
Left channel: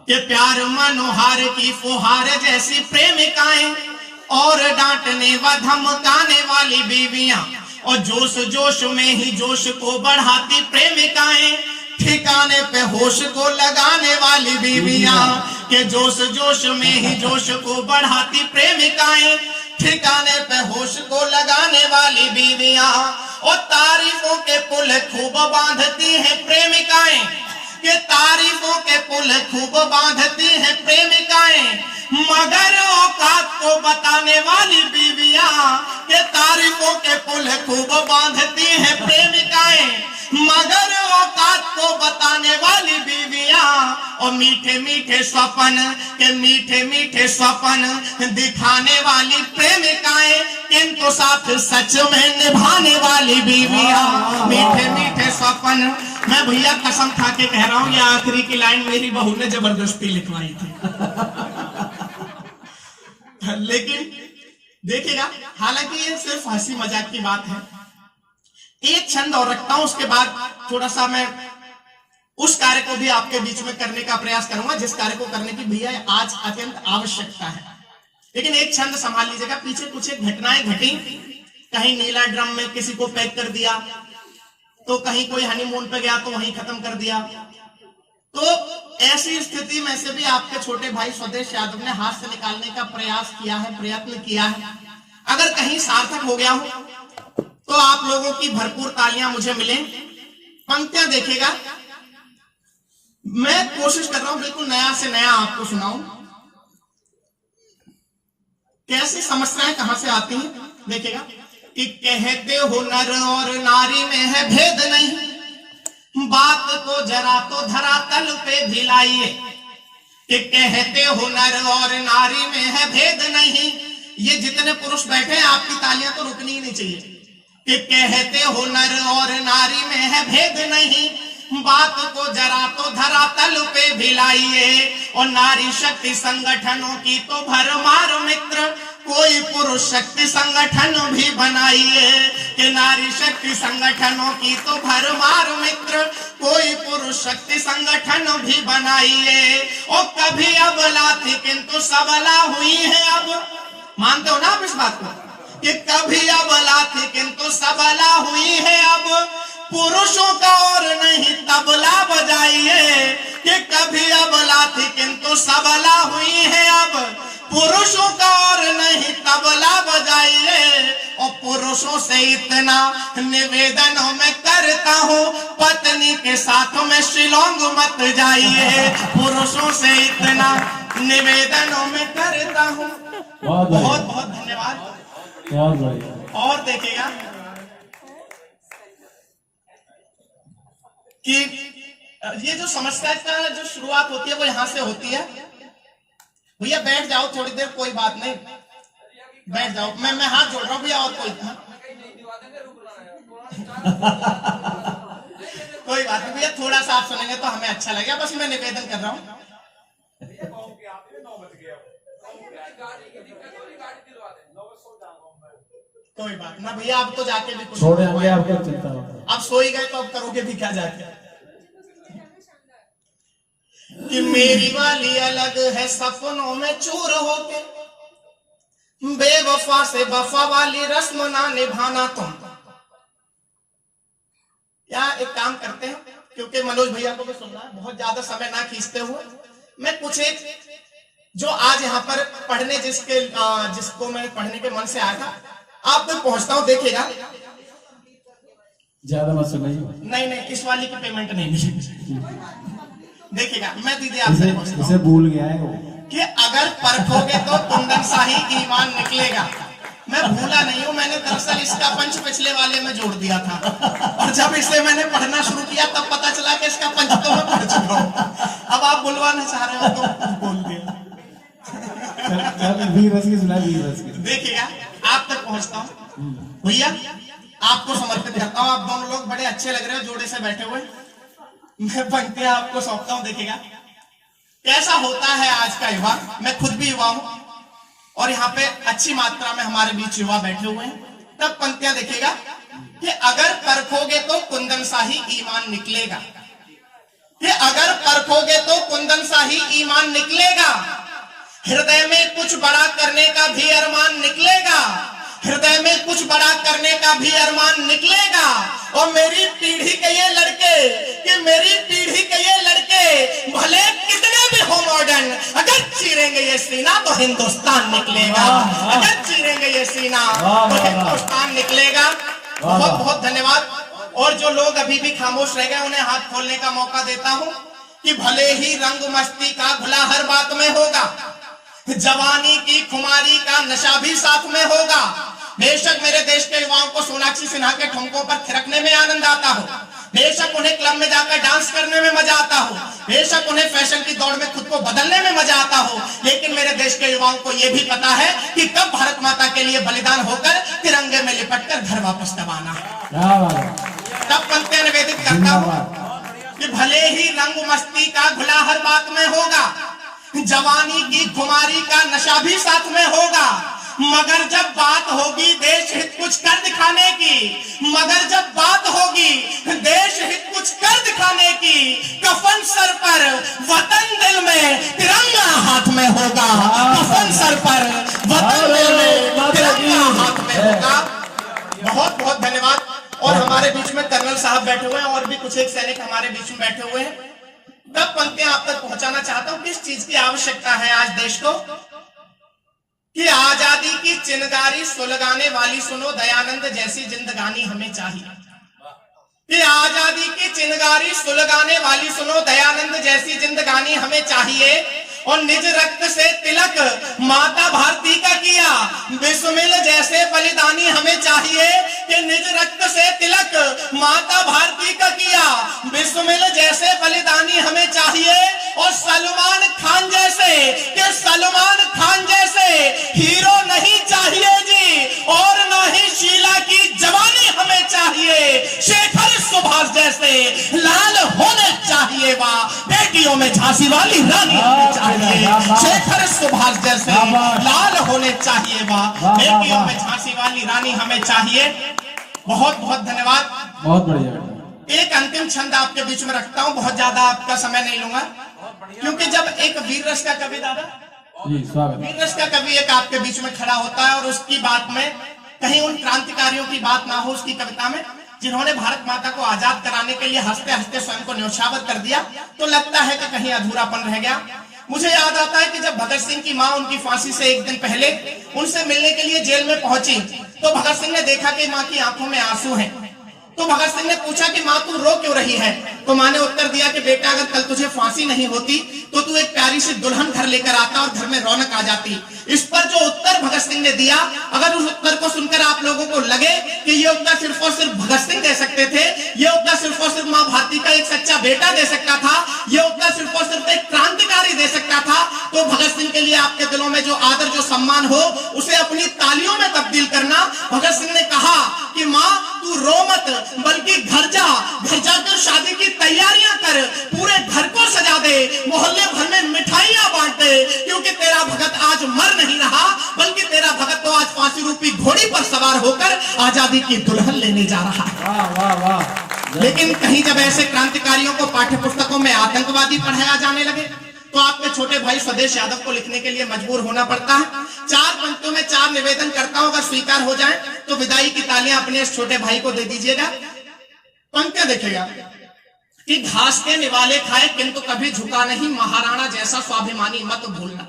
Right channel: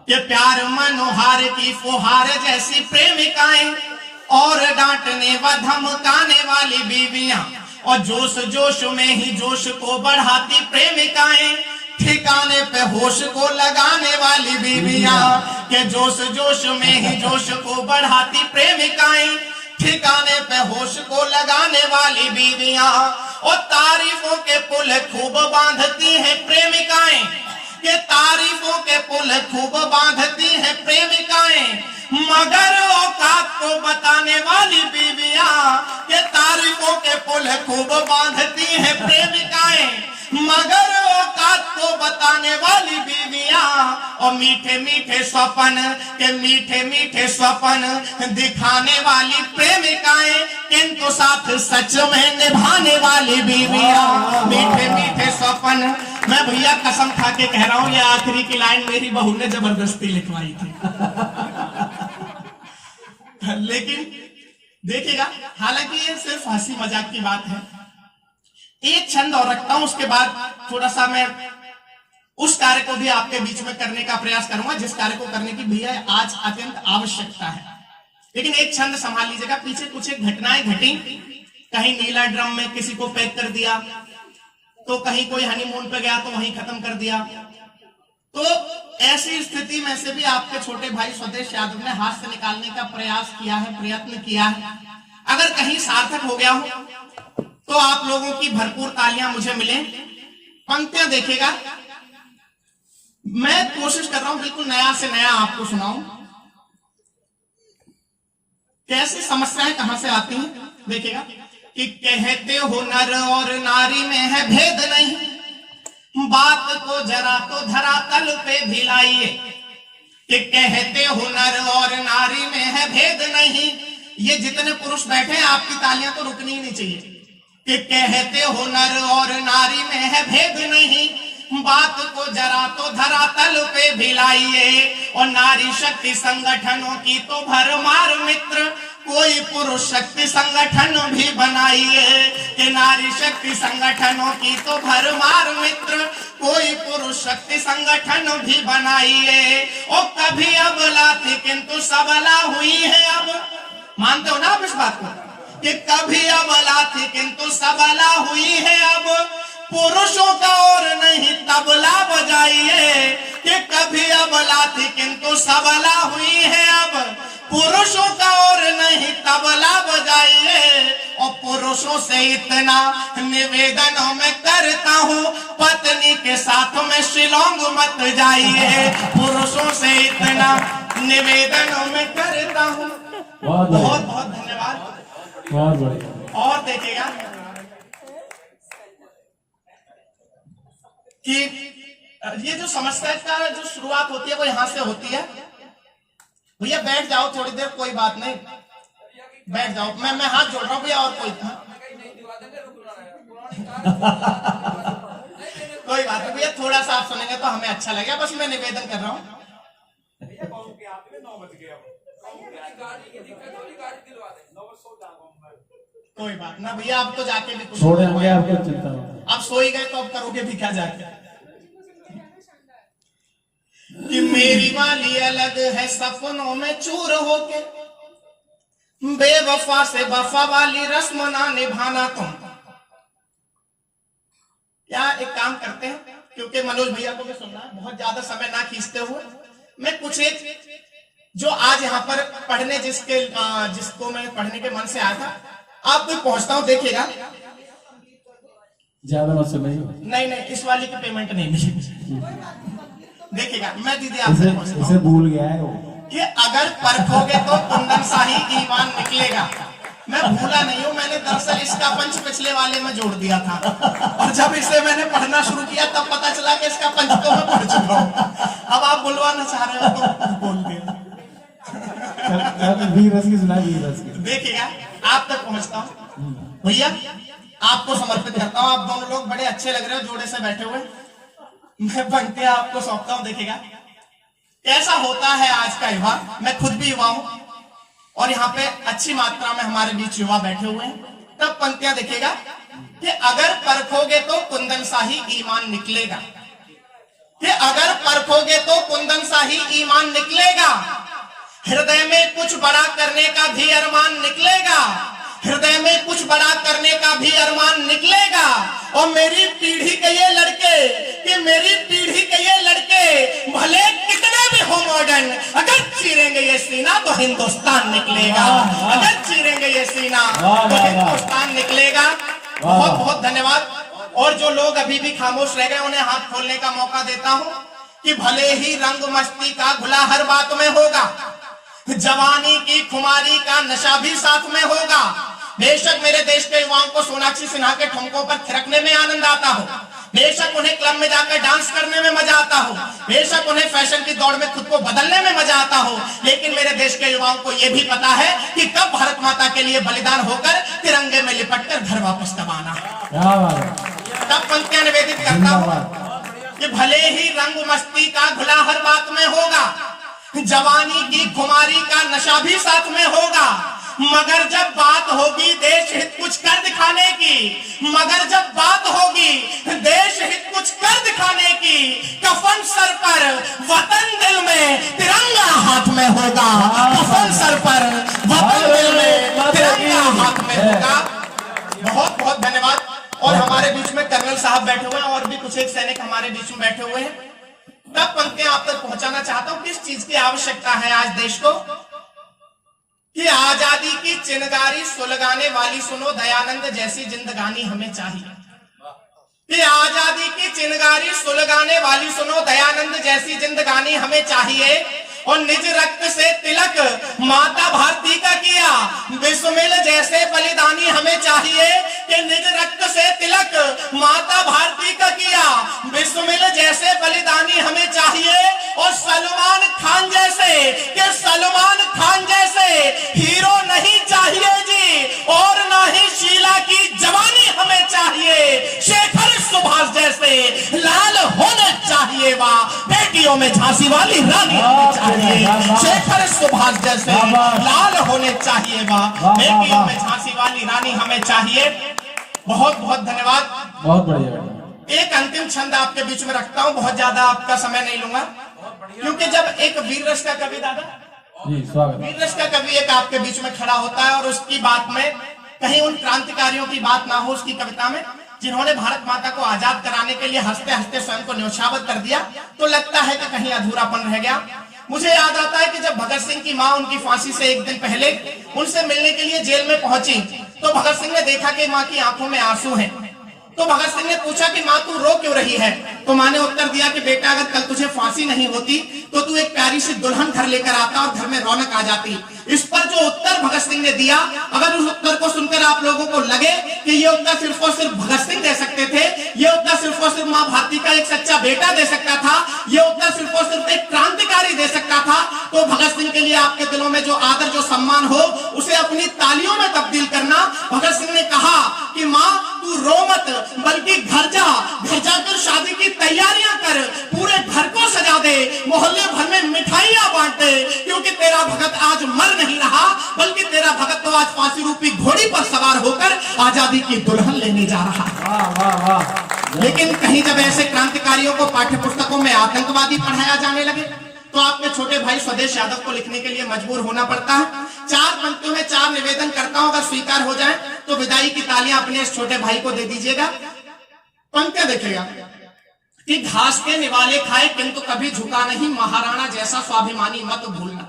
कि प्यार मनोहार की फुहार जैसी प्रेमिकाएं, और डांटने व धमकाने वाली बीवियां। और जोश जोश में ही जोश को बढ़ाती प्रेमिकाएं, ठिकाने पे होश को लगाने वाली बीवियां। के जोश जोश में ही जोश को बढ़ाती प्रेमिकाएं, ठिकाने पे होश को लगाने वाली बीवियां। और तारीफों के पुल खूब बांधती हैं प्रेमिकाएं, के तारीफों के पुल खूब बांधती हैं प्रेमिकाएं, मगर औकात को बताने वाली बीवियां। के तारीफों के पुल खूब बांधती हैं प्रेमिकाएं, मगर औकात को बताने वाली बीवियां। और मीठे मीठे स्वप्न के मीठे मीठे स्वप्न दिखाने वाली प्रेमिकाएं, किंतु साथ सच में निभाने वाली बीवियां। मीठे मीठे स्वप्न, मैं भैया कसम खा के कह रहा हूं, ये आखिरी की लाइन मेरी बहू ने जबरदस्ती लिखवाई थी। लेकिन देखिएगा, हालांकि ये सिर्फ हंसी मजाक की बात है। एक छंद और रखता हूं, उसके बाद थोड़ा सा मैं उस कार्य को भी आपके बीच में करने का प्रयास करूंगा जिस कार्य को करने की भैया आज अत्यंत आवश्यकता है। लेकिन एक छंद संभाल लीजिएगा। पीछे कुछ एक घटनाएं घटी, कहीं नीला ड्रम में किसी को पैक कर दिया, तो कहीं कोई हनीमून पे गया तो वहीं खत्म कर दिया। तो ऐसी स्थिति में से भी आपके छोटे भाई स्वदेश यादव ने हाथ से निकालने का प्रयास किया है, प्रयत्न किया है। अगर कहीं सार्थक हो गया हो तो आप लोगों की भरपूर तालियां मुझे मिले। पंक्तियां देखिएगा, मैं कोशिश कर रहा हूं बिल्कुल नया से नया आपको सुनाऊं। कैसी समस्याएं कहां से आती हैं देखिएगा। कि कहते हो नर और नारी में है भेद नहीं, बात को जरा तो धरातल पे भी लाइए। कि कहते हो नर और नारी में है भेद नहीं, ये जितने पुरुष बैठे हैं आपकी तालियां तो रुकनी ही नहीं चाहिए। कि कहते हो नर और नारी में है भेद नहीं, बात को जरा तो धरातल पे भी लाइए। और नारी शक्ति संगठनों की तो भरमार मित्र, कोई पुरुष शक्ति संगठन भी बनाइए। कि नारी शक्ति संगठनों की तो भरमार मित्र, कोई पुरुष शक्ति संगठन भी बनाइए। और कभी अबला थी किंतु सबला हुई है अब। मानते हो ना आप इस बात को? कि कभी अबला थी किंतु सबला हुई है अब, पुरुषों का और नहीं तबला बजाइए। कि कभी अबला थी किंतु सबला हुई है अब, पुरुषों का और नहीं तबला बजाइए। और पुरुषों से इतना निवेदन मैं करता हूँ, पत्नी के साथ में शिलोंग मत जाइए। पुरुषों से इतना निवेदन मैं करता हूँ। बहुत बहुत धन्यवाद। और देखिएगा कि ये जो समस्या का जो शुरुआत होती है वो यहां से होती है। भैया बैठ जाओ थोड़ी देर, कोई बात नहीं, बैठ जाओ। मैं हाथ जोड़ रहा हूँ भैया। और कोई कोई बात नहीं भैया, थोड़ा सा आप सुनेंगे तो हमें अच्छा लगेगा। बस मैं निवेदन कर रहा हूँ। कोई बात ना भैया, अब तो जाके भी कुछ छोड़ेंगे, आपको चिंता मत। अब सो ही गए तो अब करोगे भी क्या जाके। कि मेरी वाली अलग है सपनों में चूर होके, बेवफा से वफा वाली रस्म ना निभाना तुम। क्या एक काम करते हैं, क्योंकि मनोज भैया को भी सुनना है, बहुत ज्यादा समय ना खींचते हुए मैं कुछ एक जो आज यहाँ पर पढ़ने जिसको मैं पढ़ने के मन से आया था आप तक पहुंचता हूँ। देखिएगा, ज्यादा मत सुनाइए। नहीं, इस वाली की पेमेंट नहीं मिलेगी। देखिएगा, मैं दीदी आपसे इसे भूल गया है वो। कि अगर परखोगे तो कुंदन शाही ईमान निकलेगा। मैं भूला नहीं हूँ, मैंने दरअसल इसका पंच पिछले वाले में जोड़ दिया था, और जब इसे मैंने पढ़ना शुरू किया तब पता चला कि इसका पंच तो मैं पढ़ चुका हूँ। अब आप बुलवाना चाह रहे हो तो बोल दिया। देखिएगा, आप तक पहुंचता हूँ भैया, आपको समर्पित करता हूँ। आप दोनों लोग बड़े अच्छे लग रहे हो जोड़े से बैठे हुए। मैं पंक्तियां आपको सौंपता हूँ। देखिएगा कैसा होता है आज का युवा। मैं खुद भी युवा हूँ और यहाँ पे अच्छी मात्रा में हमारे बीच युवा बैठे हुए हैं। तब पंक्तियां देखिएगा कि अगर परखोगे तो कुंदन शाही ईमान निकलेगा। कि अगर परखोगे तो कुंदन शाही ईमान निकलेगा। हृदय में कुछ बड़ा करने का भी अरमान निकलेगा। हृदय में कुछ बड़ा करने का भी अरमान निकलेगा। और मेरी पीढ़ी के ये लड़के, कि मेरी पीढ़ी के ये लड़के भले कितने भी हो मॉडर्न, अगर चीरेंगे ये सीना तो हिंदुस्तान निकलेगा। अगर चीरेंगे ये सीना तो हिंदुस्तान निकलेगा। बहुत बहुत धन्यवाद। और जो लोग अभी भी खामोश रह गए उन्हें हाथ खोलने का मौका देता हूँ कि भले ही रंग मस्ती का घुला हर बात में होगा, जवानी की खुमारी का नशा भी साथ में होगा। बेशक मेरे देश के युवाओं को सोनाक्षी सिन्हा के ठुमकों पर थिरकने में आनंद आता हो, बेशक उन्हें क्लब में जाकर डांस करने में मजा आता हो, बेशक उन्हें फैशन की दौड़ में खुद को बदलने में मजा आता हो, लेकिन मेरे देश के युवाओं को यह भी पता है कि कब भारत माता के लिए बलिदान होकर तिरंगे में लिपटकर घर वापस तब आना। तब पंक्तियां निवेदित करता हूं कि भले ही रंग मस्ती का घुला हर बात में होगा, जवानी की खुमारी का नशा भी साथ में होगा, मगर जब बात होगी देश हित कुछ कर दिखाने की, मगर जब बात होगी देश हित कुछ कर दिखाने की, कफन सर पर वतन दिल में तिरंगा हाथ में होगा, कफन सर पर वतन दिल में तिरंगा हाथ में होगा। बहुत बहुत धन्यवाद। और हमारे बीच में कर्नल साहब बैठे हुए हैं और भी कुछ एक सैनिक हमारे बीच में बैठे हुए हैं। तब पंक्तियां आप तक पहुंचाना चाहता हूं, किस चीज की आवश्यकता है आज देश को, कि आजादी की चिनगारी सुलगाने वाली सुनो दयानंद जैसी जिंदगानी हमें चाहिए, कि आजादी की चिनगारी सुलगाने वाली सुनो दयानंद जैसी जिंदगानी हमें चाहिए। और निज रक्त से तिलक माता भारती का किया बिस्मिल जैसे बलिदानी हमें चाहिए, कि निज रक्त से तिलक माता भारती का किया बिस्मिल जैसे बलिदानी हमें चाहिए। और सलमान खान जैसे, कि सलमान खान जैसे हीरो नहीं चाहिए जी, और न ही शीला की जवानी हमें चाहिए। शेखर सुभाष जैसे लाल होने चाहिए, वाह बेटियों में झांसी वाली रानी चाहिए। शेखर सुभाष जैसे लाल होने चाहिए, वाह बेटियों में झांसी वाली रानी हमें चाहिए। बहुत बहुत धन्यवाद। बहुत बढ़िया। एक अंतिम छंद आपके बीच में रखता हूं, बहुत ज्यादा आपका समय नहीं लूंगा, क्योंकि जब एक वीर रस का कवि, दादा जी स्वागत। वीर रस का कवि एक आपके बीच में खड़ा होता है और उसकी बात में कहीं उन क्रांतिकारियों की बात ना हो उसकी कविता में, जिन्होंने भारत माता को आजाद कराने के लिए हंसते हंसते स्वयं को न्योछावर कर दिया, तो लगता है कि कहीं अधूरापन रह गया। मुझे याद आता है कि जब भगत सिंह की मां उनकी फांसी से एक दिन पहले उनसे मिलने के लिए जेल में पहुंची, तो भगत सिंह ने देखा कि मां की आंखों में आंसू हैं। तो भगत सिंह ने पूछा कि मां तू रो क्यों रही है? तो मां ने उत्तर दिया कि बेटा अगर कल तुझे फांसी नहीं होती तो तू एक प्यारी सी दुल्हन घर लेकर आता और घर में रौनक आ जाती। इस पर जो उत्तर भगत सिंह ने दिया, अगर उस उत्तर को सुनकर आप लोगों को लगे कि ये उत्तर सिर्फ और सिर्फ भगत सिंह दे सकते थे, ये उत्तर सिर्फ और सिर्फ मां भारती का एक सच्चा बेटा दे सकता था, ये उत्तर सिर्फ और सिर्फ एक क्रांतिकारी दे सकता था, तो भगत सिंह के लिए आपके दिलों में जो आदर जो सम्मान हो उसे अपनी तालियों में तब्दील करना। भगत सिंह ने कहा कि मां तू रो मत, बल्कि घर जाकर शादी की तैयारियां कर, पूरे घर को सजा दे, मोहल्ले भर में मिठाइयां बांट दे, क्योंकि तेरा भगत आज मर नहीं रहा, बल्कि तेरा भगत तो आज फांसी रूपी घोड़ी पर सवार होकर आजादी की दुल्हन लेने जा रहा है। वाह वाह वाह। लेकिन कहीं जब ऐसे क्रांतिकारियों को पाठ्य पुस्तकों में आतंकवादी पढ़ाया जाने लगे, तो आपके छोटे भाई स्वदेश यादव को लिखने के लिए मजबूर होना पड़ता है। 4 पंक्तियों में 4 निवेदन करता हूं, अगर स्वीकार हो जाए तो विदाई की तालियां अपने इस छोटे भाई को दे दीजिएगा। पंक्तियां देखिएगा कि घास के निवाले खाए किंतु कभी झुका नहीं, महाराणा जैसा स्वाभिमानी मत भूलना।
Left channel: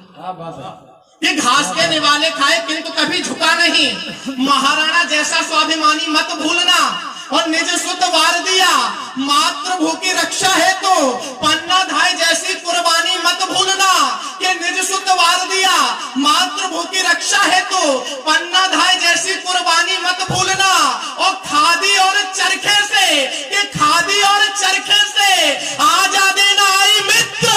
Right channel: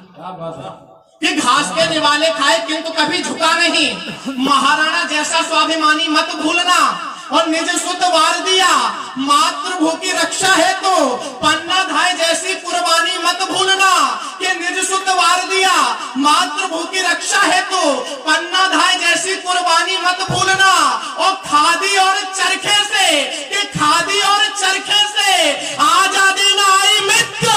कि घास के निवाले खाए किंतु कभी झुका नहीं, महाराणा जैसा स्वाभिमानी मत भूलना। और निज सुत वार दिया मातृभू की रक्षा है तो पन्ना धाय जैसी कुर्बानी मत भूलना। कि निज सुत वार दिया मातृभू की रक्षा है तो पन्ना धाय जैसी कुर्बानी मत भूलना। और खादी और चरखे से, कि खादी और चरखे से आजादी न आई मित्र,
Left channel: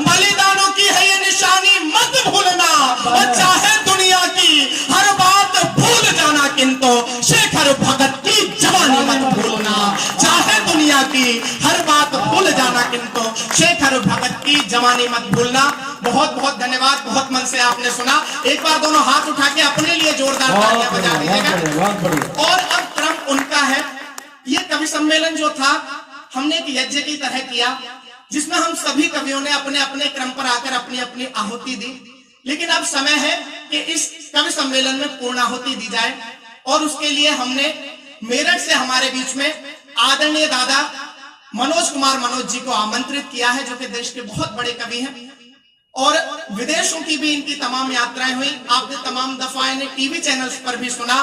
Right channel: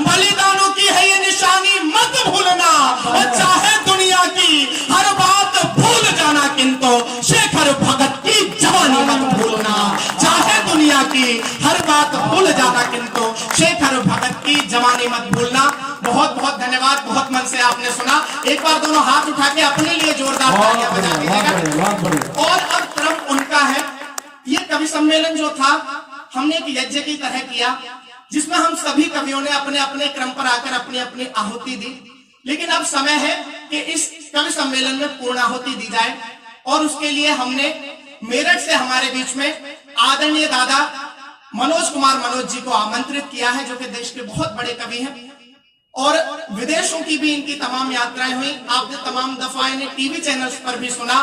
बलिदानों की है ये निशानी मत भूलना। और चाहे दुनिया की हर बात भूल जाना किंतु शेखर भगत की जवानी मत भूलना। चाहे दुनिया की हर बात भूल जाना किंतु शेखर भगत की जवानी मत भूलना। बहुत बहुत धन्यवाद, बहुत मन से आपने सुना। एक बार दोनों हाथ उठा के अपने लिए जोरदार तालियां बजा दीजिएगा। और अब क्रम उनका है। ये कवि सम्मेलन जो था हमने एक यज्ञ की तरह किया, जिसमें हम सभी कवियों ने अपने अपने क्रम पर आकर अपनी अपनी आहुति दी। लेकिन अब समय है कि इस कवि सम्मेलन में पूर्णाहुति दी जाए, और उसके लिए हमने मेरठ से हमारे बीच में आदरणीय दादा मनोज कुमार मनोज जी को आमंत्रित किया है, जो कि देश के बहुत बड़े कवि हैं और विदेशों की भी इनकी तमाम यात्राएं हुई। आपने तमाम दफा इन्हें टीवी चैनल्स पर भी सुना,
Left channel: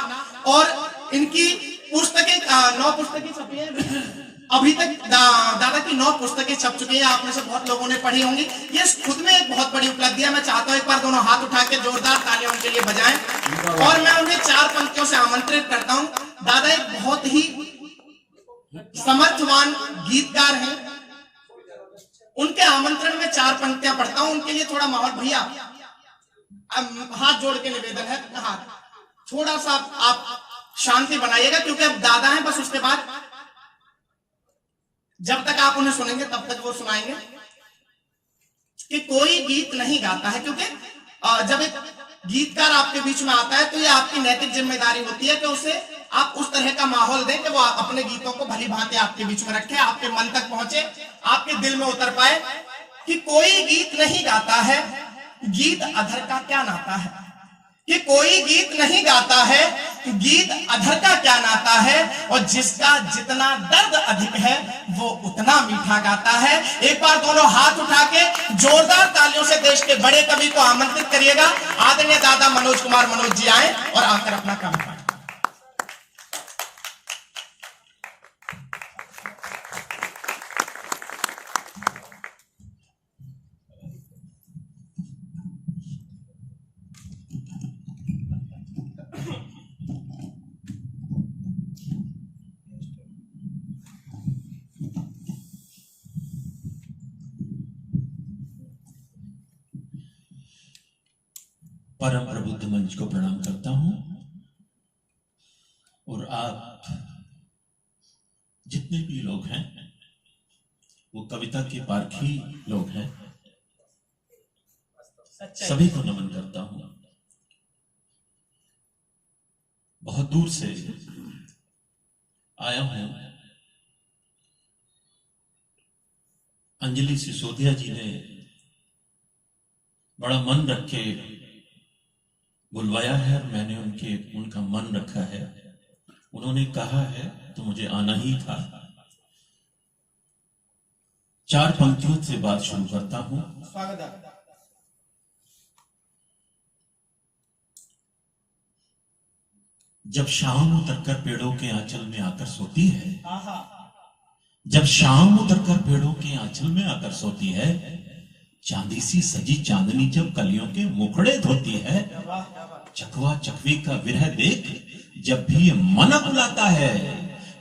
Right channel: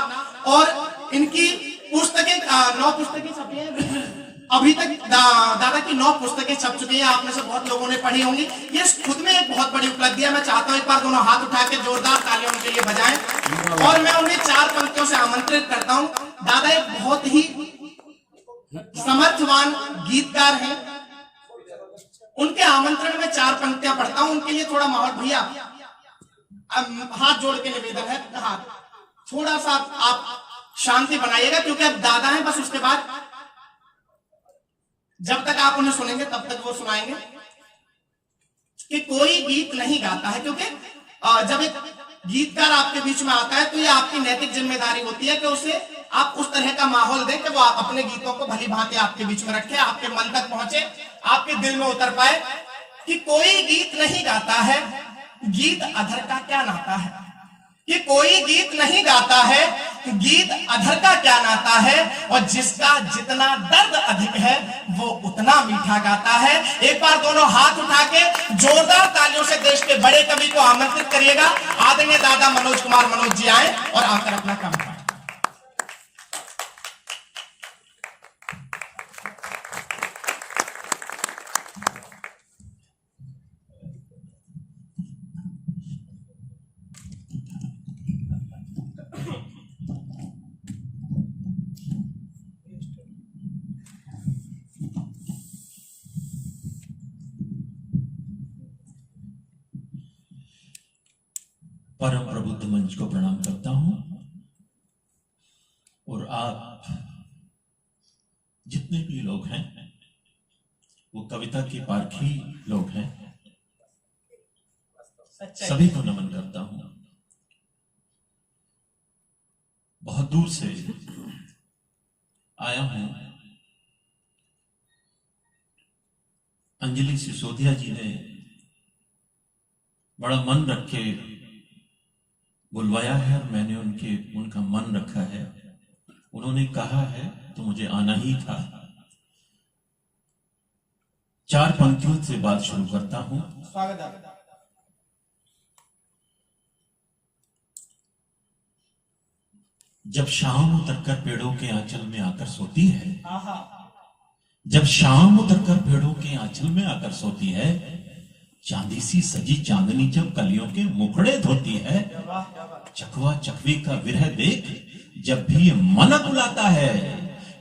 और इनकी पुस्तकें 9 पुस्तकें छपी हैं अभी तक। दादा की 9 पुस्तकें छप चुकी हैं, आप में से बहुत लोगों ने पढ़ी होंगी। ये खुद में एक बहुत बड़ी उपलब्धि है। मैं चाहता हूं एक बार दोनों हाथ उठा के जोरदार तालियां उनके लिए बजाएं, और मैं उन्हें 4 पंक्तियों से आमंत्रित करता हूं। दादा एक बहुत ही समर्थवान गीतकार हैं, उनके आमंत्रण में 4 पंक्तियां पढ़ता हूं, उनके लिए थोड़ा माहौल। भैया अब हाथ जोड़ के निवेदन है, हाथ थोड़ा सा आप शांति बनाइएगा, क्योंकि अब दादा हैं, बस उसके बाद जब तक आप उन्हें सुनेंगे तब तक वो सुनाएंगे कि कोई गीत नहीं गाता है, क्योंकि जब एक गीतकार आपके बीच में आता है तो ये आपकी नैतिक जिम्मेदारी होती है कि उसे आप उस तरह का माहौल दें कि वो आप अपने गीतों को भली भांति आपके बीच में रखे, आपके मन तक पहुंचे, आपके दिल में उतर पाए। कि कोई गीत नहीं गाता है, गीत अधर का क्या नाता है। कि कोई गीत नहीं गाता है, गीत अधर का क्या नाता है, और जिसका जितना दर्द अधिक है वो उतना मीठा गाता है। एक बार दोनों हाथ उठा के जोरदार तालियों से देश के बड़े कवि को आमंत्रित करिएगा। आदरणीय दादा मनोज कुमार मनोज जी आए और आकर अपना काम करें। परम प्रबुद्ध मंच को प्रणाम करता हूं, और आप जितने भी लोग हैं वो कविता के पारखी लोग हैं, सभी को नमन करता हूं। बहुत दूर से आया हूं। अंजलि सिसोदिया जी ने बड़ा मन रख के बुलवाया है और मैंने उनका मन रखा है। उन्होंने कहा है तो मुझे आना ही था। 4 पंक्तियों से बात शुरू करता हूं। जब शाम उतरकर पेड़ों के आंचल में आकर सोती है, जब शाम उतरकर पेड़ों के आंचल में आकर सोती है, चांदी सी सजी चांदनी जब कलियों के मुखड़े धोती है, चकवा चकवी का विरह देख जब भी ये मन बुलाता है,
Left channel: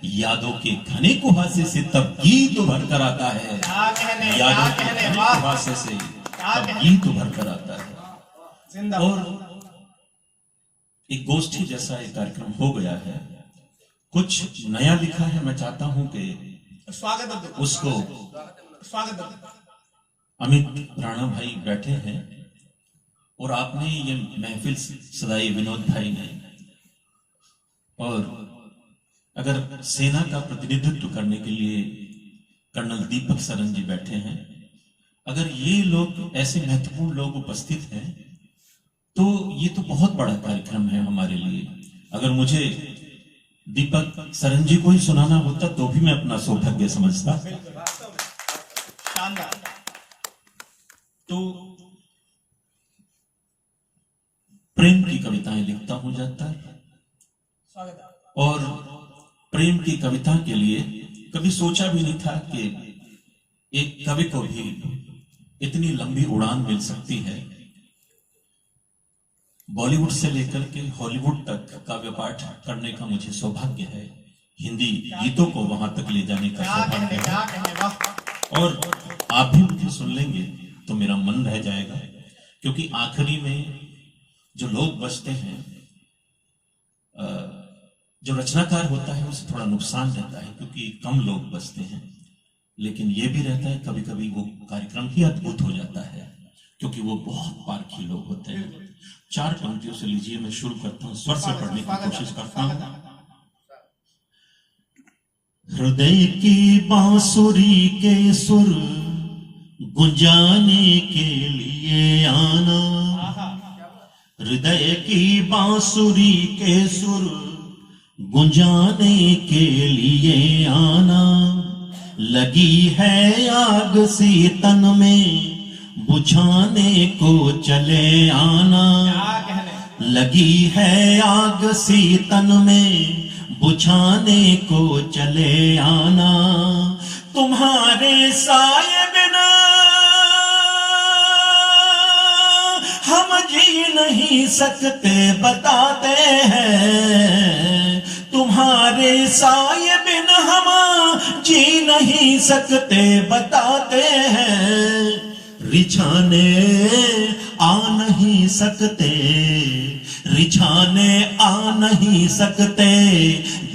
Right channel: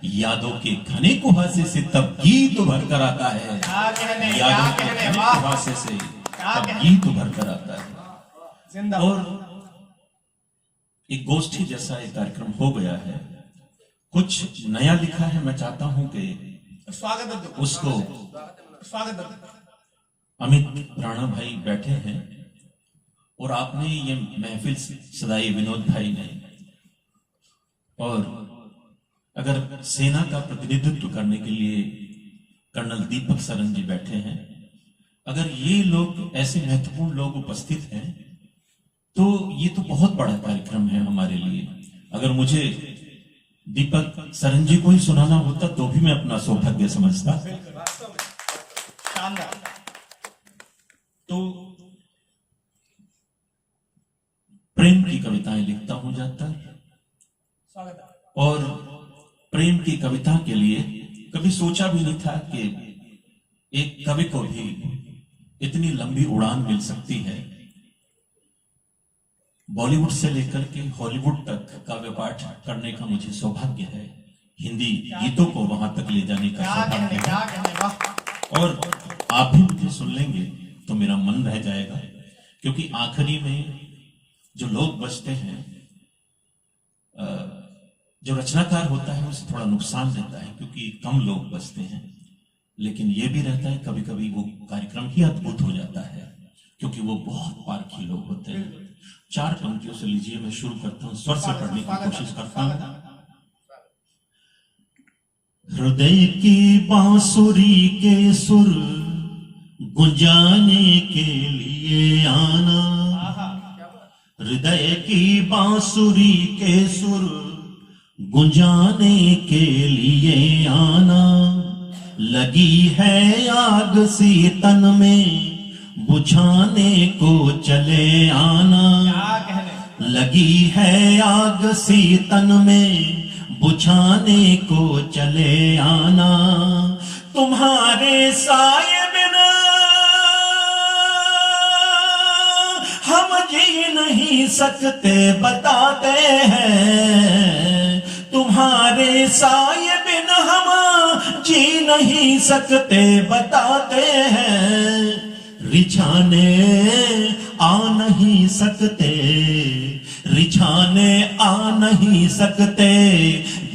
यादों के घने कुहासे से तब गीत उभर कर आता है, यादों के घने कुहासे से तब गीत उभर कर आता है। और एक गोष्ठी जैसा एक कार्यक्रम हो गया है, कुछ नया लिखा है। मैं चाहता हूं कि उसको अमित राणा भाई बैठे हैं और आपने ये महफिल सदाई विनोद भाई ने, और अगर सेना का प्रतिनिधित्व करने के लिए कर्नल दीपक सरन जी बैठे हैं, अगर ये लोग ऐसे महत्वपूर्ण लोग उपस्थित हैं तो ये तो बहुत बड़ा कार्यक्रम है हमारे लिए। अगर मुझे दीपक सरन जी को ही सुनाना होता तो भी मैं अपना सौभाग्य समझता। तो प्रेम की कविताएं लिखता हूं ज्यादातर, और प्रेम की कविता के लिए कभी सोचा भी नहीं था कि एक कवि को भी इतनी लंबी उड़ान मिल सकती है। बॉलीवुड से लेकर के हॉलीवुड तक काव्य पाठ करने का मुझे सौभाग्य है। हिंदी गीतों को वहां तक ले जाने का सौभाग्य है, और आप भी मुझे सुन लेंगे तो मेरा मन रह जाएगा, क्योंकि आखिरी में जो लोग बचते हैं, जो रचनाकार होता है उसे थोड़ा नुकसान रहता है क्योंकि कम लोग बचते हैं, लेकिन ये भी रहता है कभी कभी वो कार्यक्रम ही अद्भुत हो जाता है क्योंकि वो बहुत पारखी लोग होते हैं। 4 पंक्तियों से लीजिए, मैं शुरू करता हूं, स्वर से पढ़ने की कोशिश करता हूं। हृदय की बांसुरी के सुर गुंजाने के लिए आना, हृदय की बांसुरी के सुर गुंजाने के लिए आना, लगी है आग सी तन में बुझाने को चले आना, लगी है आग सी तन में बुझाने को चले आना, तुम्हारे साये बिना हम जी नहीं सकते बताते हैं, तुम्हारे साये बिना हम नहीं सकते बताते हैं, रिझाने आ नहीं सकते, रिझाने आ नहीं सकते,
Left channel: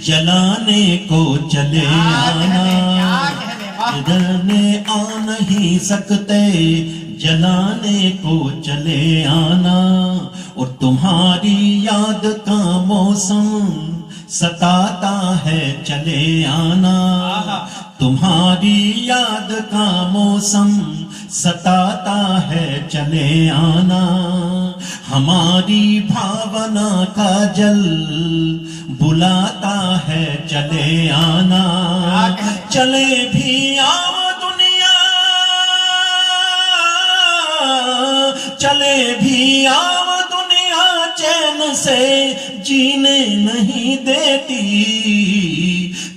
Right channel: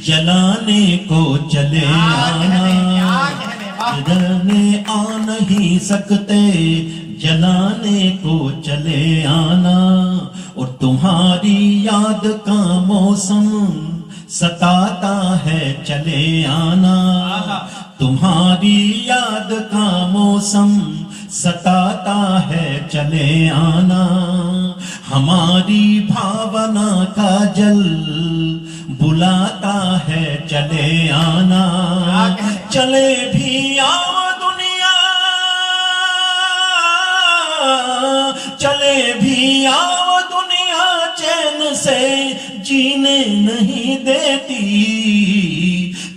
जलाने को चले आना, रिझाने आ नहीं सकते, जलाने को चले आना। और तुम्हारी याद का मौसम सताता है, चले आना, तुम्हारी याद का मौसम सताता है, चले आना। हमारी भावना का जल बुलाता है, चले आना। चले भी आओ दुनिया, चले भी आओ दुनिया, चैन से जीने नहीं देती,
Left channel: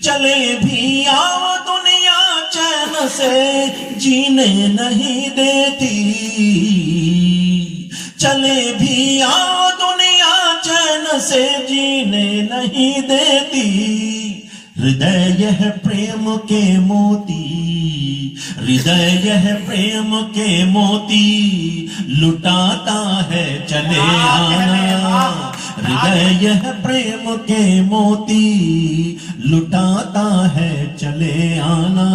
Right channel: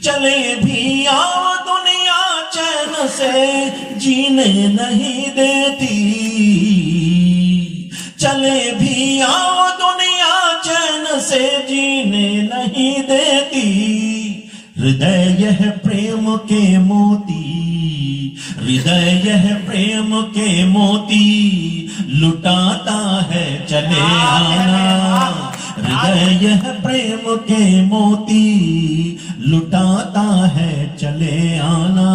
चले भी आओ दुनिया, चैन से जीने नहीं देती, चले भी आओ दुनिया, चैन से जीने नहीं देती। हृदय यह प्रेम के मोती, हृदय यह प्रेम के मोती लुटाता है, चले आना। हृदय यह प्रेम के मोती लुटाता है, चले आना।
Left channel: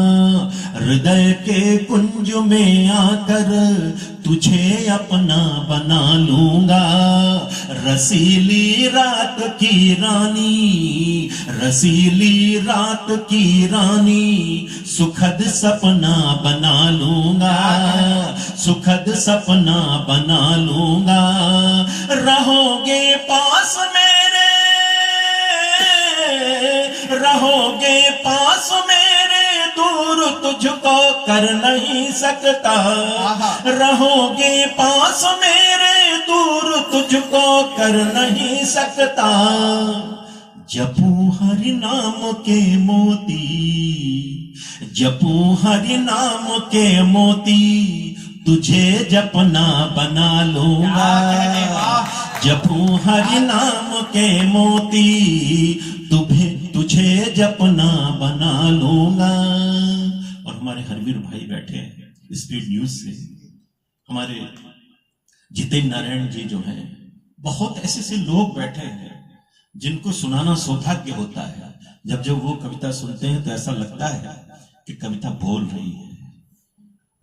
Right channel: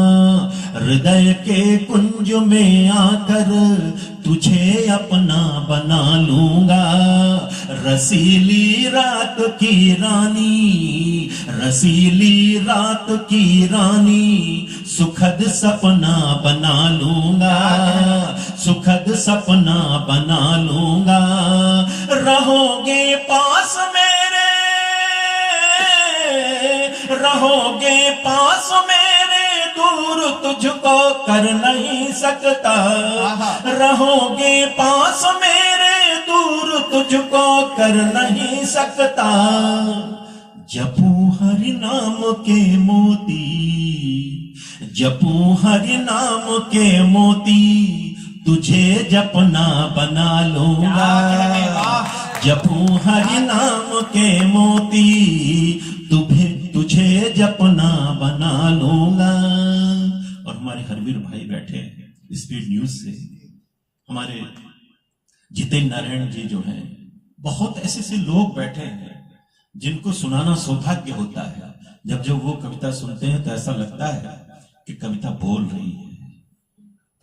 हृदय के कुंज में आकर तुझे अपना बना लूंगा, रसीली रात की रानी, रसीली रात की रानी, सुखद सपना बना लूंगा, सुखद सपना बना लूंगा। रहोगे पास मेरे, रहोगे पास मेरे, दूर तुझको कर नहीं सकता, रहोगे पास मेरे, दूर तुझको कर नहीं सकता। जपू हरि नाम के मोती, जपू हरि नाम के मोती, तुझे जपना बना लूंगा, जपू हरि नाम के मोती, तुझे जपना बना लूंगा। और हमारे हरवीर भाई बैठे हैं स्पीड न्यूज से, हमारे जितेंद्र नारायण जी जो हैं, बहुत ऐसे ऐसे लोग बैठे हैं जिनको सुनाना सौभाग्य होता है। जब वो कविता सुनते हैं तो ऐसा लगता है कि कविता बोल रही है।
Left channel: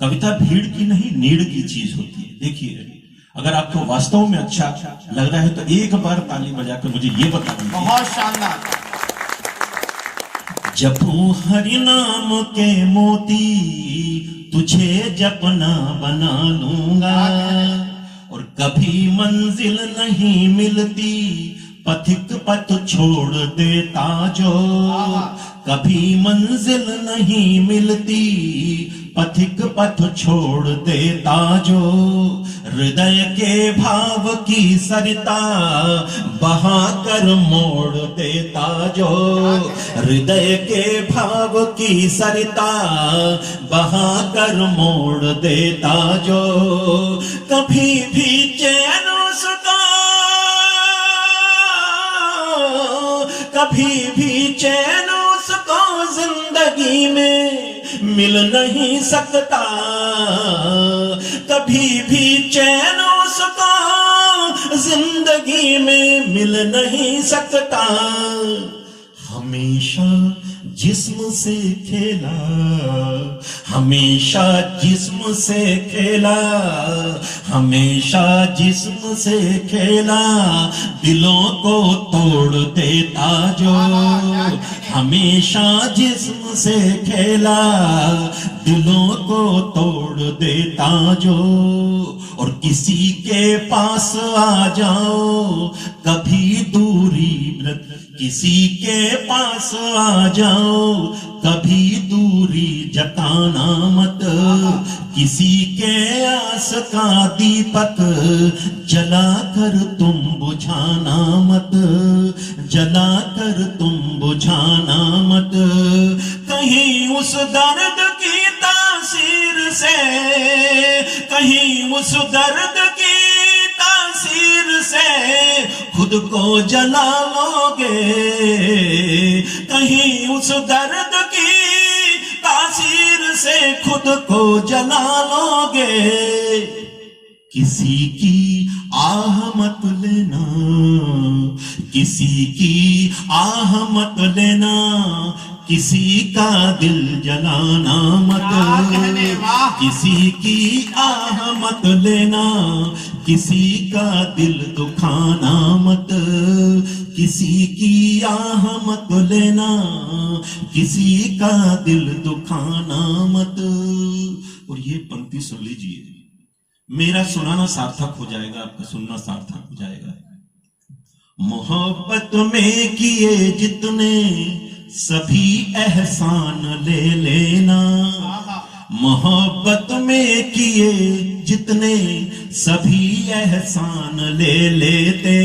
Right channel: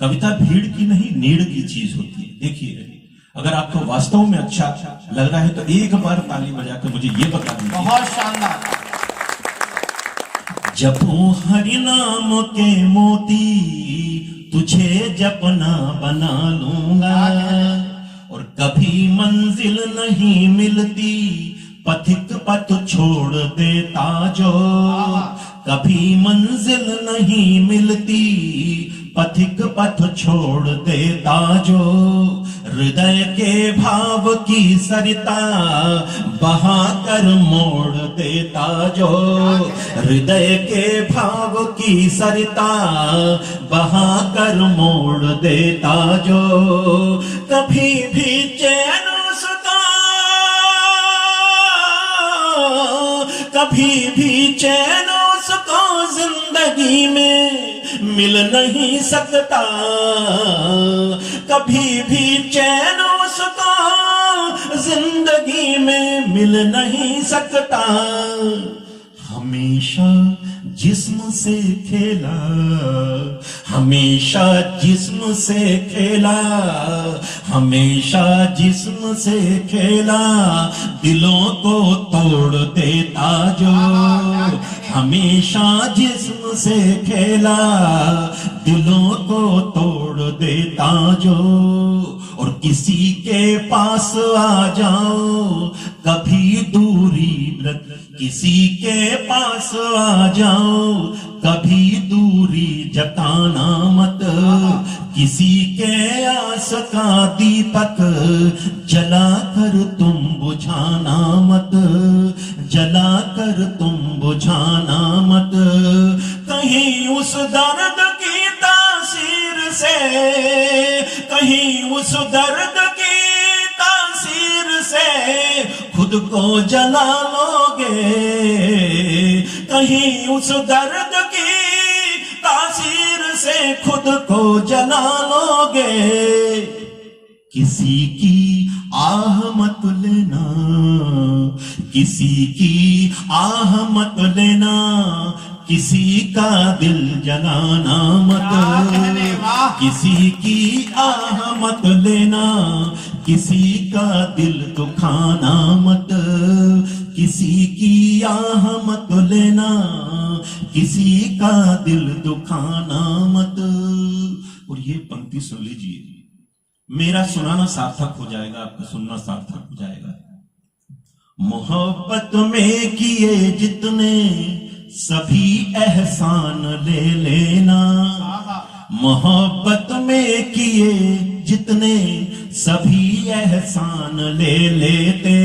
कविता भीड़ की नहीं, नीड़ की चीज होती है। देखिए, अगर आपको वास्तव में अच्छा लग रहा है तो एक बार ताली बजाकर मुझे ये बता दीजिए। बहुत शानदार। जपू हरि नाम के मोती, तुझे जपना बना लूंगा। और कभी मंजिल नहीं मिलती, पथिक पथ छोड़ देता जो, कभी मंजिल नहीं मिलती, पथिक पथ छोड़ देता जो। हृदय के भाव की सरिता बहाकर मोड़ देता जो, हृदय के भाव की सरिता बहाकर मोड़ देता जो। कभी भी चैन उसका, कभी भी चैन उसको जिंदगी में मिल नहीं सकता, कभी भी चैन उसको जिंदगी में मिल नहीं सकता। हमेशा जिस्म से खेला, हमेशा जिस्म से खेला, हमेशा जिस्म से खेला, दिलों को तोड़ देता जो। हमेशा जिस्म से खेला, दिलों को तोड़ देता जो। और किसी के पास आ जाओ कभी दूरी लग, किसी के पास आ जाओ कभी दूरी जताना मत। किसी के आस का दीपक जलाकर तुम बुझाना मत, जलाकर तुम बुझाना मत। कहीं उस दर्द की तासीर से, कहीं उस दर्द की तासीर से खुद को जला लोगे, कहीं उस दर्द की जला लोगे, किसी की आह मत लेना, किसी की आह मत लेना, किसी का दिल जलाना मत, किसी की आह मत लेना, किसी का दिल दुखाना मत, किसी की आह मत लेना, किसी का दिल दुखाना मत। और ये पंक्ति सुन लीजिए, मेरा सुनाना सार्थक हो जाएगा, आपका सुनना सार्थक हो जाएगा। मोहब्बत में किए जितने सभी एहसान ले लेना, मोहब्बत में किए जितने सभी एहसान ले लेते,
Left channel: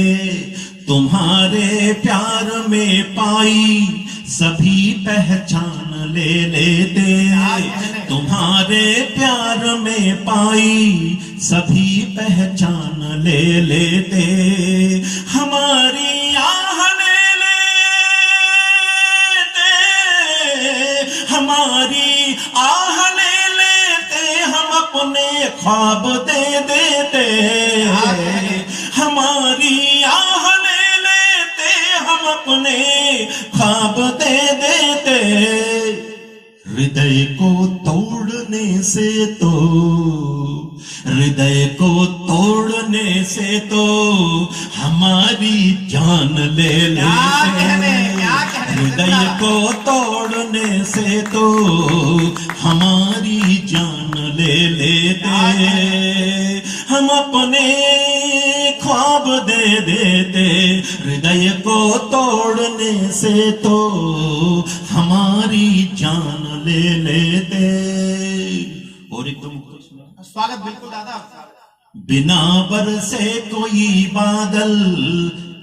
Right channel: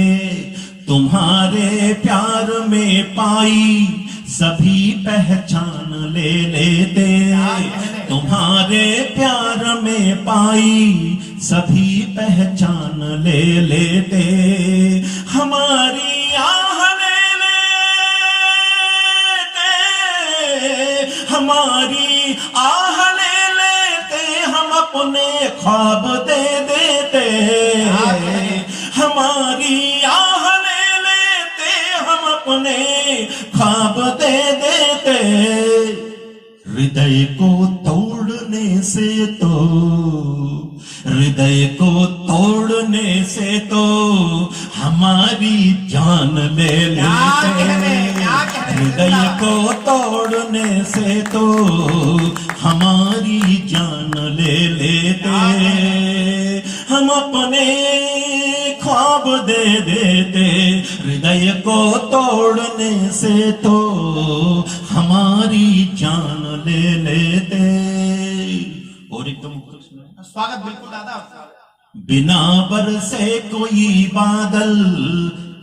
तुम्हारे प्यार में पाई सभी पहचान ले लेते, तुम्हारे प्यार में पाई सभी पहचान ले लेते, हमारी आह ले लेते, हमारी आह ले लेते, हम अपने ख्वाब दे देते, हमारी आह ले लेते, हम अपने ख्वाब दे देते, हृदय को तोड़ने से तो, हृदय को तोड़ने से तो हमारी जान ले लेते, हृदय को तोड़ने से तो हमारी जान ले लेते, हम अपने ख्वाब दे देते, हृदय को तोड़ने से तो हमारी जान ले लेते। और एकदम स्वागत बिल्कुल दादा आपका। बिना बरसे कोई बादल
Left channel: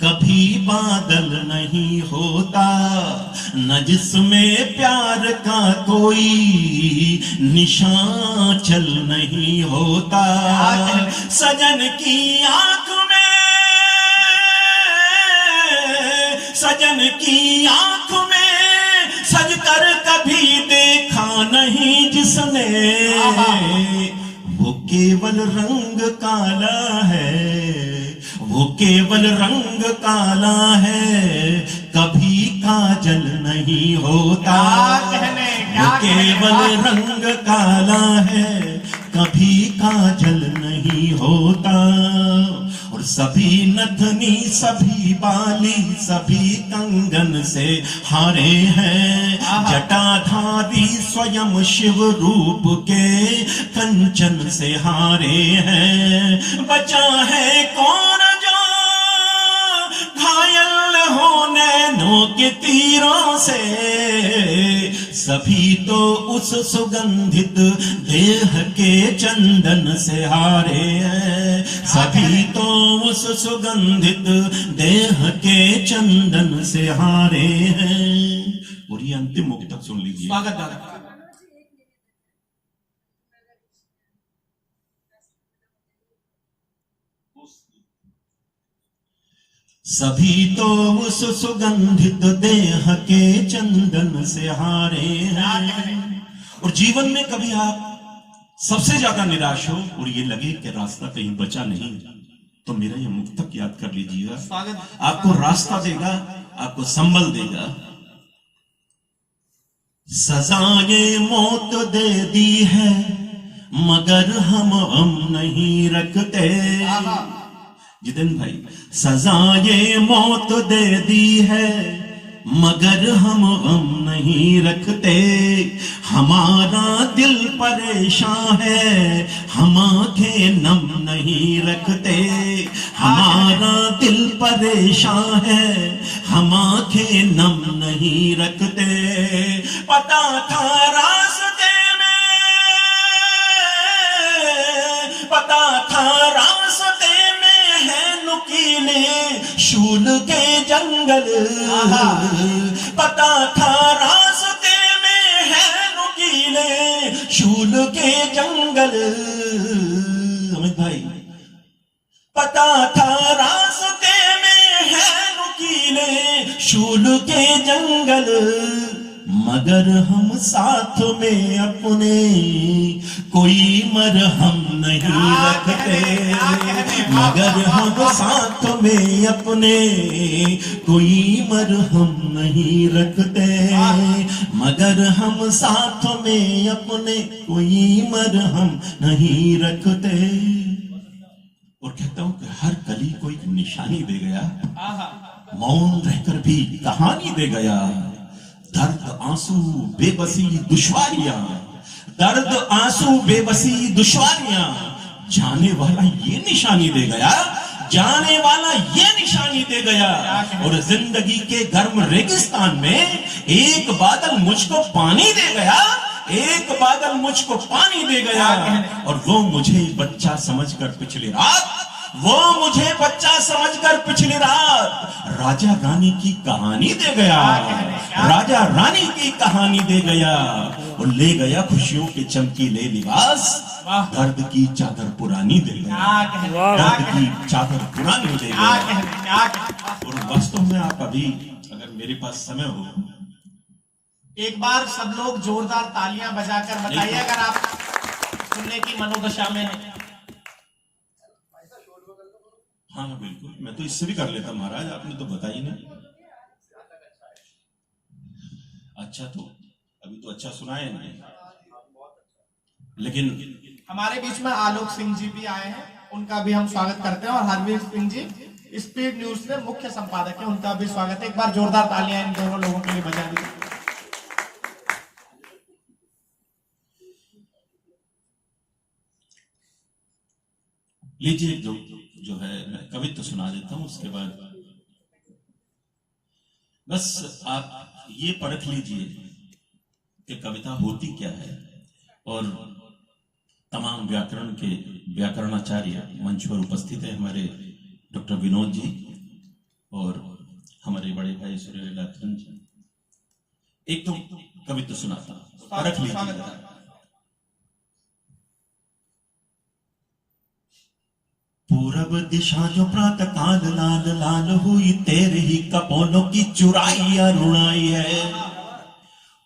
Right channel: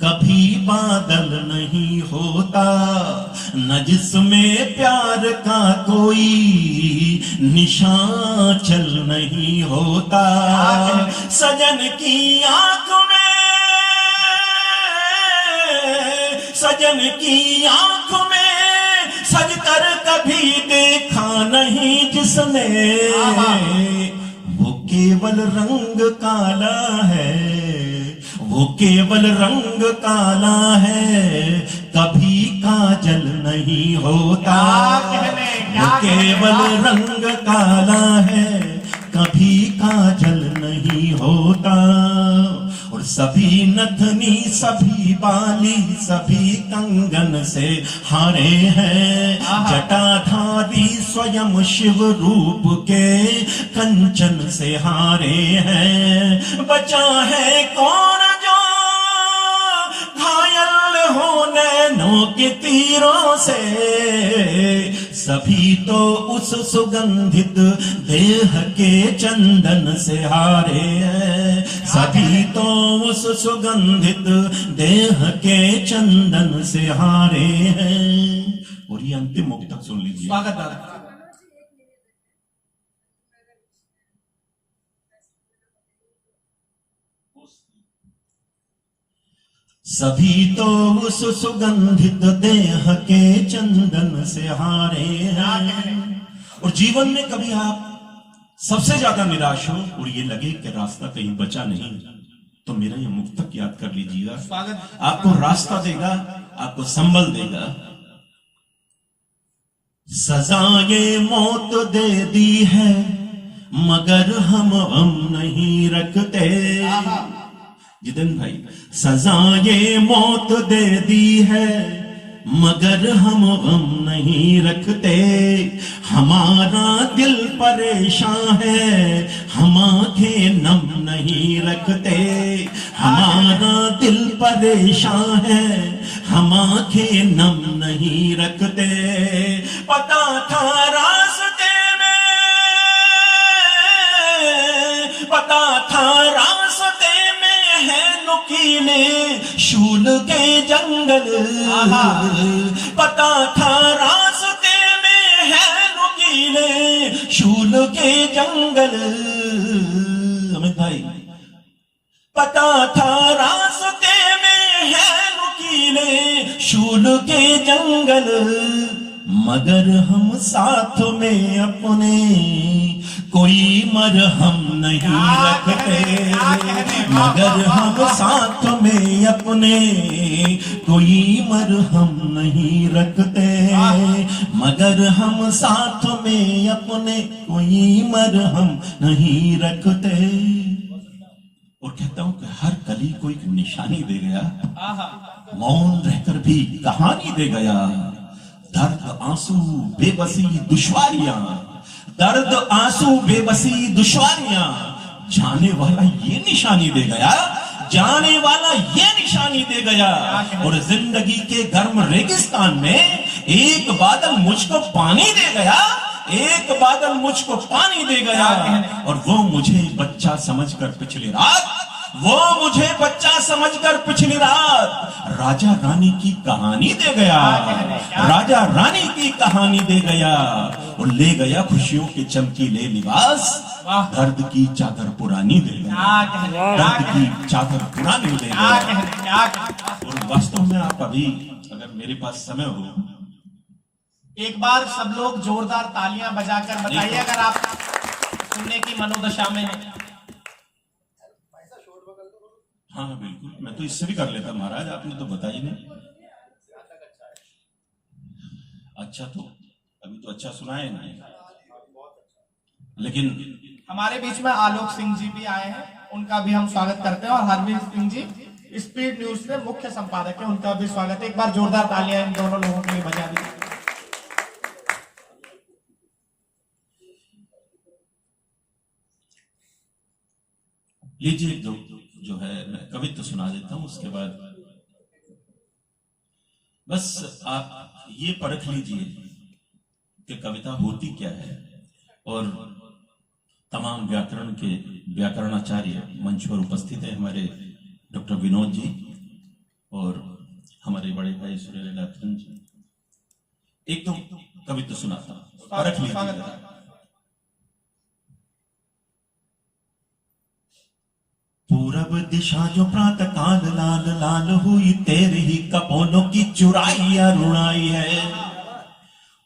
कभी बादल नहीं होता, न जिसमें प्यार का कोई निशान चल नहीं होता, सजन की आंख में, सजन की आंख में सजकर कभी देखा नहीं जिसने, वो केवल रंग काला है, वो केवल रंग काला है, कभी काजल नहीं होता, वो केवल रंग काला है, कभी काजल नहीं होता। और सभी नथनी सभी बाली सभी कंगन से हारे हैं, जटाधारी स्वयं शिव रूप के कंचन से हारे हैं, बचा है कौन जो घायल हो नैनों के तीरों से, सभी तो उस सुगंधित देह के चंदन से हारे हैं, सभी तो उस सुगंधित देह के चंदन से हारे हैं। और ये अंतिम मुक्त सुन लीजिए। स्वागत दादा। सभी तो उस सुगंधित देह के चंदन से हारे हैं। और जीवन में कभी आप सबसे ज्यादा निराश हो और ये लगे कि रास्ता कहीं बचा नहीं, तो मेरा ये मुक्तक याद कर लीजिएगा। स्वागत। आपको रास्ता देगा, आपको संबल देगा। सजाएं मौत दे दी है मगर हम नहीं रखते। जितेंद्र भाई, सजाएं मौत दे दी है मगर हम नहीं रखते। हमारा दिल परेशान है, हम आंखें नम नहीं रखते। हमारा दिल परेशान है, हम आंखें नम नहीं रखते। पता था रास्ते में, पता था रास्ते में है नुकीले शूल के जंगल। पता था रास्ते में है नुकीले शूल के जंगल। अमित भाई, पता था रास्ते में है नुकीले शूल के जंगल, मगर हम साथ में अपने कोई मरहम नहीं रखते, मगर हम साथ में अपने कोई मरहम नहीं रखते, मगर हम साथ में अपने कोई मरहम नहीं रखते। और कहता हूं कि हर कली को एक निशानी दे गया, मौन रहकर भी कहानी दे गया। दर्द आंसू बेबसी दुश्वारियां, दर्द आंसू बेबसी दुश्वारियां, जाने वाला ये निशानी दे गया, जाने वाला ये निशानी दे गया। और जिंदगी के गर्म रेगिस्तान में एक बादल मुझको पानी दे गया, एक बादल मुझको पानी दे गया। और वो मुझे बच्चा समझकर पिछली रात, वो मुझे बच्चा समझकर पिछली रात राजा रानी की कहानी दे गया, राजा रानी की कहानी दे गया। और ले गया खुशियों के चमकीले लिबास, दर्द की चादर पुरानी दे गया, दर्द की चादर पुरानी दे गया। और वास्तव में आप अभी अगर मेरे पास समय हो, एक बार सब लोग जोरदार तालियां बजाकर बताइए अगर आप सुनने की मनोदशा में हैं। हाँ बिल्कुल, मैं तो इससे भी कर लेता महाराज, आपने तो बताई नहीं। अच्छा, तो अभी तो अच्छा सुनाए नहीं, लेकिन हमारे बीच में आलोक सिंह जी भी आए हैं, उनका भी हम स्वागत करते हैं। और हरवीर सिंह जी स्पीड न्यूज के मुख्य संपादक है, उनका भी स्वागत है। एक बार जोरदार तालियां इन दोनों लोगों के लिए बजा दीजिए। लीजिए जो है मैं कवित्व सुना देता हूं, उसके बाद बस आप ये परख लीजिए कि कविता होती क्या है। और तमाम व्याकरण के व्याकरणाचार्य मंच पर उपस्थित है, हमारे डॉक्टर विनोद जी और हमारे बड़े भाई सूर्यलाखन जी। एक तो कवित्व सुनाता हूं, परख लीजिए। पूरब दिशा जो प्रातः काल लाल लाल हुई, तेरे ही कपोलों की चुराई अरुणाई है।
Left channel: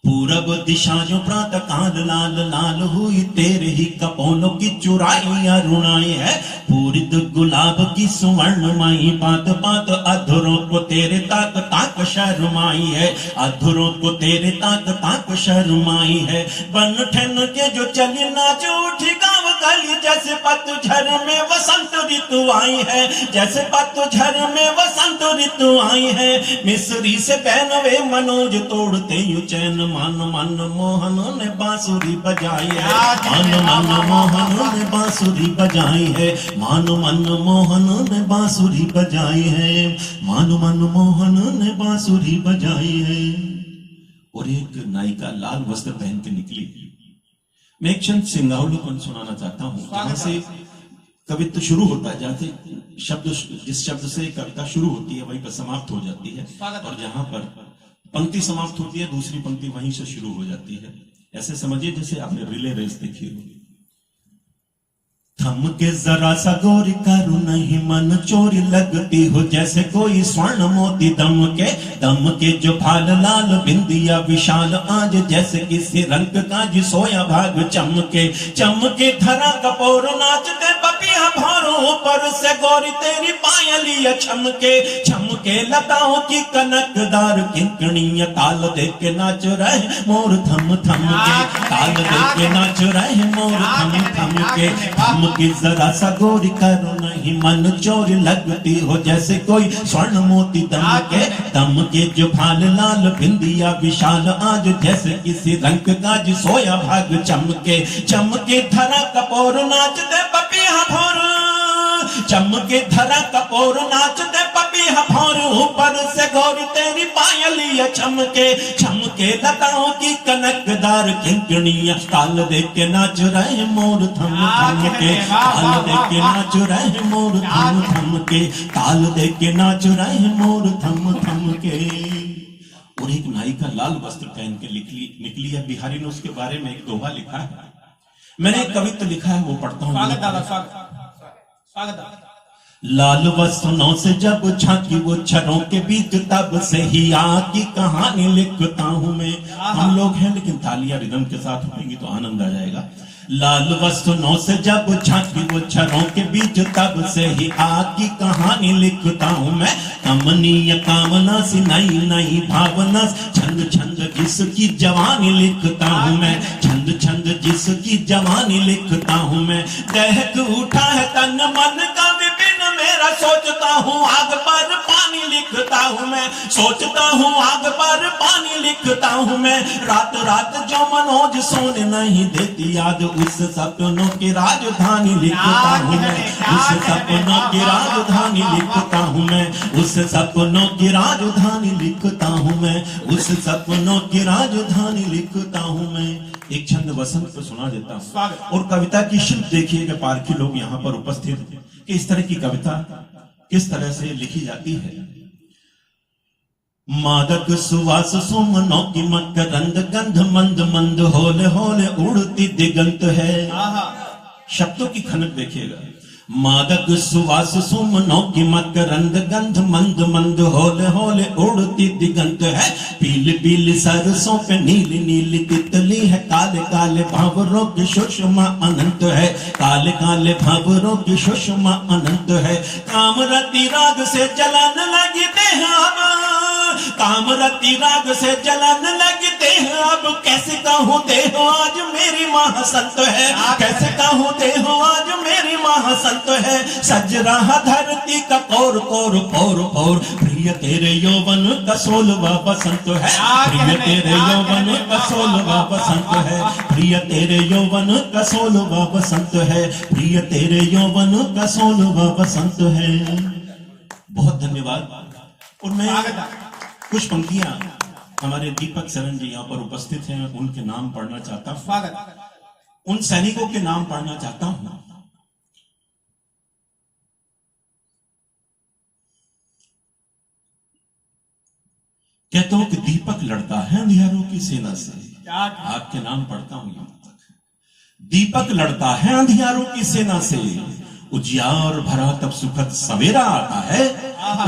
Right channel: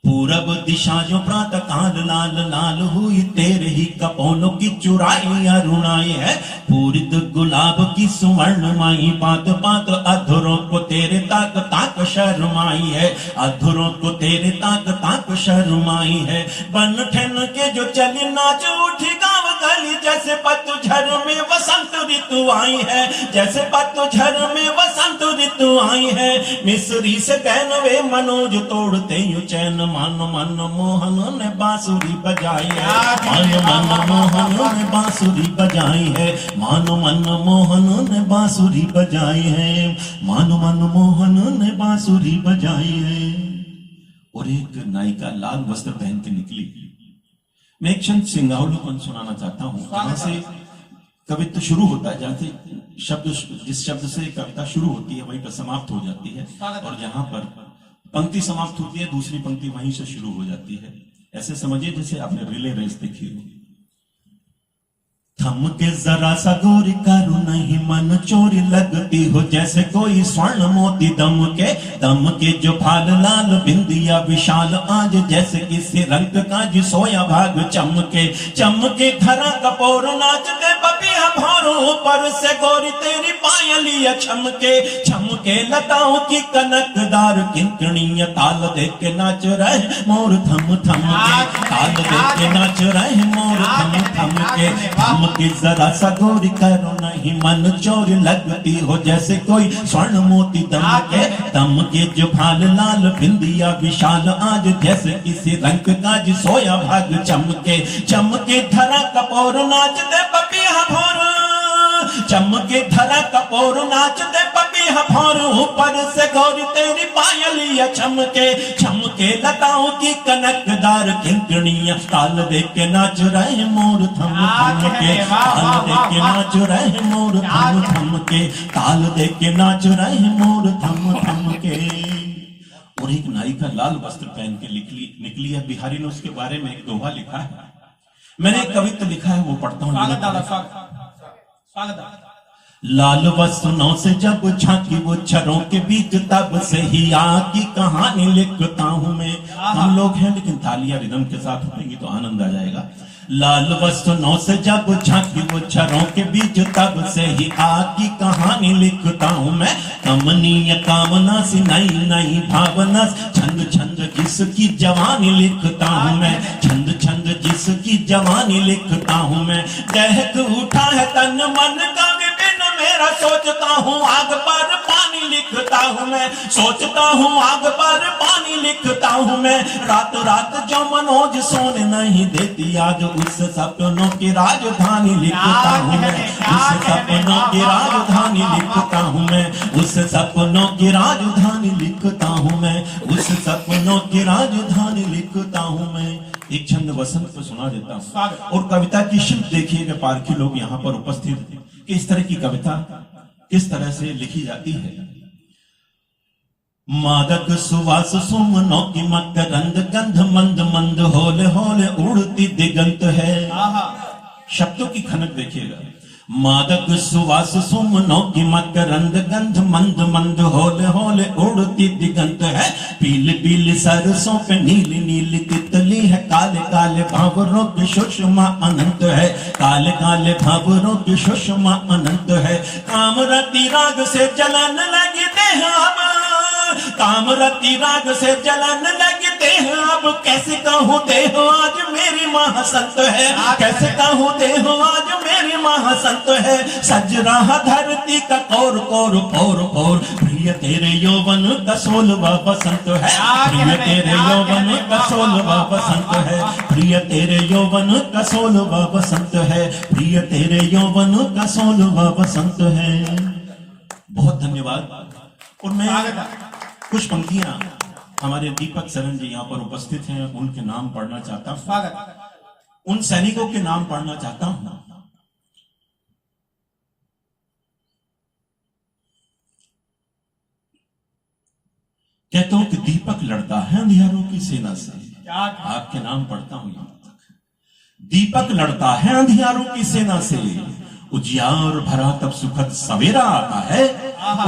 पूरब दिशा जो प्रातः काल लाल लाल हुई, तेरे ही कपोलों की चुराई अरुणाई है। पूरित गुलाब की सुवर्ण माई, पात पात अधरों को तेरे ताक ताक शर्माई है, अधरों को तेरे ताक ताक शर्माई है। बन ठन के जो चली नाच उठी गाँव गली, जैसे पतझड़ में वसंत ऋतु आई है, जैसे पतझड़ में वसंत ऋतु आई है। मिस्री से पहनवे मनोज तोड़ते यू चैन, मन मन मोहन ने बांसुरी बजाई है, मन मन मोहन ने बांसुरी बजाई है, मन मन मोहन ने बांसुरी बजाई है, मन मन मोहन ने बांसुरी बजाई है। और एक नायिका लाल वस्त्र पहन के निकली। मैं एक चंद सिंगावलोकन सुनाना चाहता हूँ, जहां से कवित्व शुरू होता है, जहां से शब्द, जिस शब्द से कविता शुरू होती है वहीं पर समाप्त हो जाती है, और जहां पर पंक्ति समाप्त होती है दूसरी पंक्ति वहीं से शुरू हो जाती है। ऐसे समझिए जैसे आपने रिले रेस देखी हो। थम के जरा सा गोरी करू नहीं मन चोरी लगती हो, जैसे कोई स्वर्ण मोती दम के जो फाल लाल बिंदिया विशाल आज, जैसे किसी रंग का जी सोया भाग चमके चमके धरा कपोर नाचते बपिया भारों पर से गोरी तेरी पायलिया छमके छमके लताओं की कनकदार किंकणियां, ताल देख के नाच रहे मोर थम थम के, ताल देख के नाच रहे मोर थम थम के। थम की जरा सा गोरी करो नहीं मन चोरी लगती हो, जैसे कोई स्वर्ण मोती दम के जो फाल लाल बिंदिया विशाल आज, जैसे किसी रंग का जी सोया भाग चमके चमके धरा कपोर नाच दे पपिया भोर, चमके धरा कपोर नाच दे पपिया भोर, ऊपर से गोरी तेरी पायलिया छमके छमके लताओं की कनकदार किंकणियां, ताल देख के नाच रहे मोर थम थम के, ताल देख के नाच रहे मोर थम थम के, ताल देख के नाच रहे मोर थम थम के। और एक नायिका लाल वस्त्र पहन के निकली है। बिहारी ने उसके बारे में एक दोहा लिखा है, मैंने एक कवित्व लिखा है वो पढ़ता हूँ। लाल वसनों से जब झांकी वो छरों के बीच, तब से ही आग की कहानी लिखता हूं मैं। हम लोग हैं लेकिन तालियां रिदम के साथ होंगी तो आनंद आ जाएगा। लाल वसनों से जब झांकी वो छरों के बीच, तब से ही आग की कहानी लिखता हूं मैं। कमनीय कामना सी नई नई भावना, छंद छंद जिसकी जवानी लिखता हूं मैं। छंद छंद जिसकी जवानी लिखता हूं मैं। दहक उठा है तन मन का विपिन मेरा, सोचता हूँ आग पर पानी लिखता हूँ मैं। सोचता हूँ आग पर पानी लिखता हूँ मैं। रात रात जो मनोज सोने नहीं देती याद, उस सपनों की राजधानी लिखता हूँ मैं। उस सपनों की राजधानी लिखता हूँ मैं। उस सपनों की राजधानी लिखता हूँ मैं। उस सपनों की राजधानी लिखता हूँ मैं। एक छंद वसंत को सुना देता हूँ। और कविता की शिल्प देखिएगा, पारखी लोग यहाँ पर उपस्थित हैं कि इस तरह की कविता किस तरह से लिखी जाती है। मादक सुवास सुमनों की मकरंद गंध, मंद मंद होले होले उड़ती दिगंत है। शब्दों की खनक देखिएगा। मादक सुवास सुमनों की मकरंद गंध, मंद मंद होले होले उड़ती दिगंत है। पीली पीली सरसों पे नीली नीली तितली है। काले काले भावरों की सुषमा अनंत है। काले काले भावरों की सुषमा अनंत है। कामरती राग से जलन लगते हैं अब, कामरती राग से जलन लगते हैं अब। कैसे कहूँ देहो आज मेरी माँ संत है। कैसे कहूँ देहो आज मेरी माँ संत है। सज रहा धरती का कौर कौर कौर कौर, प्रिय तेरे यौवन का सोलवा बसंत है। प्रिय तेरे यौवन का सोलवा बसंत है। प्रिय तेरे यौवन का सोलवा बसंत है। प्रिय तेरे यौवन का सोलवा बसंत है। बहुत धन्यवाद। और मैं कुछ पंक्तियां हमारे दीपक सरन जी यहाँ पर उपस्थित हैं, उनके नाम पढ़ना चाहता हूं। स्वागत। उन सैनिकों के नाम पढ़ना चाहता हूं। कहता हूं कि दीपक लड़ता है अंधियारों की सेना से। आपके नाम पढ़ता हूं यहां तक। दीपक लड़ता है अंधियारों की सेना से। उजियार भरा तब सुखद सवेरा आता है।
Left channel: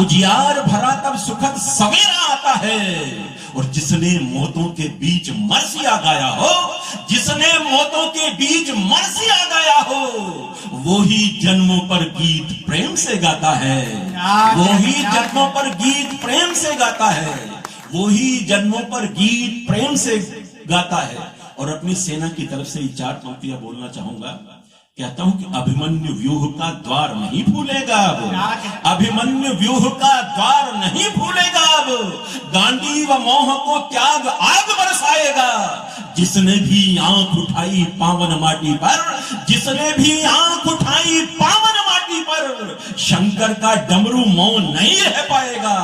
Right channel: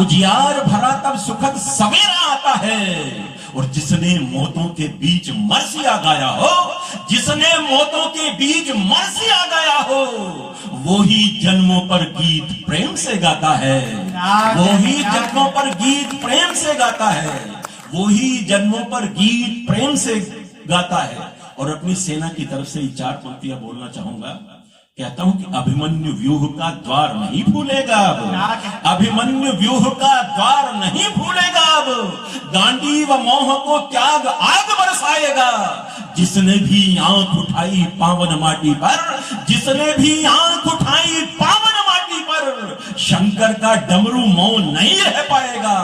उजियार भरा तब सुखद सवेरा आता है। और जिसने मौतों के बीच मरसिया गाया हो, जिसने मौतों के बीच मरसिया गाया हो, वो ही जन्मों पर गीत प्रेम से गाता है। वो ही जन्मों पर गीत प्रेम से गाता है। वो ही जन्मों पर गीत प्रेम से गाता है। और अपनी सेना की तरफ से 4 पंक्तियां बोलना चाहूंगा। कहता हूं कि अभिमन्यु व्यूह का द्वार नहीं भूलेगा अब। अभिमन्यु व्यूह का द्वार नहीं भूलेगा अब। गांडीव मोह को त्याग आग बरसाएगा। जिसने भी आंख उठाई पावन माटी पर, जिसने भी आंख उठाई पावन माटी पर, शंकर का डमरू मौन नहीं रह पाएगा।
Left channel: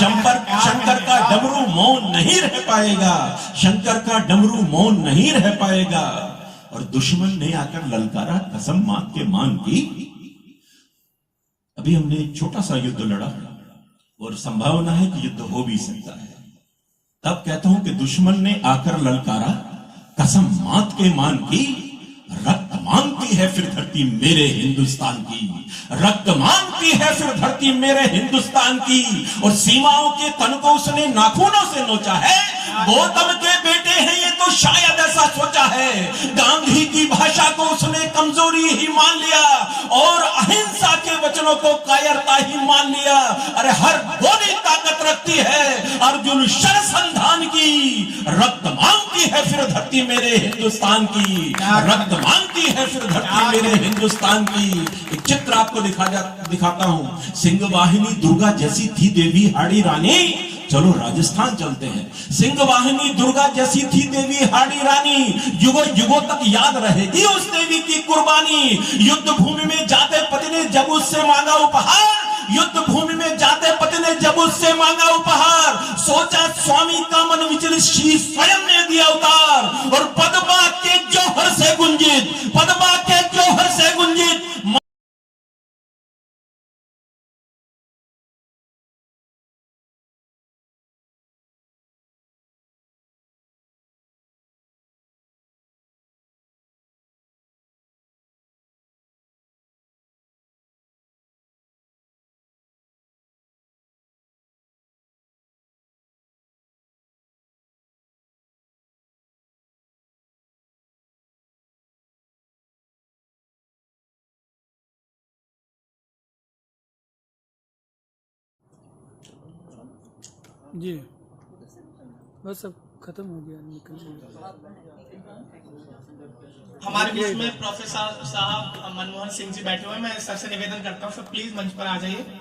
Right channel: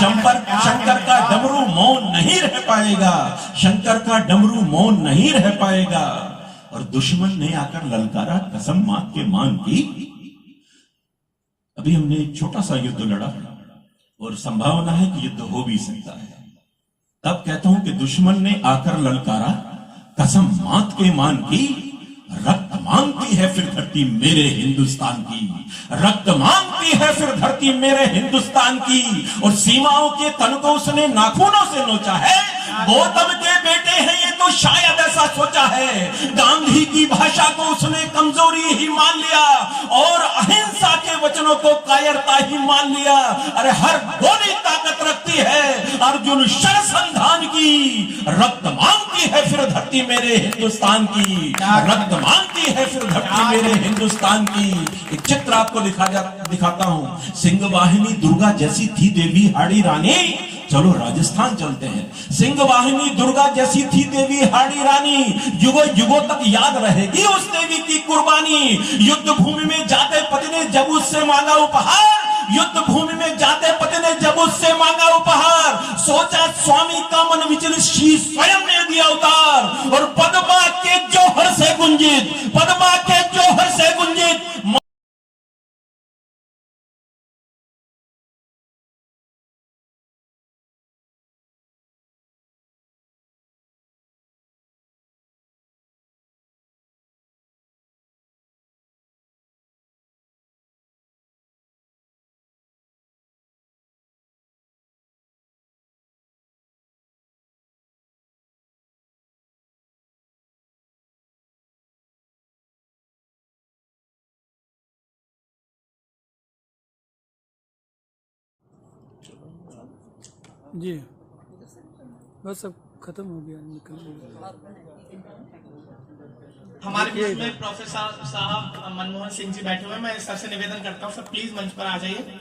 शंकर का डमरू मौन नहीं रह पाएगा। शंकर का डमरू मौन नहीं रह पाएगा। और दुश्मन ने आकर ललकारा कसम मां के मान की। अभी हमने एक छोटा सा युद्ध लड़ा और संभावना है कि युद्ध हो भी सकता है। तब कहता हूं कि दुश्मन ने आकर ललकारा कसम मात के मान की। रक्त मांगती है फिर धरती मेरे हिंदुस्तान की। रक्त मांगती है फिर धरती मेरे हिंदुस्तान की। और सीमाओं के तन को उसने नाखूनों से नोचा है। गौतम के बेटे हैं ये तो शायद ऐसा सोचा है। गांधी की भाषा को उसने कमजोरी ही मान लिया और अहिंसा के वचनों को कायरता ही मान लिया। अरे हर गोली ताकत रखती है अर्जुन शरसंधान की। रक्त मांगती है फिर धरती मेरे हिंदुस्तान की। रक्त मांगती है फिर धरती मेरे हिंदुस्तान की। एक चित्र आपको दिखाता हूं। सिंह वाहिनी दुर्गा जैसी थी देवी हाड़ी रानी। चलो राजस्थान चलते हैं। सिंह वाहिनी दुर्गा जैसी थी देवी हाड़ी रानी। युगों युगों तक याद रहेगी उस देवी की कुर्बानी। युद्ध भूमि में जाते पति ने जब उससे मांगा उपहार, युद्ध भूमि में जाते पति ने जब उससे मांगा उपहार, सोचा स्वामी का मन विचलित शीश स्वयं ने दिया उतार। और पदबा के जौहर से गुंजित, पदबा के जौहर से गुंजित जी बस सब खत्म हो गया, निकल गया। हमारे बीच में प्रोफेसर साहब मनमोहन सिंह जी बैठे हुए हैं। मैं सर से निवेदन करता हूँ, सर प्लीज मंच पर आ जाइए।